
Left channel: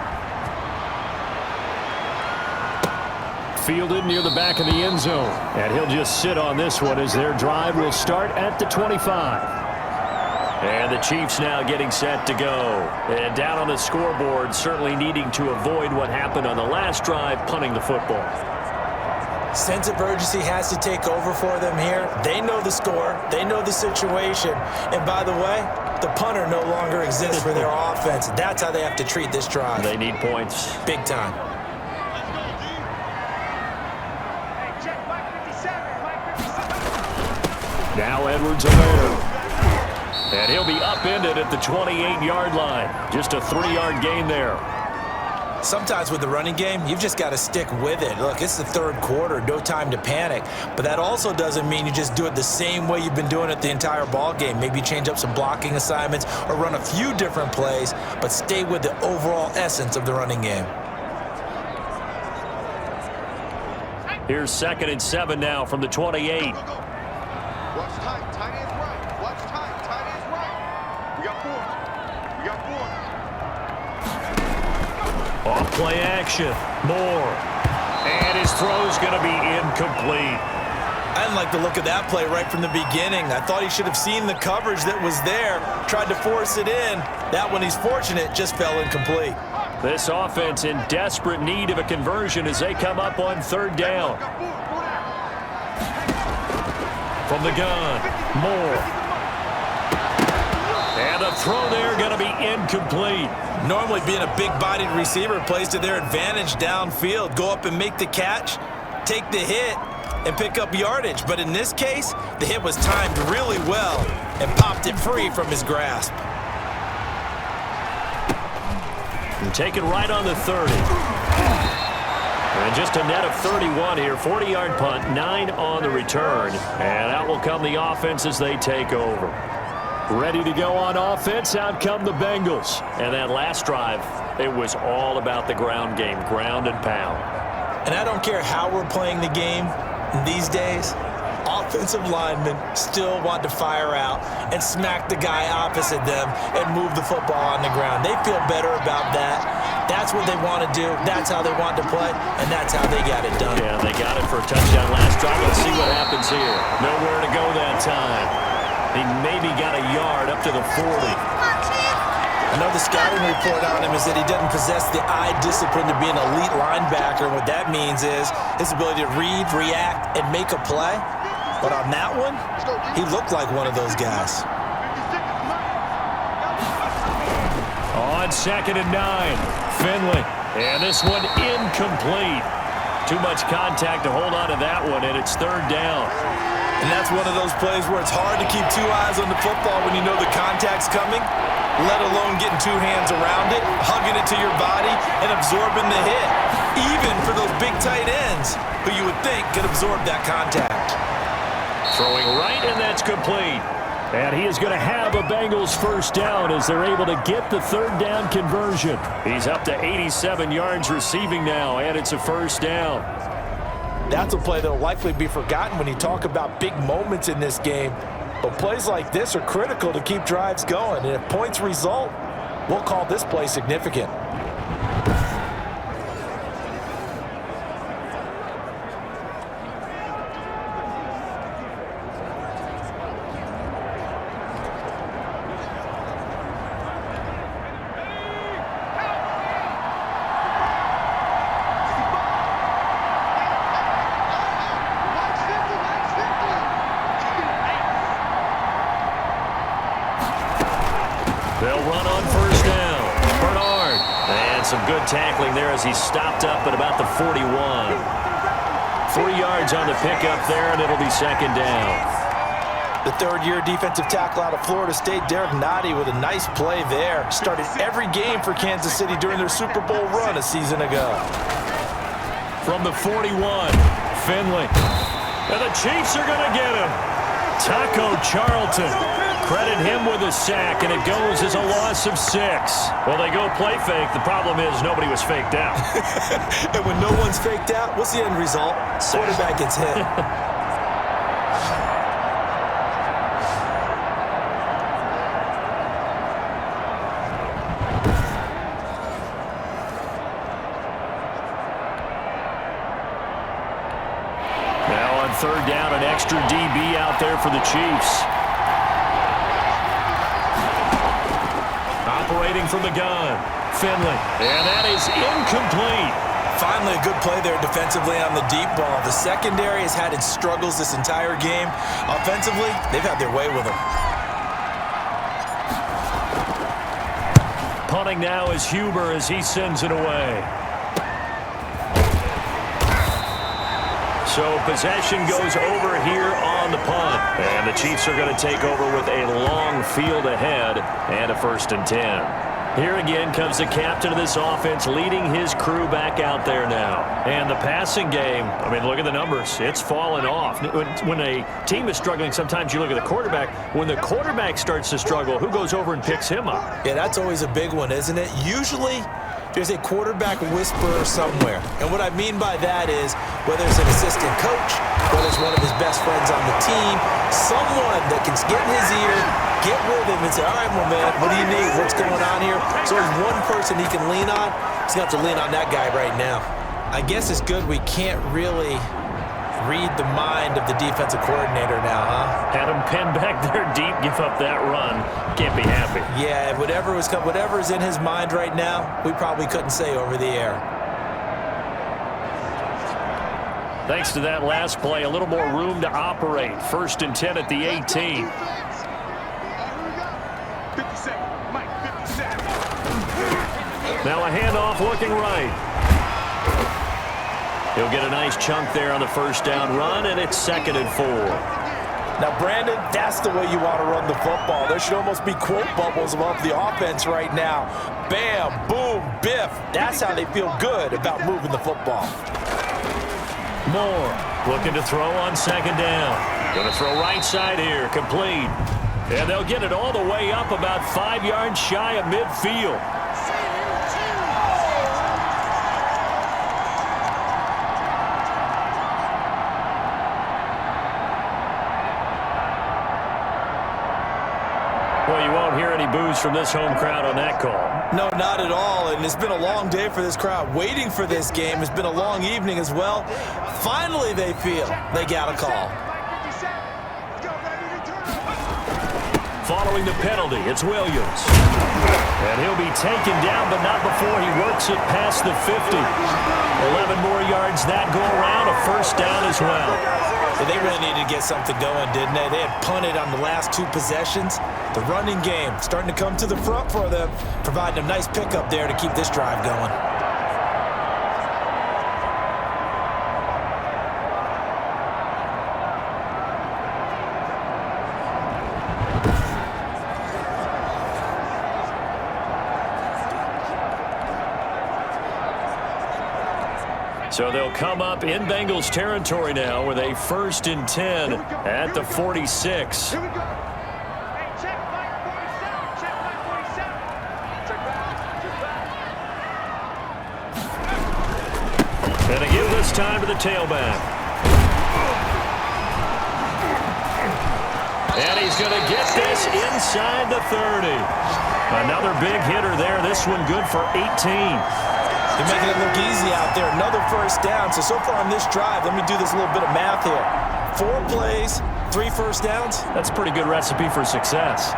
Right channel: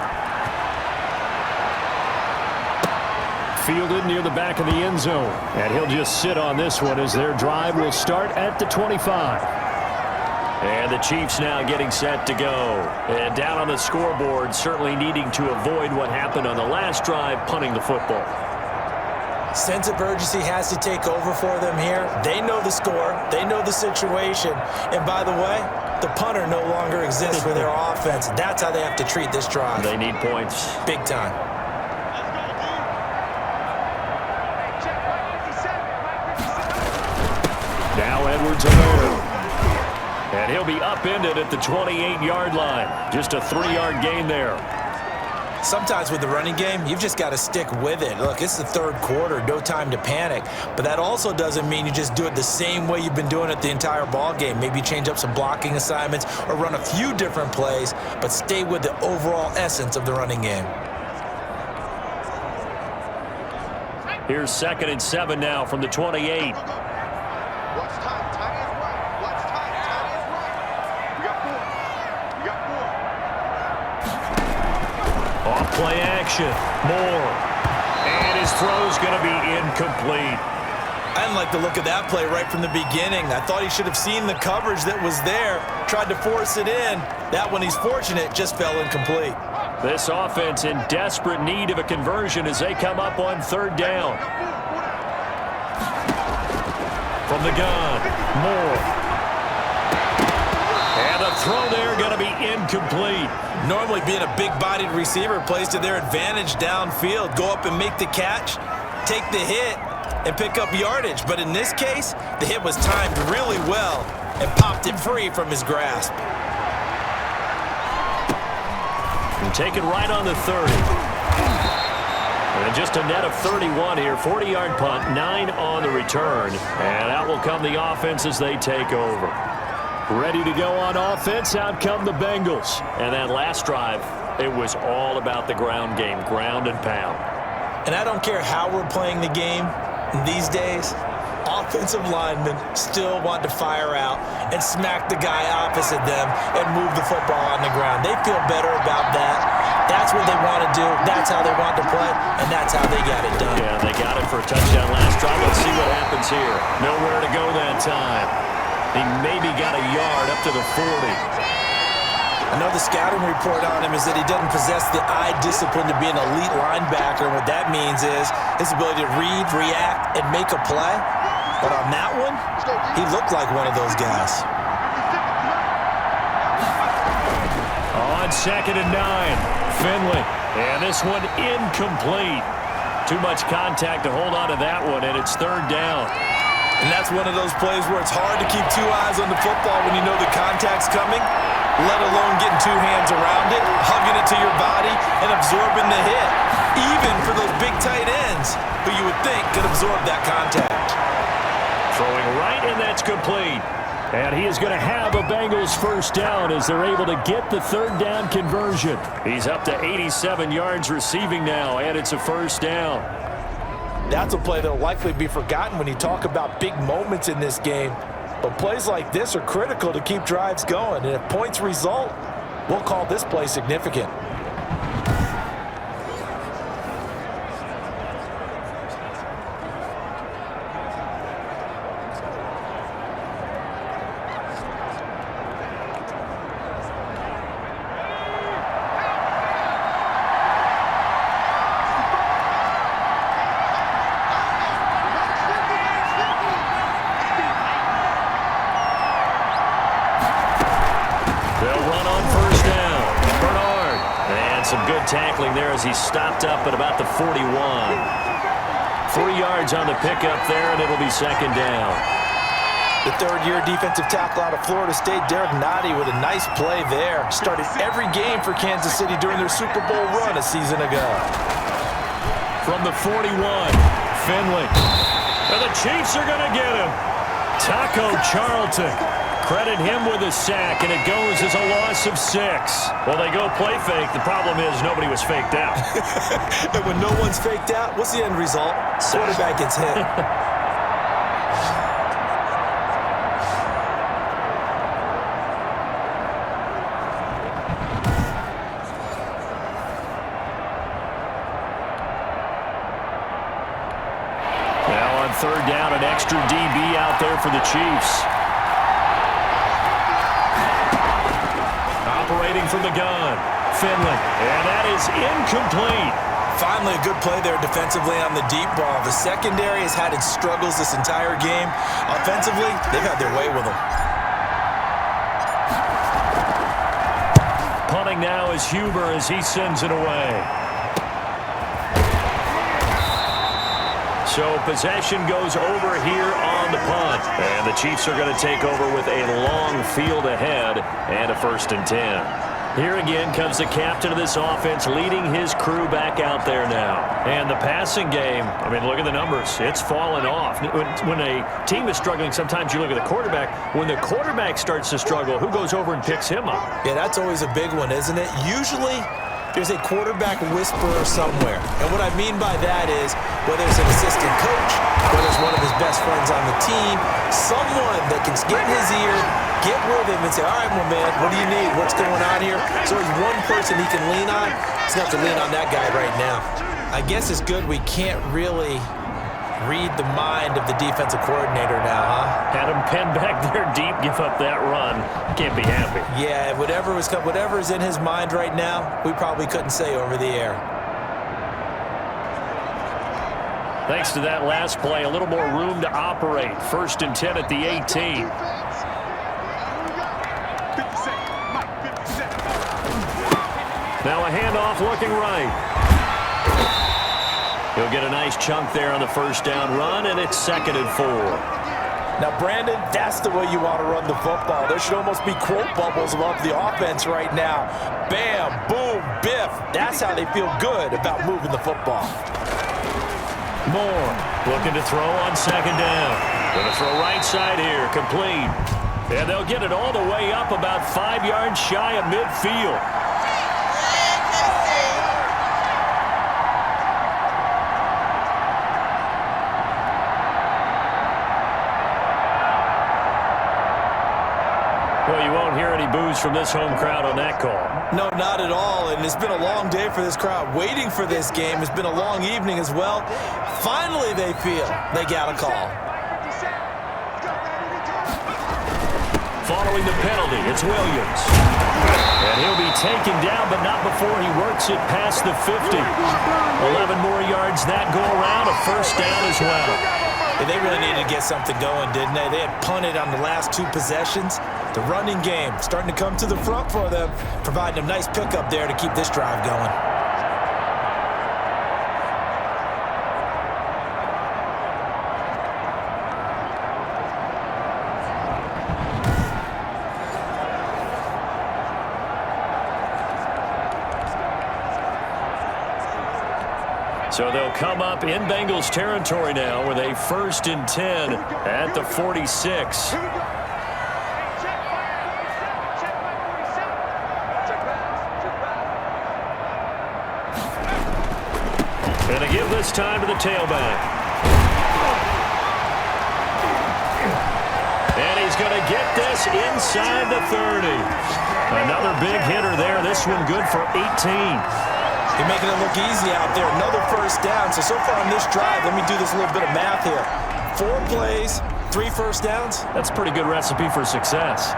Fielded near the back of the end zone. And he'll just sit on this one as their drive will start at the 25. And the Chiefs now getting set to go. And down on the scoreboard, certainly needing to avoid what happened on the last drive, punting the football. Sense of urgency has to take over for them here. They know the score. They know the situation. And by the way, the punter no longer exists for their offense. That's how they have to treat this drive. They need points. Big time. Let's go, D. Hey, check Mike 57. Mike 57. Now Edwards-Helaire. And he'll be upended at the 28-yard line. Just a 3-yard gain there. Sometimes with the running game, you've just got to stick with it. Look, it's the third quarter, no time to panic. But that also doesn't mean you just do it the same way you've been doing it the entire ball game. Maybe change up some blocking assignments or run a few different plays, but stay with the overall essence of the running game. Here's 2nd and 7 now from the 28. Watch tight. Tight ends right. Watch tight. Tight ends right. We got 4. We got 4. Off play action. Moore. And his throw's going to be incomplete. I didn't like the look of that play right from the beginning. I thought he should have seen the coverage that was there, tried to force it in. That one, he's fortunate, just fell incomplete. This offense in desperate need of a conversion as they come up on third down. From the gun, Moore. And the throw there going to be incomplete. Normally being a big-bodied receiver plays to their advantage downfield. Go up and make the catch, take the hit, and pick up yardage. But in this case, the hit was timed really well and popped it free from his grasp. And taken right on the 30. And just a net of 31 here. 40-yard punt, 9 on the return. And out will come the offense as they take over. Ready to go on offense, out come the Bengals. And that last drive, it was all about the ground game, ground and pound. And I don't care how we're playing the game these days, offensive linemen still want to fire out and smack the guy opposite them and move the football on the ground. They feel better about that. That's what they want to do. That's how they want to play, and that's how they got it done. Yeah, they got it for a touchdown last drive. Let's see what happens here. Nowhere to go that time. He maybe got a yard up to the 40. I know the scouting report on him is that he doesn't possess the eye discipline to be an elite linebacker. What that means is his ability to read, react, and make a play. But on that one, he looked like one of those guys. On 2nd and 9, Finley. And this one incomplete. Too much contact to hold on to that one, and it's third down. And that's one of those plays where it's hard to keep two eyes on the football when you know the contact's coming, let alone getting two hands around it, hugging it to your body, and absorbing the hit. Even for those big tight ends who you would think could absorb that contact. Throwing right, and that's complete. And he is going to have a Bengals first down as they're able to get the third down conversion. He's up to 87 yards receiving now, and it's a first down. That's a play that will likely be forgotten when you talk about big moments in this game. But plays like this are critical to keep drives going. And if points result, we'll call this play significant. They'll run on first down. Bernard. And some good tackling there as he stopped up at about the 41. 3 yards on the pickup there, and it'll be second down. The third-year defensive tackle out of Florida State, Derek Nottie, with a nice play there. Started every game for Kansas City during their Super Bowl run a season ago. From the 41, Finley. And the Chiefs are going to get him. Taco Charlton. Credit him with a sack, and it goes as a loss of 6. Well, they go play fake. The problem is nobody was faked out. And when no one's faked out, what's the end result? Quarterback gets hit. Now on third down, an extra DB out there for the Chiefs. Operating from the gun, Finley. And that is incomplete. Finally, a good play there defensively on the deep ball. The secondary has had its struggles this entire game. Offensively, they've had their way with them. Punting now is Huber as he sends it away. So possession goes over here on the punt. And the Chiefs are going to take over with a long field ahead and a 1st and 10. Here again comes the captain of this offense leading his crew back out there now. And the passing game, I mean, look at the numbers. It's fallen off. When a team is struggling, sometimes you look at the quarterback. When the quarterback starts to struggle, who goes over and picks him up? Yeah, that's always a big one, isn't it? Usually, there's a quarterback whisperer somewhere. And what I mean by that is, whether it's an assistant coach, whether it's one of his best friends on the team, someone that can get in his ear, get with him and say, all right, my man, what do you need? What's going on here? So there's one person he can lean on. He's going to have to lean on that guy right now. I guess it's good we can't really Read the mind of the defensive coordinator now, huh? Had him pinned back there deep, give up that run. Can't be happy. Yeah, whatever is in his mind right now, we probably couldn't say over the air. Thanks to that last play, a little more room to operate. 1st and 10 at the 18. Now a handoff looking right. He'll get a nice chunk there on the 1st down run, and it's 2nd and 4. Now, Brandon, that's the way you want to run the football. There should almost be quote bubbles above the offense right now. Bam, boom, biff. That's how they feel good about moving the football. Moore looking to throw on 2nd down. Going to throw right side here, complete. And they'll get it all the way up about 5 yards shy of midfield. Well, you won't hear any boos from this home crowd on that call. No, not at all, and it's been a long day for this crowd. Waiting for this game. It's been a long evening as well. Finally, they feel they got a call. Following the penalty, it's Williams. And he'll be taken down, but not before he works it past the 50. 11 more yards that go around, a 1st down as well. Yeah, they really needed to get something going, didn't they? They had punted on the last 2 possessions. The running game starting to come to the front for them, providing a nice pickup there to keep this drive going. So they'll come up in Bengals territory now with a 1st and 10 at the 46. Here we go. Hey, check my 47. Check my 47. Check back. Check back. And to give this time to the tailback. And he's going to get this inside the 30. Another big hitter there. This one good for 18. You're making it look easy out there. Another 1st down. So far on this drive, let me do this little bit of math here. 4 plays, 3 1st downs. That's a pretty good recipe for success.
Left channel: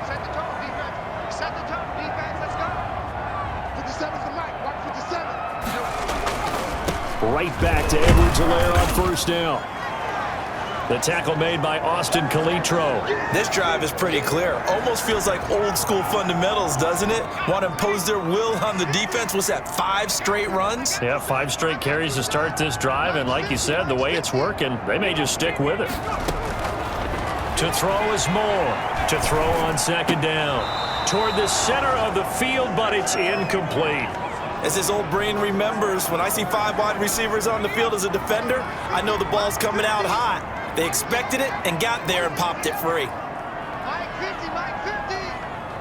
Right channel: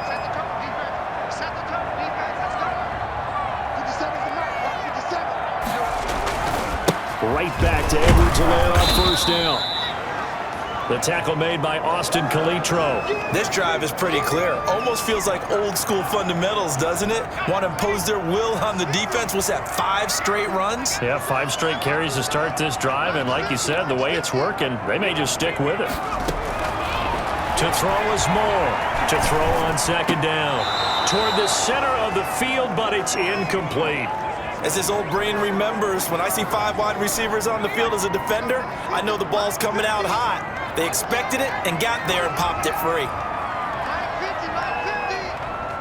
Set the tone, defense. Set the tone, defense. Let's go. 57's the mic. Watch 57. Right back to Edwards-Helaire on 1st down. The tackle made by Austin Calitro. This drive is pretty clear. Almost feels like old school fundamentals, doesn't it? Want to impose their will on the defense. What's that, 5 straight runs? Yeah, 5 straight carries to start this drive, and like you said, the way it's working, they may just stick with it. To throw is Moore. To throw on 2nd down. Toward the center of the field, but it's incomplete. As his old brain remembers, when I see 5 wide receivers on the field as a defender, I know the ball's coming out hot. They expected it and got there and popped it free. Mike 50, Mike 50.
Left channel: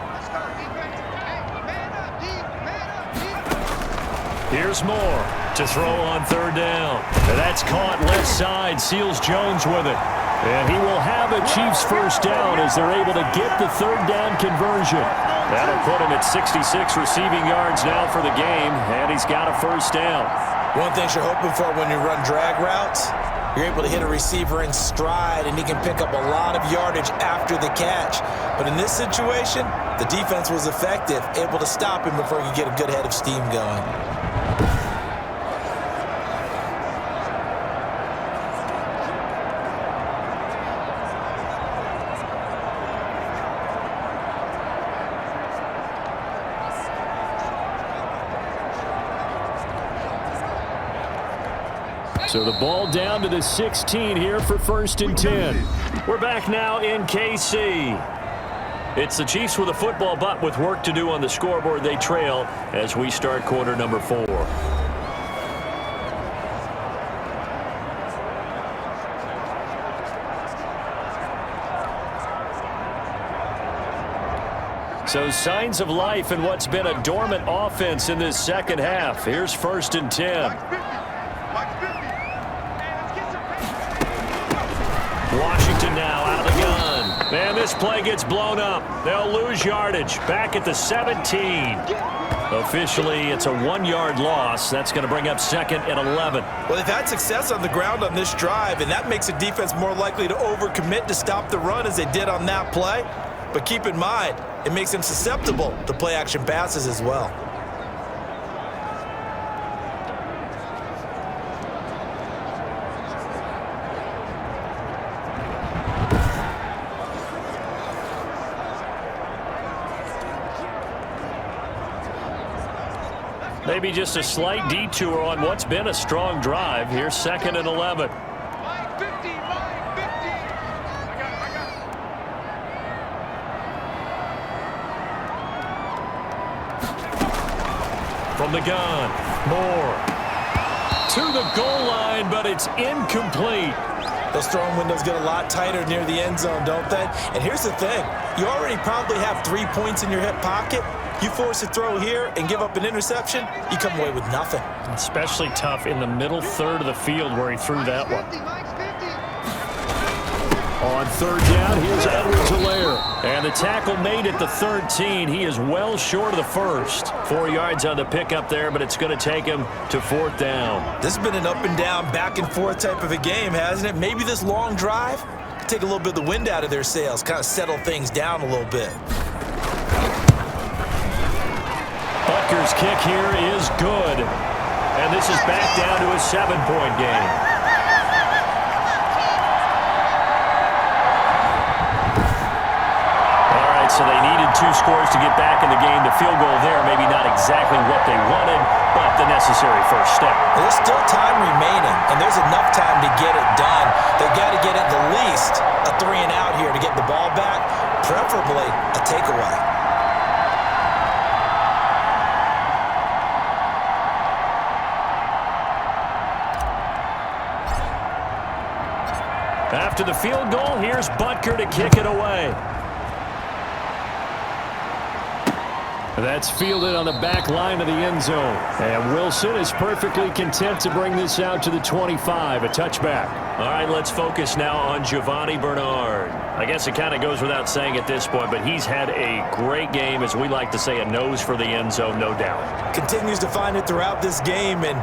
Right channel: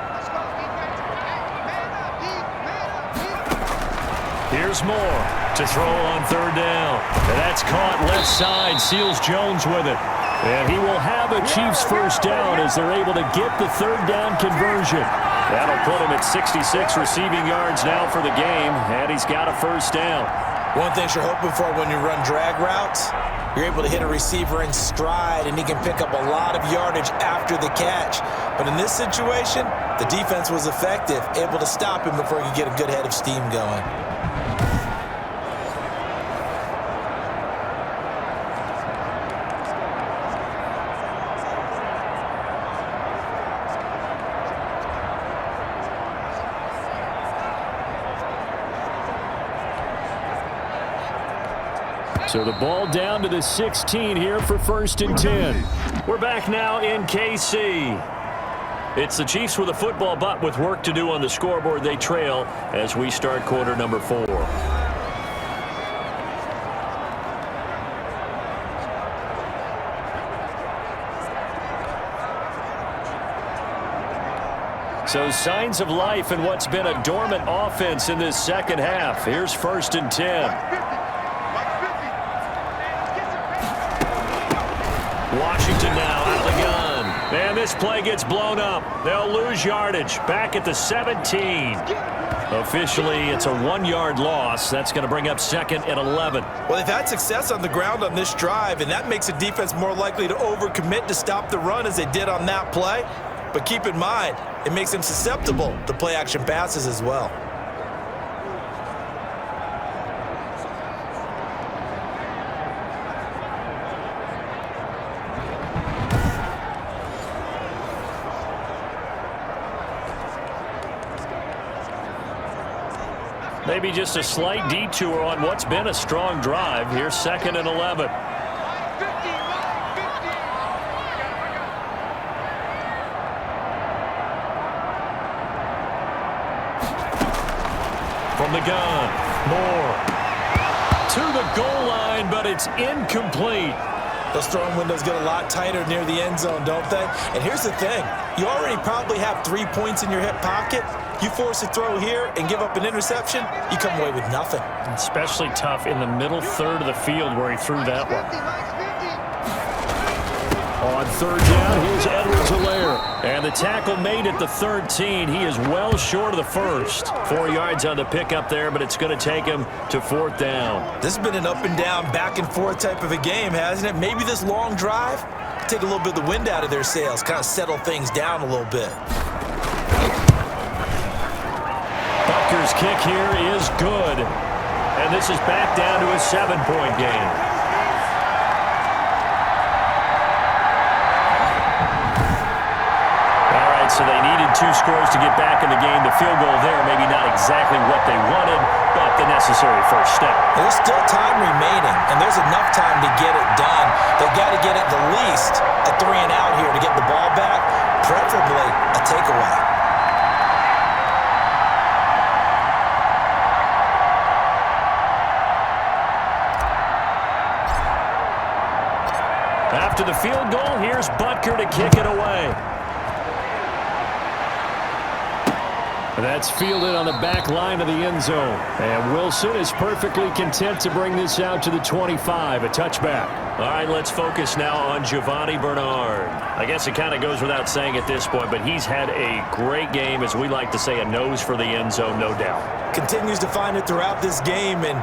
Let's go, defense. Hey, man up, deep, man up, deep. Here's Moore to throw on 3rd down. And that's caught left side. Seals Jones with it. And he will have a Chiefs 1st down as they're able to get the 3rd down conversion. That'll put him at 66 receiving yards now for the game, and he's got a 1st down. One thing you're hoping for when you run drag routes, you're able to hit a receiver in stride, and he can pick up a lot of yardage after the catch. But in this situation, the defense was effective, able to stop him before he could get a good head of steam going. So the ball down to the 16 here for 1st and 10. We're back now in KC. It's the Chiefs with a football, but with work to do on the scoreboard. They trail as we start quarter number 4. So signs of life in what's been a dormant offense in this 2nd half. Here's 1st and 10. Washington now out of the gun. And this play gets blown up. They'll lose yardage. Back at the 17. Officially, it's a 1-yard loss. That's going to bring up 2nd and 11. Well, they've had success on the ground on this drive, and that makes a defense more likely to overcommit to stop the run as they did on that play. But keep in mind, it makes them susceptible to play-action passes as well. Maybe just a slight detour on what's been a strong drive. Here's 2nd and 11. Line 50, line 50. I got it. From the gun, Moore. To the goal line, but it's incomplete. Those throwing windows get a lot tighter near the end zone, don't they? And here's the thing. You already probably have 3 points in your hip pocket. You force a throw here and give up an interception, you come away with nothing. Especially tough in the middle third of the field where he threw that one. On 3rd down, here's Edwards-Helaire. And the tackle made at the 13. He is well short of the first. 4 yards on the pickup there, but it's going to take him to 4th down. This has been an up and down, back and forth type of a game, hasn't it? Maybe this long drive could take a little bit of the wind out of their sails, kind of settle things down a little bit. Butker's kick here is good. And this is back down to a 7-point game. All right, so they needed 2 scores to get back in the game. The field goal there, maybe not exactly what they wanted, but the necessary first step. There's still time remaining, and there's enough time to get it done. They've got to get at the least a 3-and-out here to get the ball back, preferably a takeaway. After the field goal, here's Butker to kick it away. That's fielded on the back line of the end zone. And Wilson is perfectly content to bring this out to the 25, a touchback. All right, let's focus now on Giovanni Bernard. I guess it kind of goes without saying at this point, but he's had a great game, as we like to say, a nose for the end zone, no doubt. Continues to find it throughout this game, and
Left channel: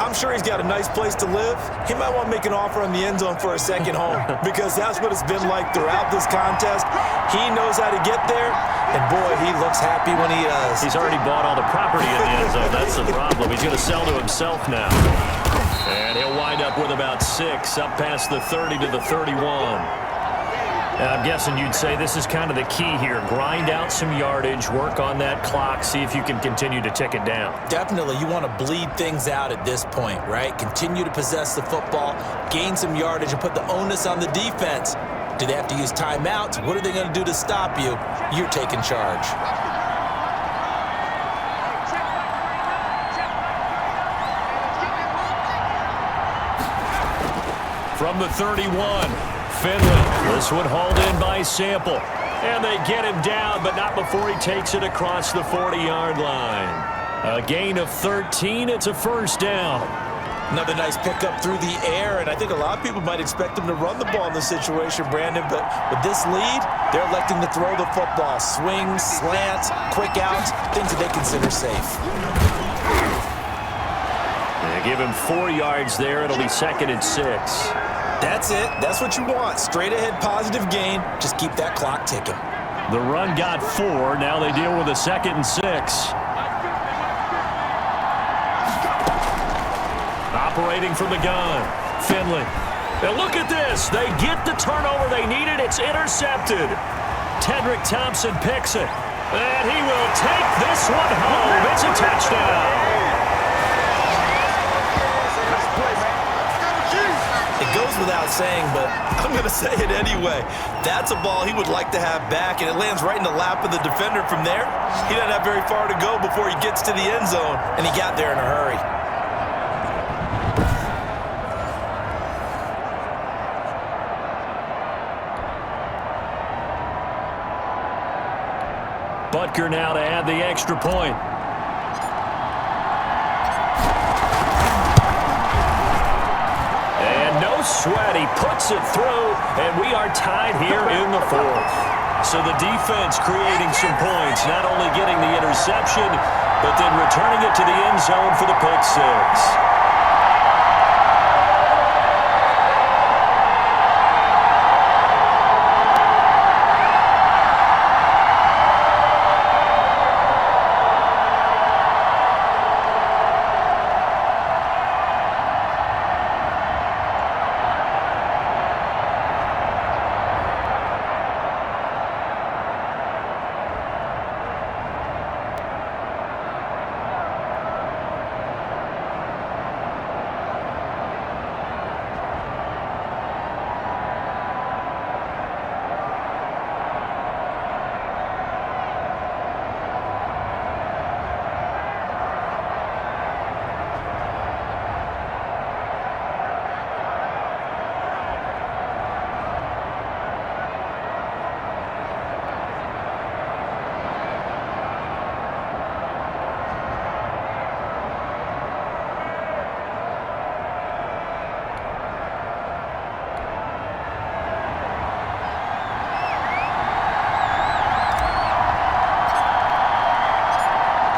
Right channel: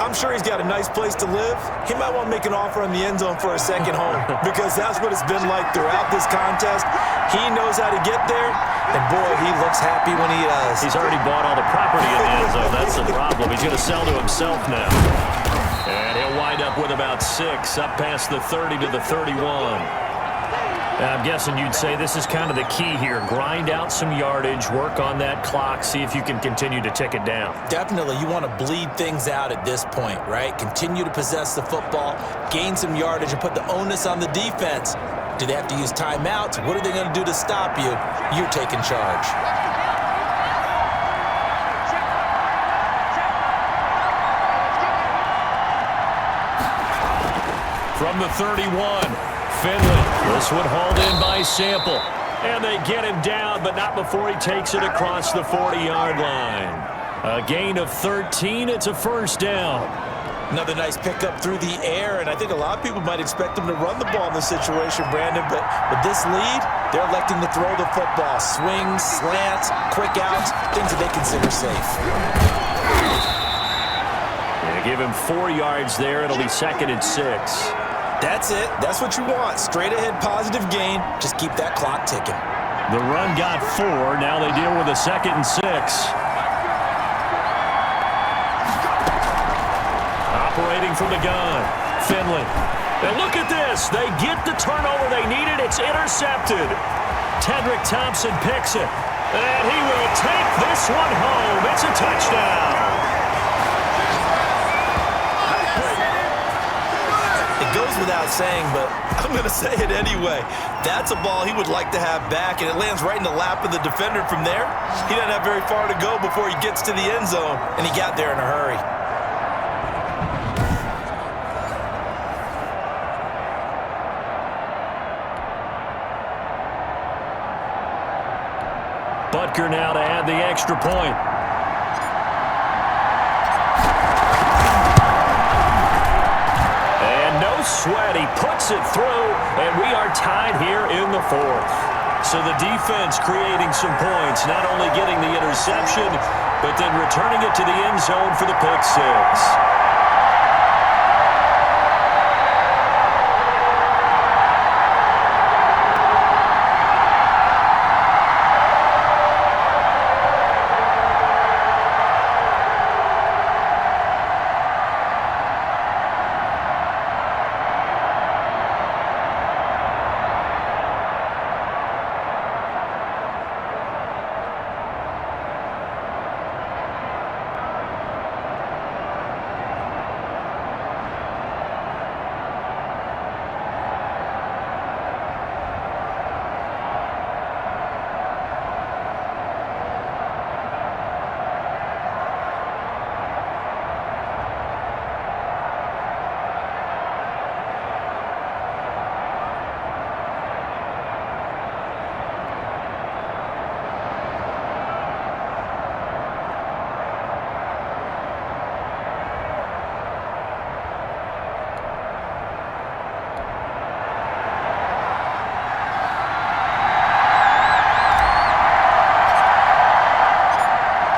I'm sure he's got a nice place to live. He might want to make an offer on the end zone for a second home because that's what it's been like throughout this contest. He knows how to get there, and boy, he looks happy when he does. He's already bought all the property in the end zone. That's the problem. He's going to sell to himself now. And he'll wind up with about 6, up past the 30 to the 31. I'm guessing you'd say this is kind of the key here. Grind out some yardage, work on that clock, see if you can continue to tick it down. Definitely, you want to bleed things out at this point, right? Continue to possess the football, gain some yardage, and put the onus on the defense. Do they have to use timeouts? What are they going to do to stop you? You're taking charge. From the 31, Finley. This one hauled in by Sample. And they get him down, but not before he takes it across the 40-yard line. A gain of 13. It's a 1st down. Another nice pickup through the air, and I think a lot of people might expect them to run the ball in this situation, Brandon, but with this lead, they're electing to throw the football. Swings, slants, quick outs, things that they consider safe. They give him 4 yards there. It'll be 2nd and 6. That's it. That's what you want. Straight ahead positive gain. Just keep that clock ticking. The run got 4. Now they deal with a 2nd and 6. Operating from the gun, Finley. And look at this. They get the turnover they needed. It's intercepted. Tedrick Thompson picks it. And he will take this one home. It's a touchdown. It goes without saying, but I'm going to say it anyway. That's a ball he would like to have back, and it lands right in the lap of the defender from there. He doesn't have very far to go before he gets to the end zone, and he got there in a hurry. Butker now to add the extra point. And no no sweat. He puts it through, and we are tied here in the fourth. So the defense creating some points, not only getting the interception, but then returning it to the end zone for the pick six.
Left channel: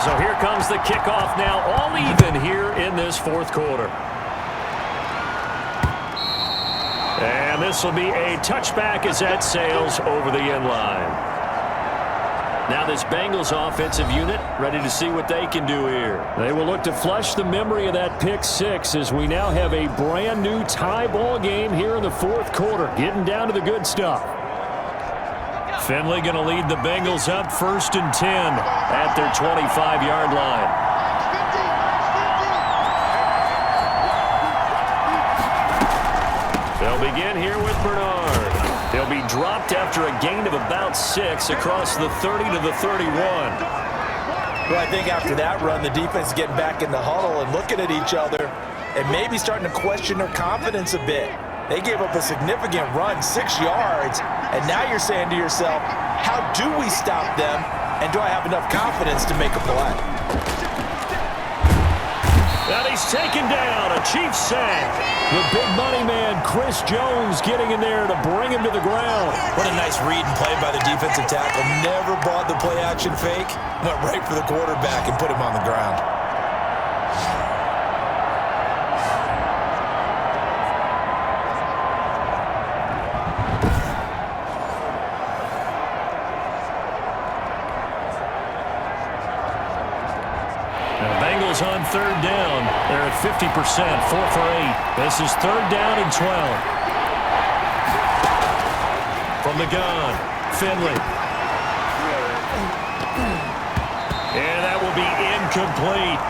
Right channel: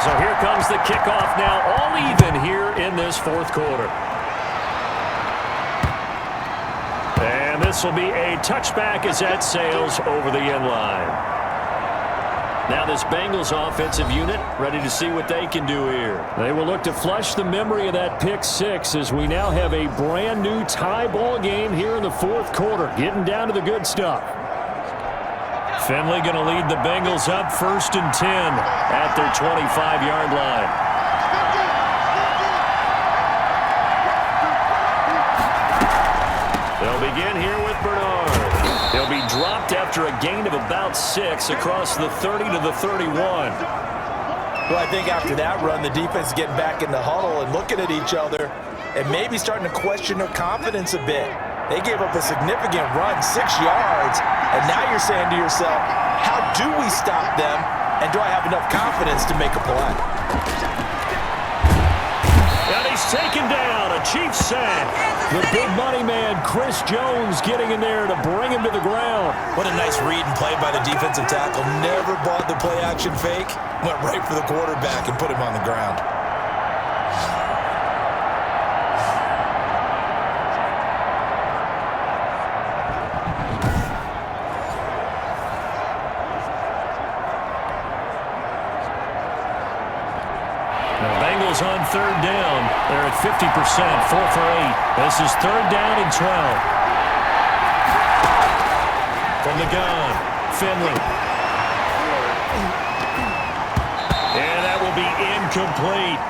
So here comes the kickoff now, all even here in this fourth quarter. And this will be a touchback as that sails over the end line. Now this Bengals offensive unit ready to see what they can do here. They will look to flush the memory of that pick six as we now have a brand new tie ball game here in the fourth quarter, getting down to the good stuff. Finley going to lead the Bengals up 1st and 10 at their 25-yard line. They'll begin here with Bernard. He'll be dropped after a gain of about 6 across the 30 to the 31. Well, I think after that run, the defense is getting back in the huddle and looking at each other and maybe starting to question their confidence a bit. They gave up a significant run, 6 yards, and now you're saying to yourself, how do we stop them, and do I have enough confidence to make a play? And he's taken down, a Chiefs sack. The big money man, Chris Jones, getting in there to bring him to the ground. What a nice read and play by the defensive tackle. Never bought the play-action fake. Went right for the quarterback and put him on the ground. Bengals on 3rd down. They're at 50%, 4 for 8. This is 3rd down and 12. From the gun, Finley. And that will be incomplete.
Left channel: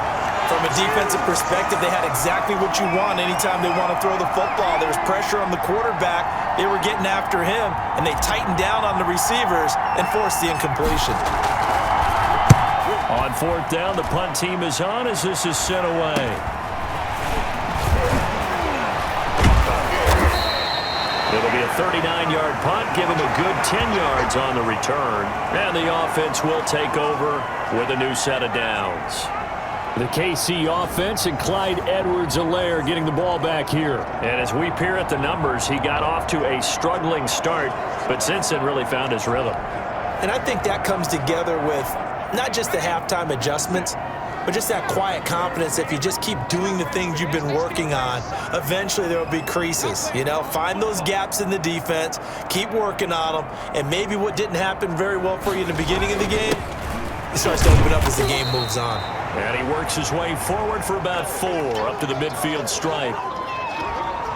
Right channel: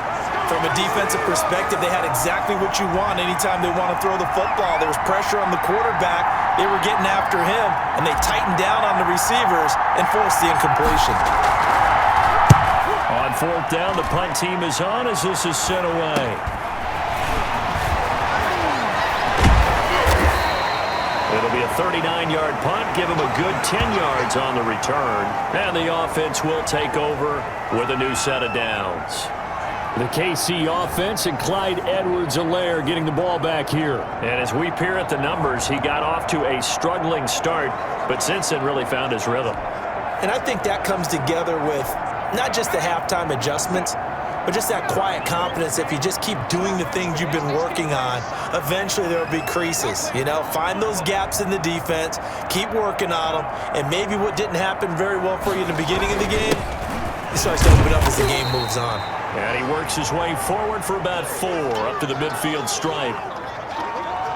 From a defensive perspective, they had exactly what you want anytime they want to throw the football. There was pressure on the quarterback. They were getting after him, and they tightened down on the receivers and forced the incompletion. On 4th down, the punt team is on as this is sent away. It'll be a 39-yard punt, give them a good 10 yards on the return. And the offense will take over with a new set of downs. The KC offense and Clyde Edwards-Helaire getting the ball back here. And as we peer at the numbers, he got off to a struggling start, but since then really found his rhythm. And I think that comes together with not just the halftime adjustments, but just that quiet confidence. If you just keep doing the things you've been working on, eventually there will be creases. You know, find those gaps in the defense, keep working on them, and maybe what didn't happen very well for you in the beginning of the game, it starts to open up as the game moves on. And he works his way forward for about 4 up to the midfield stripe.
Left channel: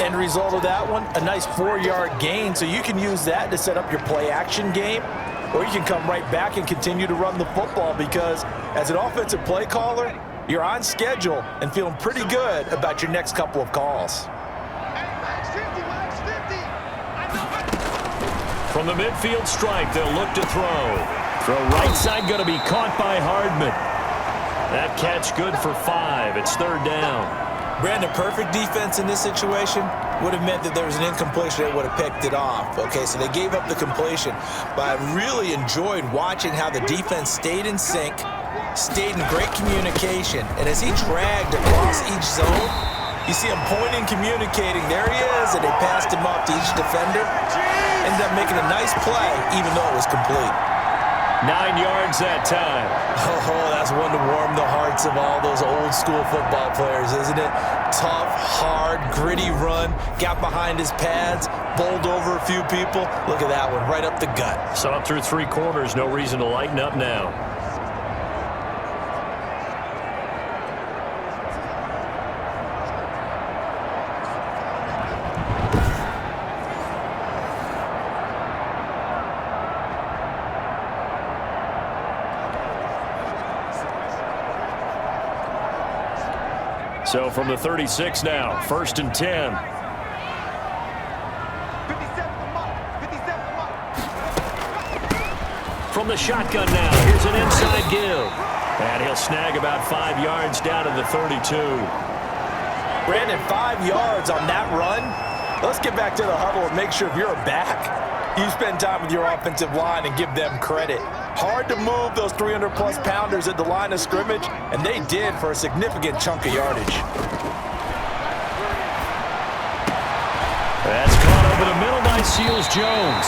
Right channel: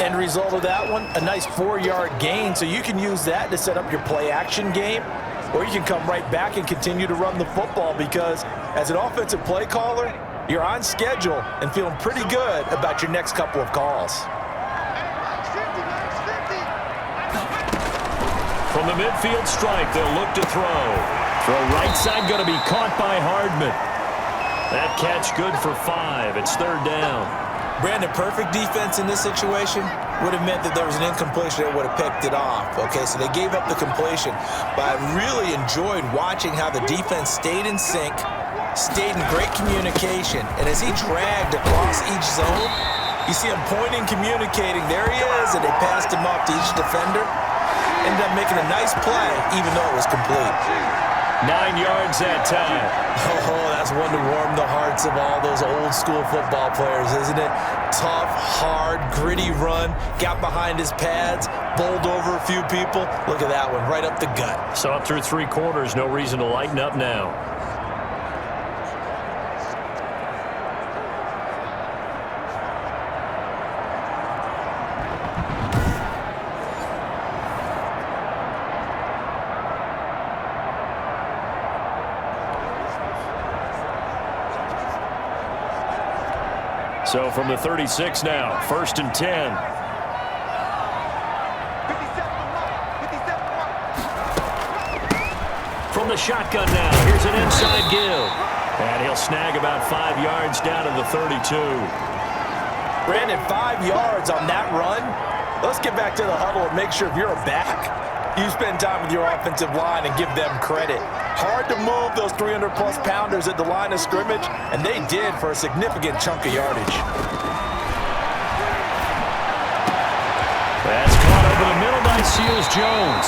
End result of that one, a nice 4-yard gain, so you can use that to set up your play-action game, or you can come right back and continue to run the football because as an offensive play caller, you're on schedule and feeling pretty good about your next couple of calls. From the midfield stripe, they'll look to throw. Throw right side going to be caught by Hardman. That catch good for 5. It's 3rd down. Brandon, perfect defense in this situation would have meant that there was an incompletion that would have picked it off. Okay, so they gave up the completion. But I really enjoyed watching how the defense stayed in sync, stayed in great communication, and as he dragged across each zone, You see him pointing, communicating. There he is, and they passed him off to each defender. Ended up making a nice play, even though it was complete. 9 yards that time. Oh, that's one to warm the hearts of all those old school football players, isn't it? Tough, hard, gritty run. Got behind his pads, bowled over a few people. Look at that one, right up the gut. Saw it through 3 quarters. No reason to lighten up now. So from the 36 now, 1st and 10. 57 From the shotgun now, here's an inside give. And he'll snag about 5 yards down to the 32. Brandon, 5 yards on that run. Let's get back to the huddle and make sure if you're a back, you spend time with your offensive line and give them credit. Hard to move those 300-plus pounders at the line of scrimmage, and they did for a significant chunk of yardage. That's caught over the middle by Seals-Jones.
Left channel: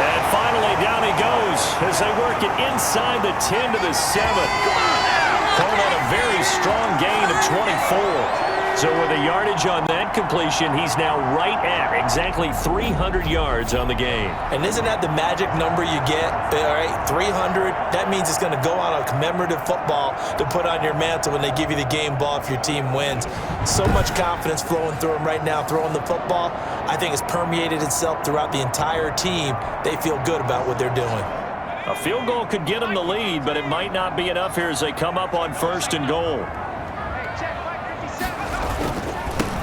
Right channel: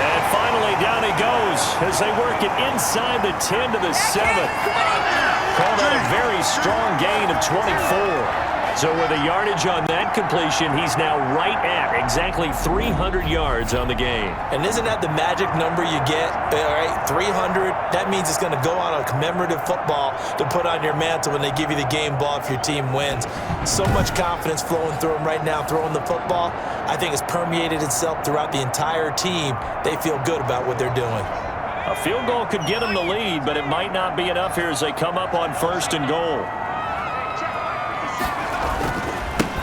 And finally, down he goes as they work it inside the 10 to the 7. Call that a very strong gain of 24. So with a yardage on that completion, he's now right at exactly 300 yards on the game. And isn't that the magic number you get? All right, 300. That means it's going to go on a commemorative football to put on your mantle when they give you the game ball if your team wins. So much confidence flowing through him right now, throwing the football. I think it's permeated itself throughout the entire team. They feel good about what they're doing. A field goal could get them the lead, but it might not be enough here as they come up on 1st and goal.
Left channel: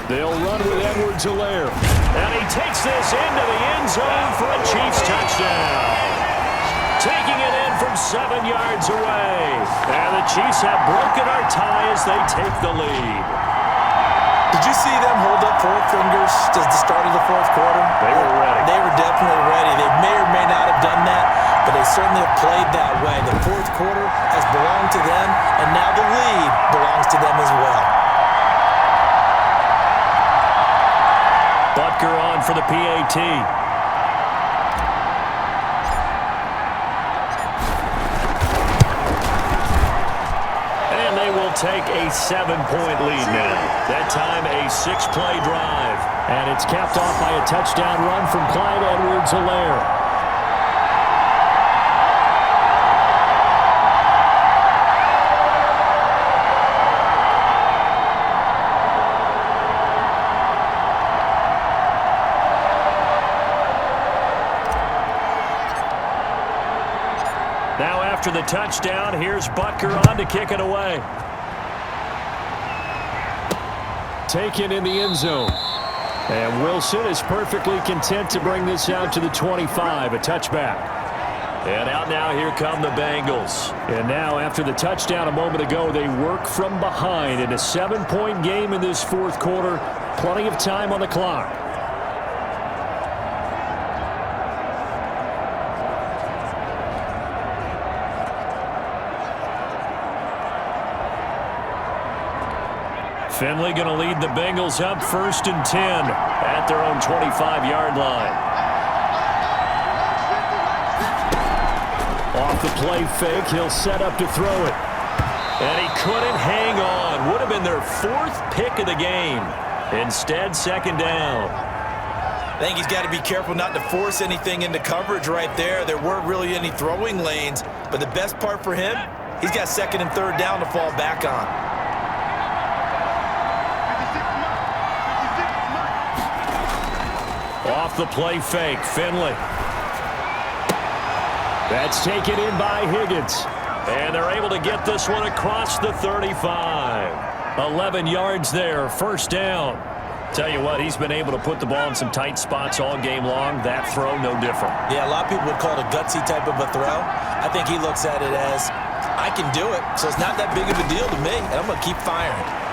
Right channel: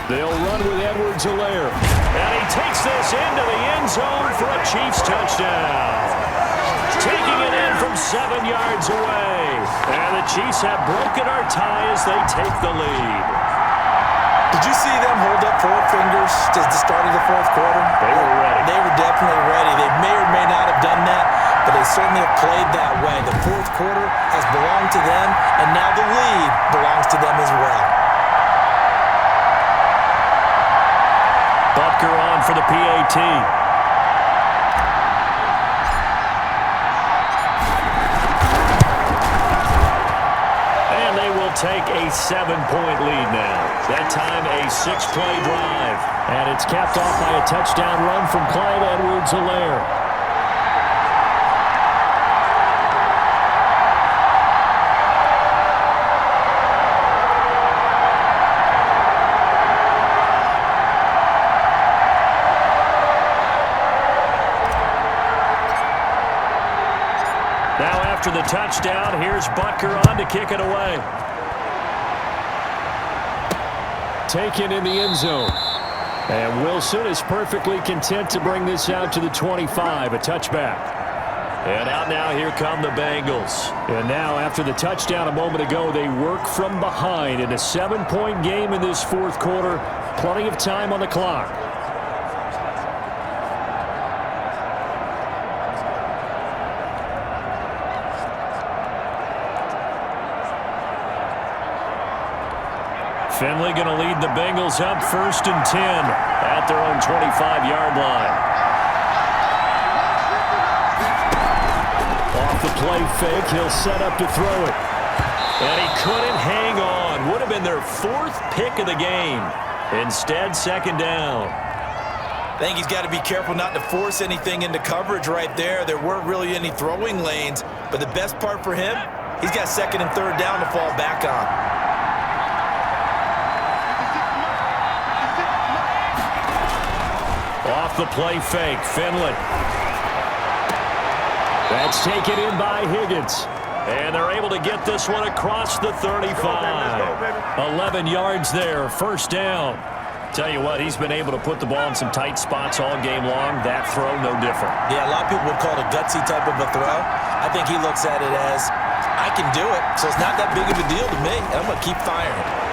They'll run with Edwards-Helaire. And he takes this into the end zone for a Chiefs touchdown. Taking it in from 7 yards away. And the Chiefs have broken our tie as they take the lead. Did you see them hold up 4 fingers to the start of the 4th quarter? They were ready. They were definitely ready. They may or may not have done that, but they certainly have played that way. The 4th quarter has belonged to them, and now the lead belongs to them as well. Butker on for the PAT. And they will take a 7-point lead now. That time a 6-play drive. And it's capped off by a touchdown run from Clyde Edwards-Helaire. Now after the touchdown, here's Butker on to kick it away. Taken in the end zone. And Wilson is perfectly content to bring this out to the 25, a touchback. And out now, here come the Bengals. And now, after the touchdown a moment ago, they work from behind in a 7-point game in this 4th quarter. Plenty of time on the clock. Finley going to lead the Bengals up 1st and 10 at their own 25-yard line. Off the play fake, he'll set up to throw it. And he couldn't hang on. Would have been their 4th pick of the game. Instead, 2nd down. I think he's got to be careful not to force anything into coverage right there. There weren't really any throwing lanes, but the best part for him, he's got 2nd and 3rd down to fall back on. Off the play fake, Finley. That's taken in by Higgins. And they're able to get this one across the 35. 11 yards there, 1st down. Tell you what, he's been able to put the ball in some tight spots all game long. That throw, no different. Yeah, a lot of people would call it a gutsy type of a throw. I think he looks at it as, I can do it, so it's not that big of a deal to me, and I'm going to keep firing.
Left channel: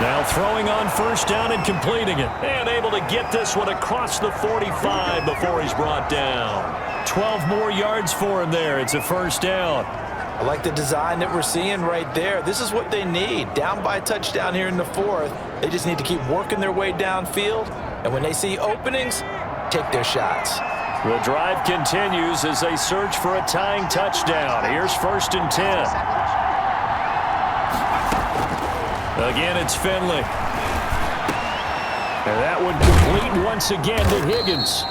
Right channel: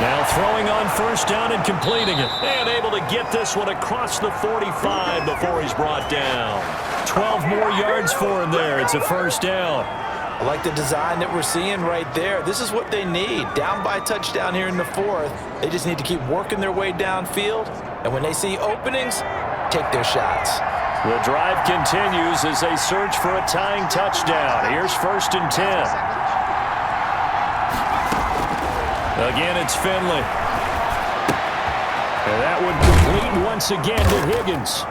Now throwing on 1st down and completing it. And able to get this one across the 45 before he's brought down. 12 more yards for him there. It's a 1st down. I like the design that we're seeing right there. This is what they need. Down by a touchdown here in the fourth. They just need to keep working their way downfield. And when they see openings, take their shots. The drive continues as they search for a tying touchdown. Here's 1st and 10. Again, it's Finley. And that would complete once again to Higgins.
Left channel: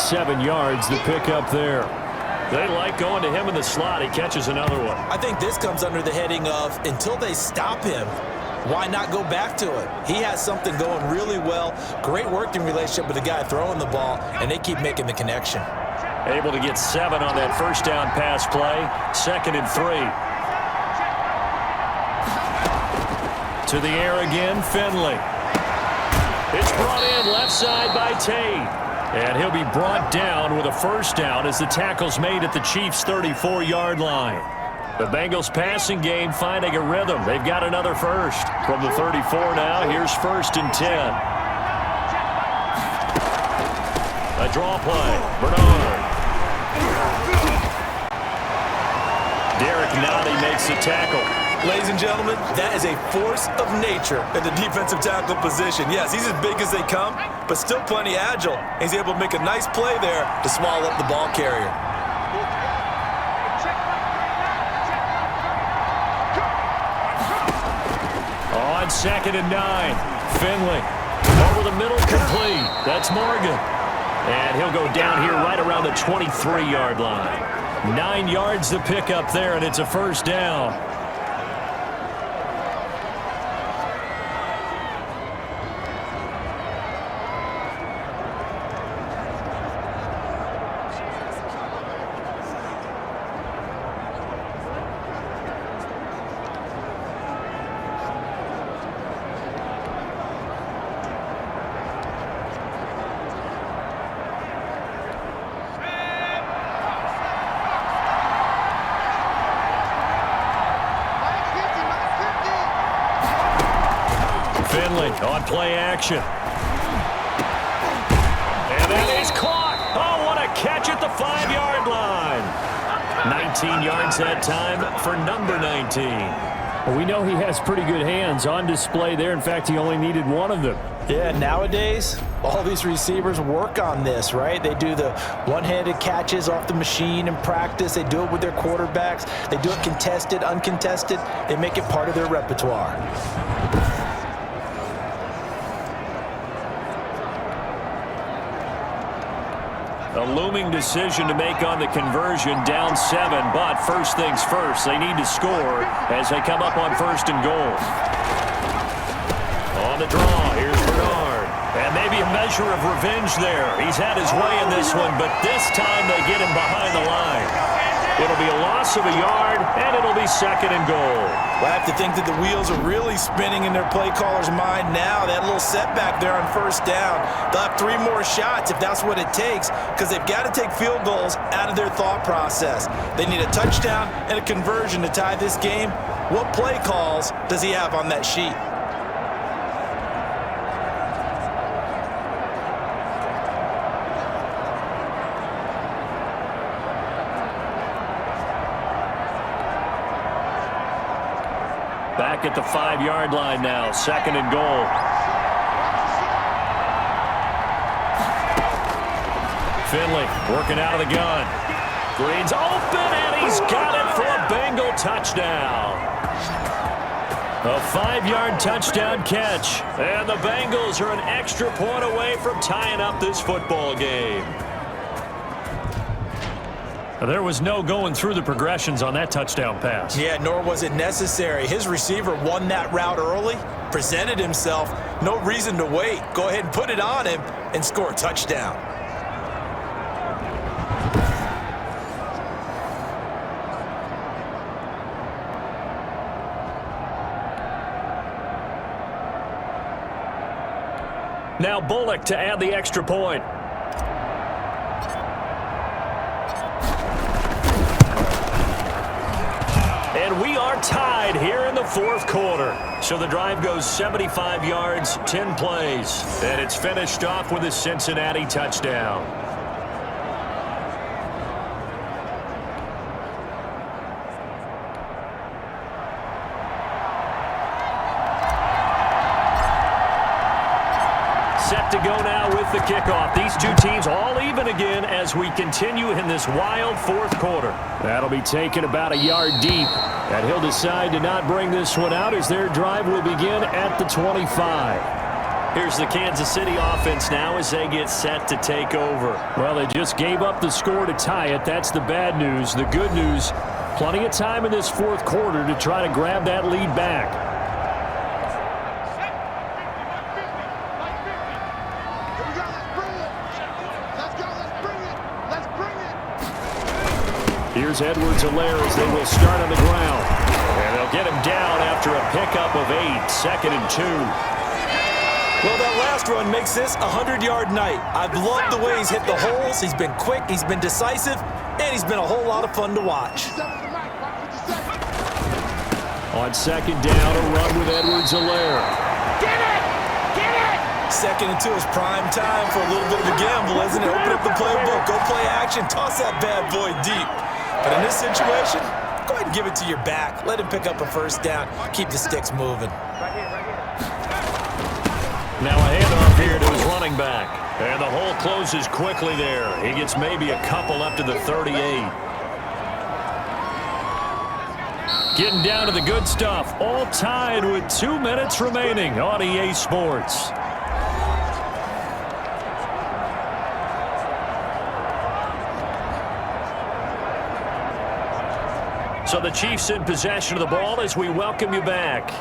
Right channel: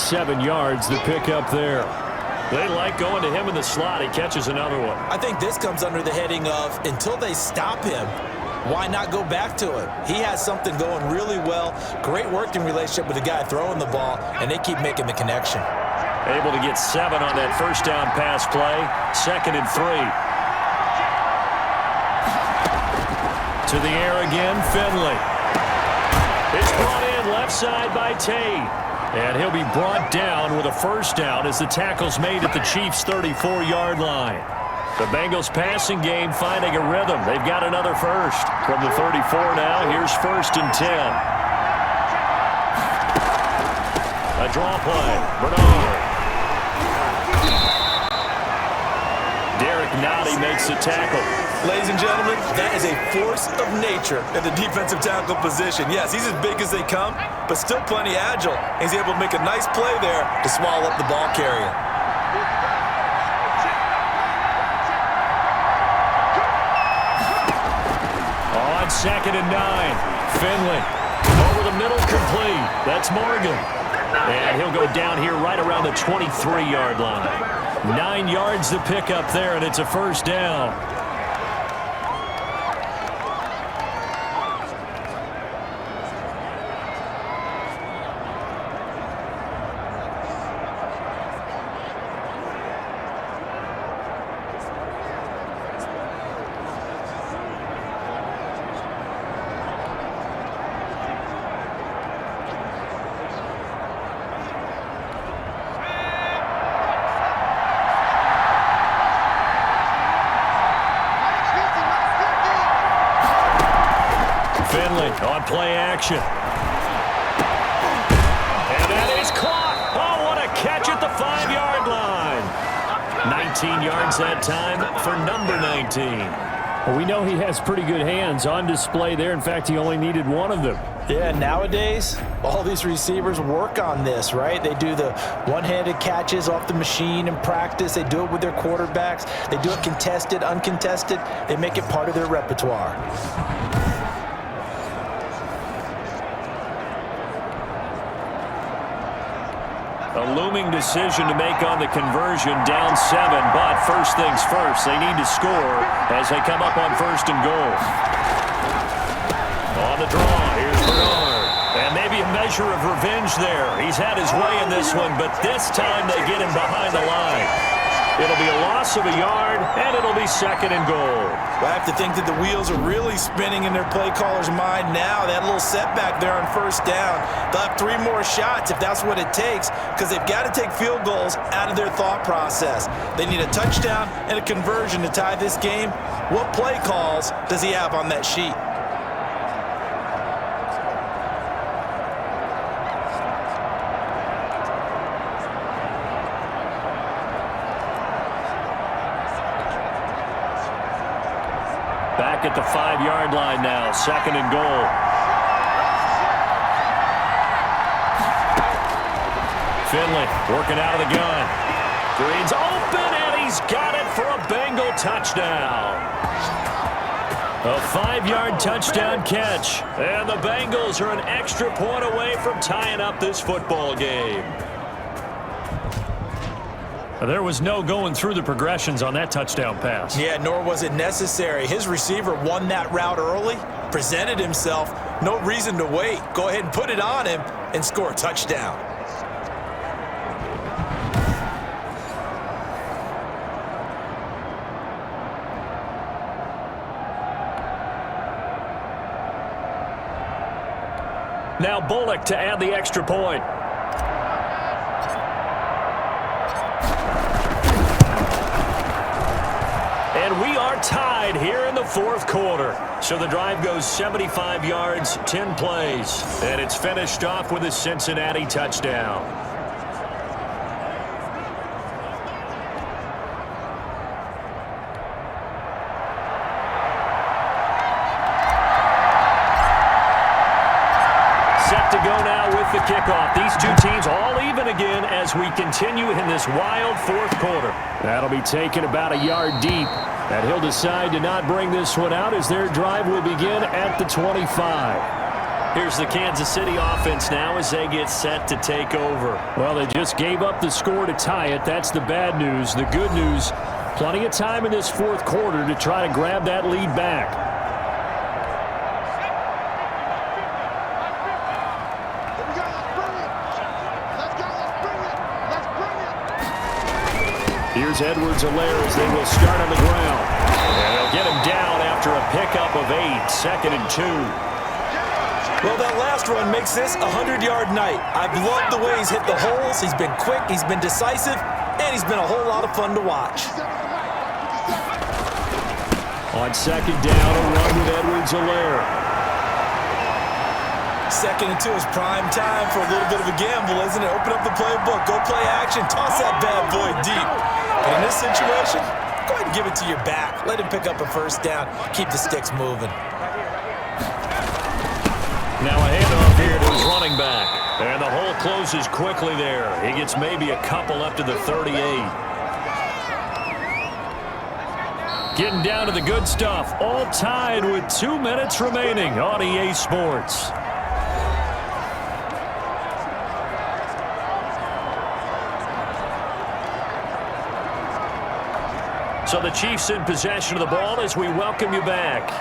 7 yards, the pickup there. They like going to him in the slot. He catches another one. I think this comes under the heading of until they stop him, why not go back to him? He has something going really well. Great working relationship with the guy throwing the ball, and they keep making the connection. Able to get 7 on that first down pass play. 2nd and 3. To the air again, Finley. It's brought in left side by Tate. And he'll be brought down with a first down as the tackle's made at the Chiefs' 34-yard line. The Bengals passing game finding a rhythm. They've got another first. From the 34 now, here's 1st and 10. A draw play. Bernard. Derek Nottie makes the tackle. Ladies and gentlemen, that is a force of nature at the defensive tackle position. Yes, he's as big as they come, but still plenty agile. He's able to make a nice play there to swallow up the ball carrier. On 2nd and 9, Finley. Over the middle, complete. That's Morgan. And he'll go down here right around the 23-yard line. 9 yards to pick up there, and it's a first down. Finley on play action. And that is caught. Oh, what a catch at the 5-yard line. 19 yards that time for number 19. Well, we know he has pretty good hands on display there. In fact, he only needed one of them. Yeah, nowadays, all these receivers work on this, right? They do the one-handed catches off the machine in practice. They do it with their quarterbacks. They do it contested, uncontested. They make it part of their repertoire. A looming decision to make on the conversion, down 7, but first things first, they need to score as they come up on 1st and goal. On the draw, here's Bernard. And maybe a measure of revenge there. He's had his way in this one, but this time they get him behind the line. It'll be a loss of a yard, and it'll be 2nd and goal. Well, I have to think that the wheels are really spinning in their play caller's mind now. That little setback there on 1st down. They'll have 3 more shots if that's what it takes, because they've got to take field goals out of their thought process. They need a touchdown and a conversion to tie this game. What play calls does he have on that sheet? Back at the 5-yard line now, 2nd and goal. Finley working out of the gun. Green's open, and he's got it for a Bengal touchdown. A 5-yard touchdown catch, and the Bengals are an extra point away from tying up this football game. There was no going through the progressions on that touchdown pass. Yeah, nor was it necessary. His receiver won that route early, presented himself. No reason to wait. Go ahead and put it on him and score a touchdown. Now Bullock to add the extra point. And we are tied here in the 4th quarter. So the drive goes 75 yards, 10 plays. And it's finished off with a Cincinnati touchdown. set to go now with the kickoff. These two teams all even again as we continue in this wild fourth quarter. That'll be taken about a yard deep. And he'll decide to not bring this one out as their drive will begin at the 25. Here's the Kansas City offense now as they get set to take over. Well, they just gave up the score to tie it. That's the bad news. The good news, plenty of time in this fourth quarter to try to grab that lead back. Here's Edwards-Helaire as they will start on the ground. And they'll get him down after a pickup of 8, 2nd and 2. Well, that last run makes this a 100-yard night. I've loved the way he's hit the holes. He's been quick, he's been decisive, and he's been a whole lot of fun to watch. On 2nd down, a run with Edwards-Helaire. 2nd and 2 is prime time for a little bit of a gamble, isn't it? Open up the playbook, go play action, toss that bad boy deep. But in this situation, go ahead and give it to your back. Let him pick up a first down. Keep the sticks moving. Now a handoff here to his running back. And the hole closes quickly there. He gets maybe a couple up to the 38. Getting down to the good stuff. All tied with 2 minutes remaining on EA Sports. So the Chiefs in possession of the ball as we welcome you back.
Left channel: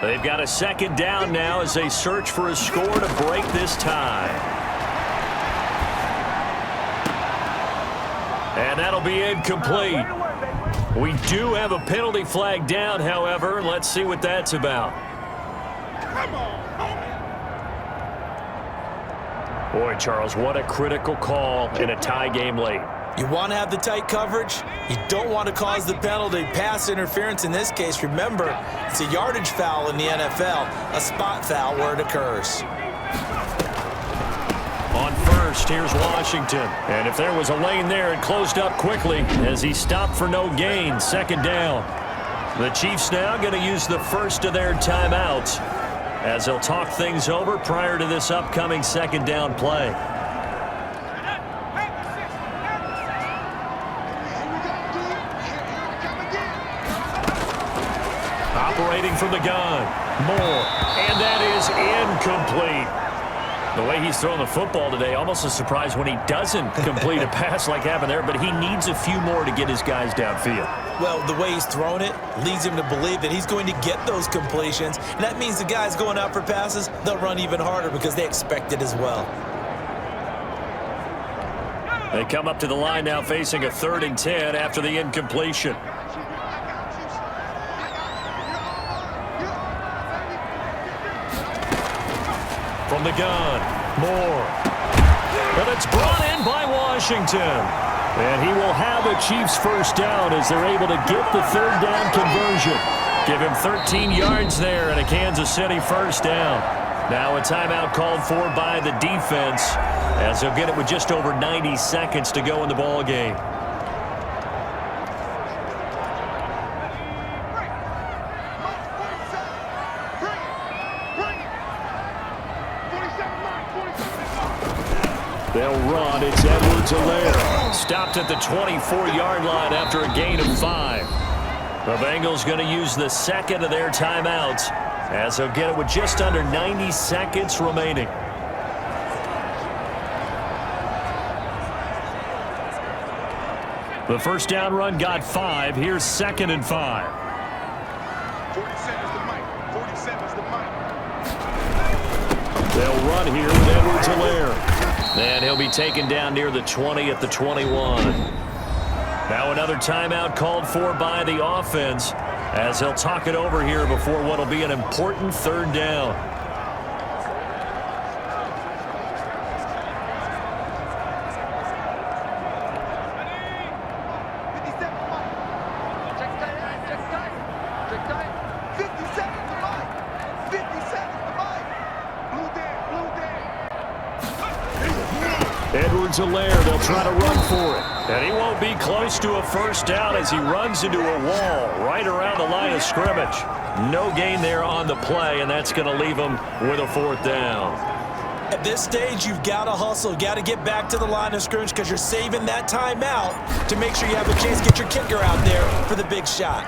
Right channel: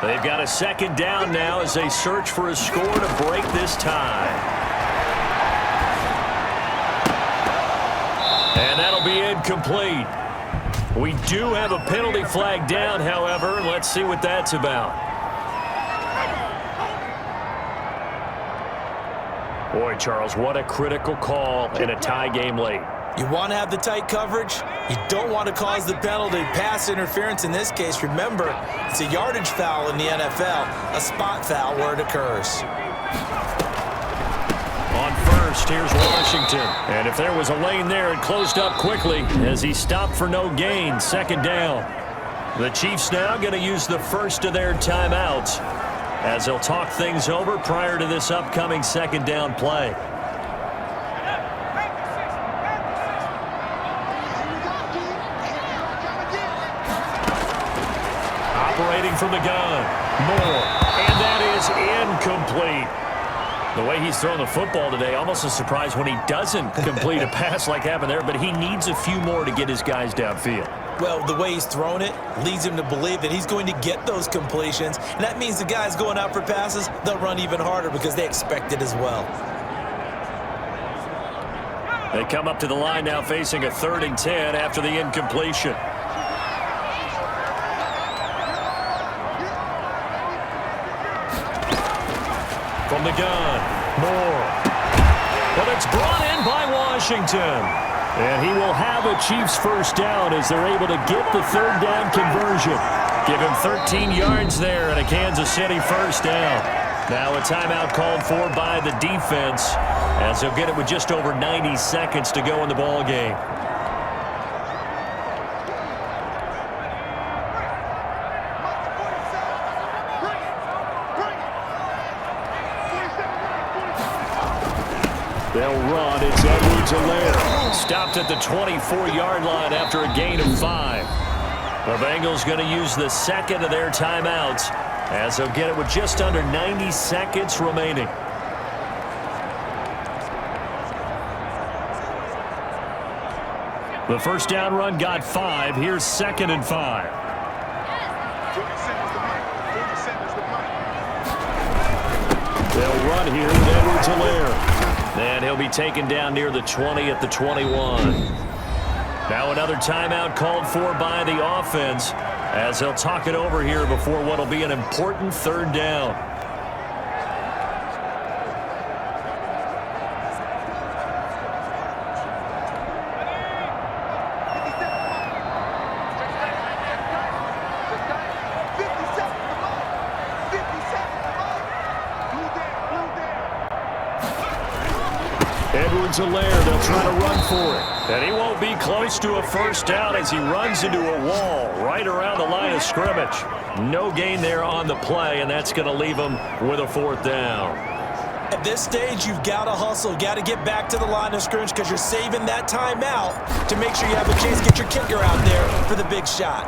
They've got a 2nd down now as they search for a score to break this tie. And that'll be incomplete. We do have a penalty flag down, however. Let's see what that's about. Boy, Charles, what a critical call in a tie game late. You want to have the tight coverage. You don't want to cause the penalty. Pass interference in this case, remember, it's a yardage foul in the NFL, a spot foul where it occurs. On first, here's Washington. And if there was a lane there, it closed up quickly as he stopped for no gain. 2nd down. The Chiefs now going to use the first of their timeouts as they'll talk things over prior to this upcoming 2nd down play. Operating from the gun. Moore. And that is incomplete. The way he's throwing the football today, almost a surprise when he doesn't complete a pass like happened there, but he needs a few more to get his guys downfield. Well, the way he's thrown it leads him to believe that he's going to get those completions, and that means the guys going out for passes, they'll run even harder because they expect it as well. They come up to the line now facing a 3rd and 10 after the incompletion. From the gun, Moore. But it's brought in by Washington. And he will have a Chiefs first down as they're able to get the 3rd down conversion. Give him 13 yards there and a Kansas City first down. Now a timeout called for by the defense as they'll get it with just over 90 seconds to go in the ball game. They'll run. It's Edwards-Helaire. Stopped at the 24-yard line after a gain of 5. The Bengals going to use the 2nd of their timeouts as they'll get it with just under 90 seconds remaining. The first down run got 5. Here's 2nd and 5. 47's the mic. 47's the mic. They'll run here with Edwards-Helaire. And he'll be taken down near the 20 at the 21. Now another timeout called for by the offense as they'll talk it over here before what will be an important 3rd down. Edwards-Helaire, they'll try to run for it. And he won't be close to a first down as he runs into a wall right around the line of scrimmage. No gain there on the play, and that's going to leave him with a 4th down. At this stage, you've got to hustle. Got to get back to the line of scrimmage because you're saving that timeout to make sure you have a chance to get your kicker out there for the big shot.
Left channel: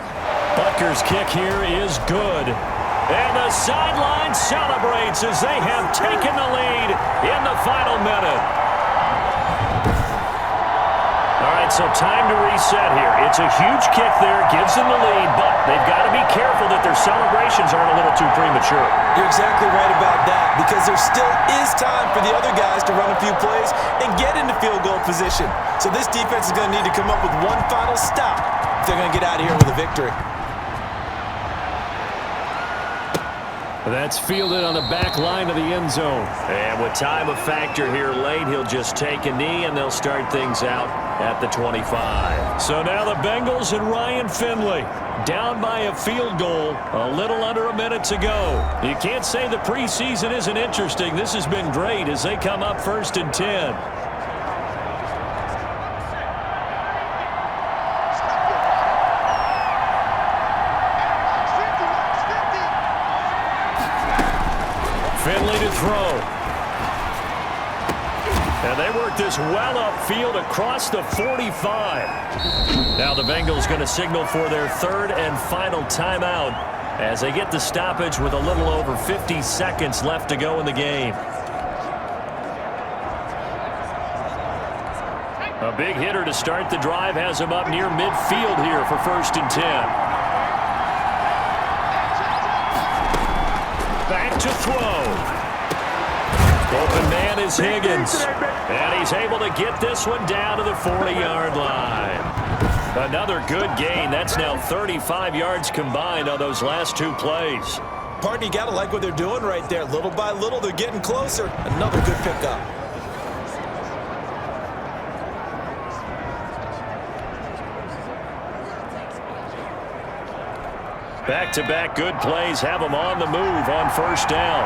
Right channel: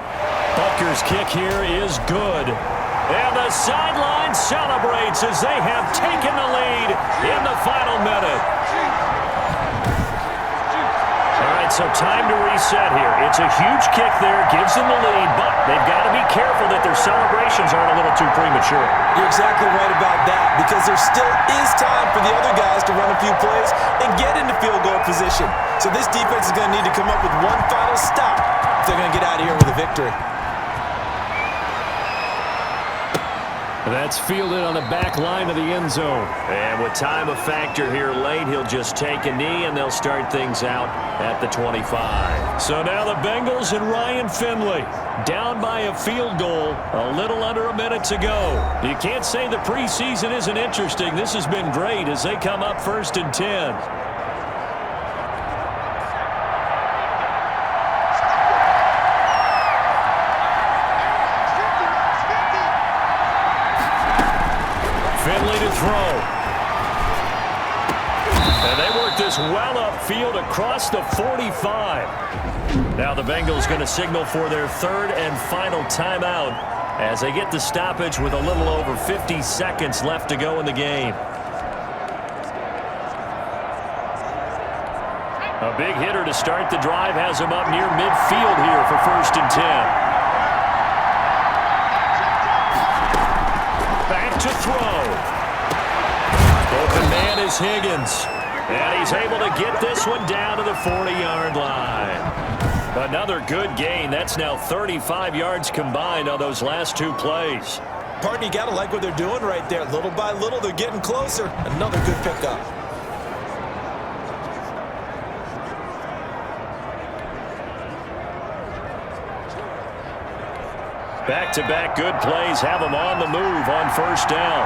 Butker's kick here is good. And the sideline celebrates as they have taken the lead in the final minute. All right, so time to reset here. It's a huge kick there, gives them the lead, but they've got to be careful that their celebrations aren't a little too premature. You're exactly right about that because there still is time for the other guys to run a few plays and get into field goal position. So this defense is going to need to come up with one final stop if they're going to get out of here with a victory. That's fielded on the back line of the end zone. And with time a factor here late, he'll just take a knee and they'll start things out at the 25. So now the Bengals and Ryan Finley down by a field goal a little under a minute to go. You can't say the preseason isn't interesting. This has been great as they come up 1st and 10. Finley to throw. And they work this well upfield across the 45. Now the Bengals going to signal for their 3rd and final timeout as they get the stoppage with a little over 50 seconds left to go in the game. A big hitter to start the drive has him up near midfield here for 1st and 10. Back to throw. Open man is Higgins. And he's able to get this one down to the 40-yard line. Another good gain. That's now 35 yards combined on those last 2 plays. Partner, you got to like what they're doing right there. Little by little, they're getting closer. Another good pickup. Back-to-back good plays have them on the move on 1st down.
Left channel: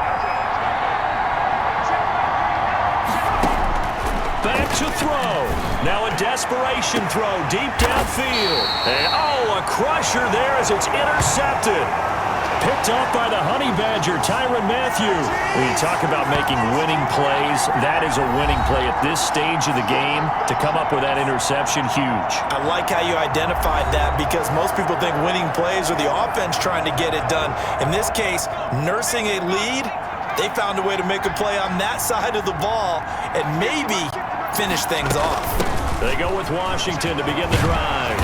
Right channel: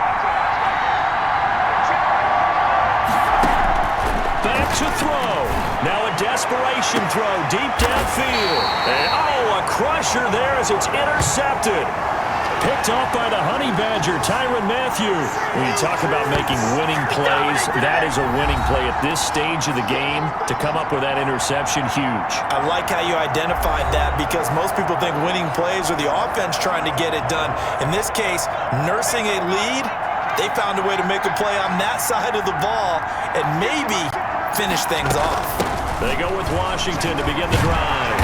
Back to throw. Now a desperation throw deep downfield. And, a crusher there as it's intercepted. Picked off by the Honey Badger, Tyrann Mathieu. When you talk about making winning plays, that is a winning play at this stage of the game. To come up with that interception, huge. I like how you identified that because most people think winning plays are the offense trying to get it done. In this case, nursing a lead, they found a way to make a play on that side of the ball and maybe finish things off. They go with Washington to begin the drive.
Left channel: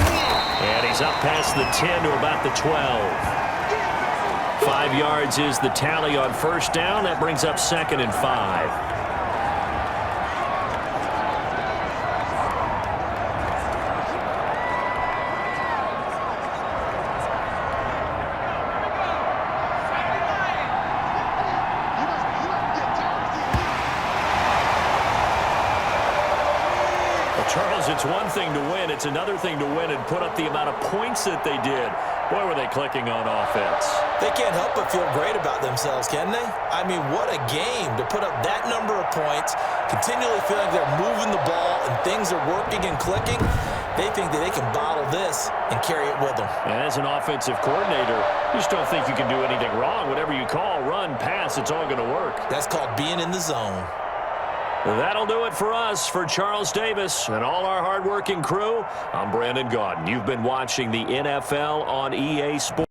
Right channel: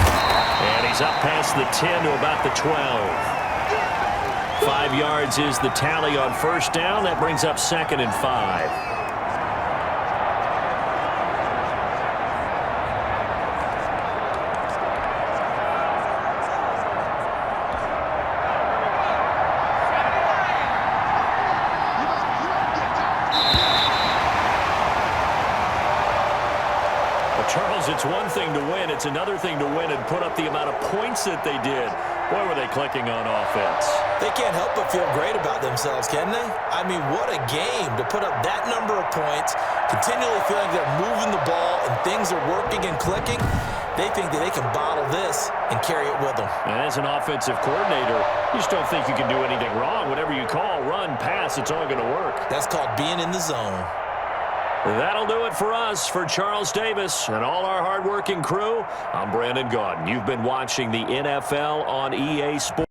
And he's up past the 10 to about the 12. 5 yards is the tally on 1st down. That brings up 2nd and 5. Charles, it's one thing to win. It's another thing to win and put up the amount of points that they did. Boy, were they clicking on offense. They can't help but feel great about themselves, can they? I mean, what a game to put up that number of points, continually feeling like they're moving the ball and things are working and clicking. They think that they can bottle this and carry it with them. And as an offensive coordinator, you just don't think you can do anything wrong. Whatever you call, run, pass, it's all going to work. That's called being in the zone. That'll do it for us. For Charles Davis and all our hardworking crew, I'm Brandon Gaudin. You've been watching the NFL on EA Sports.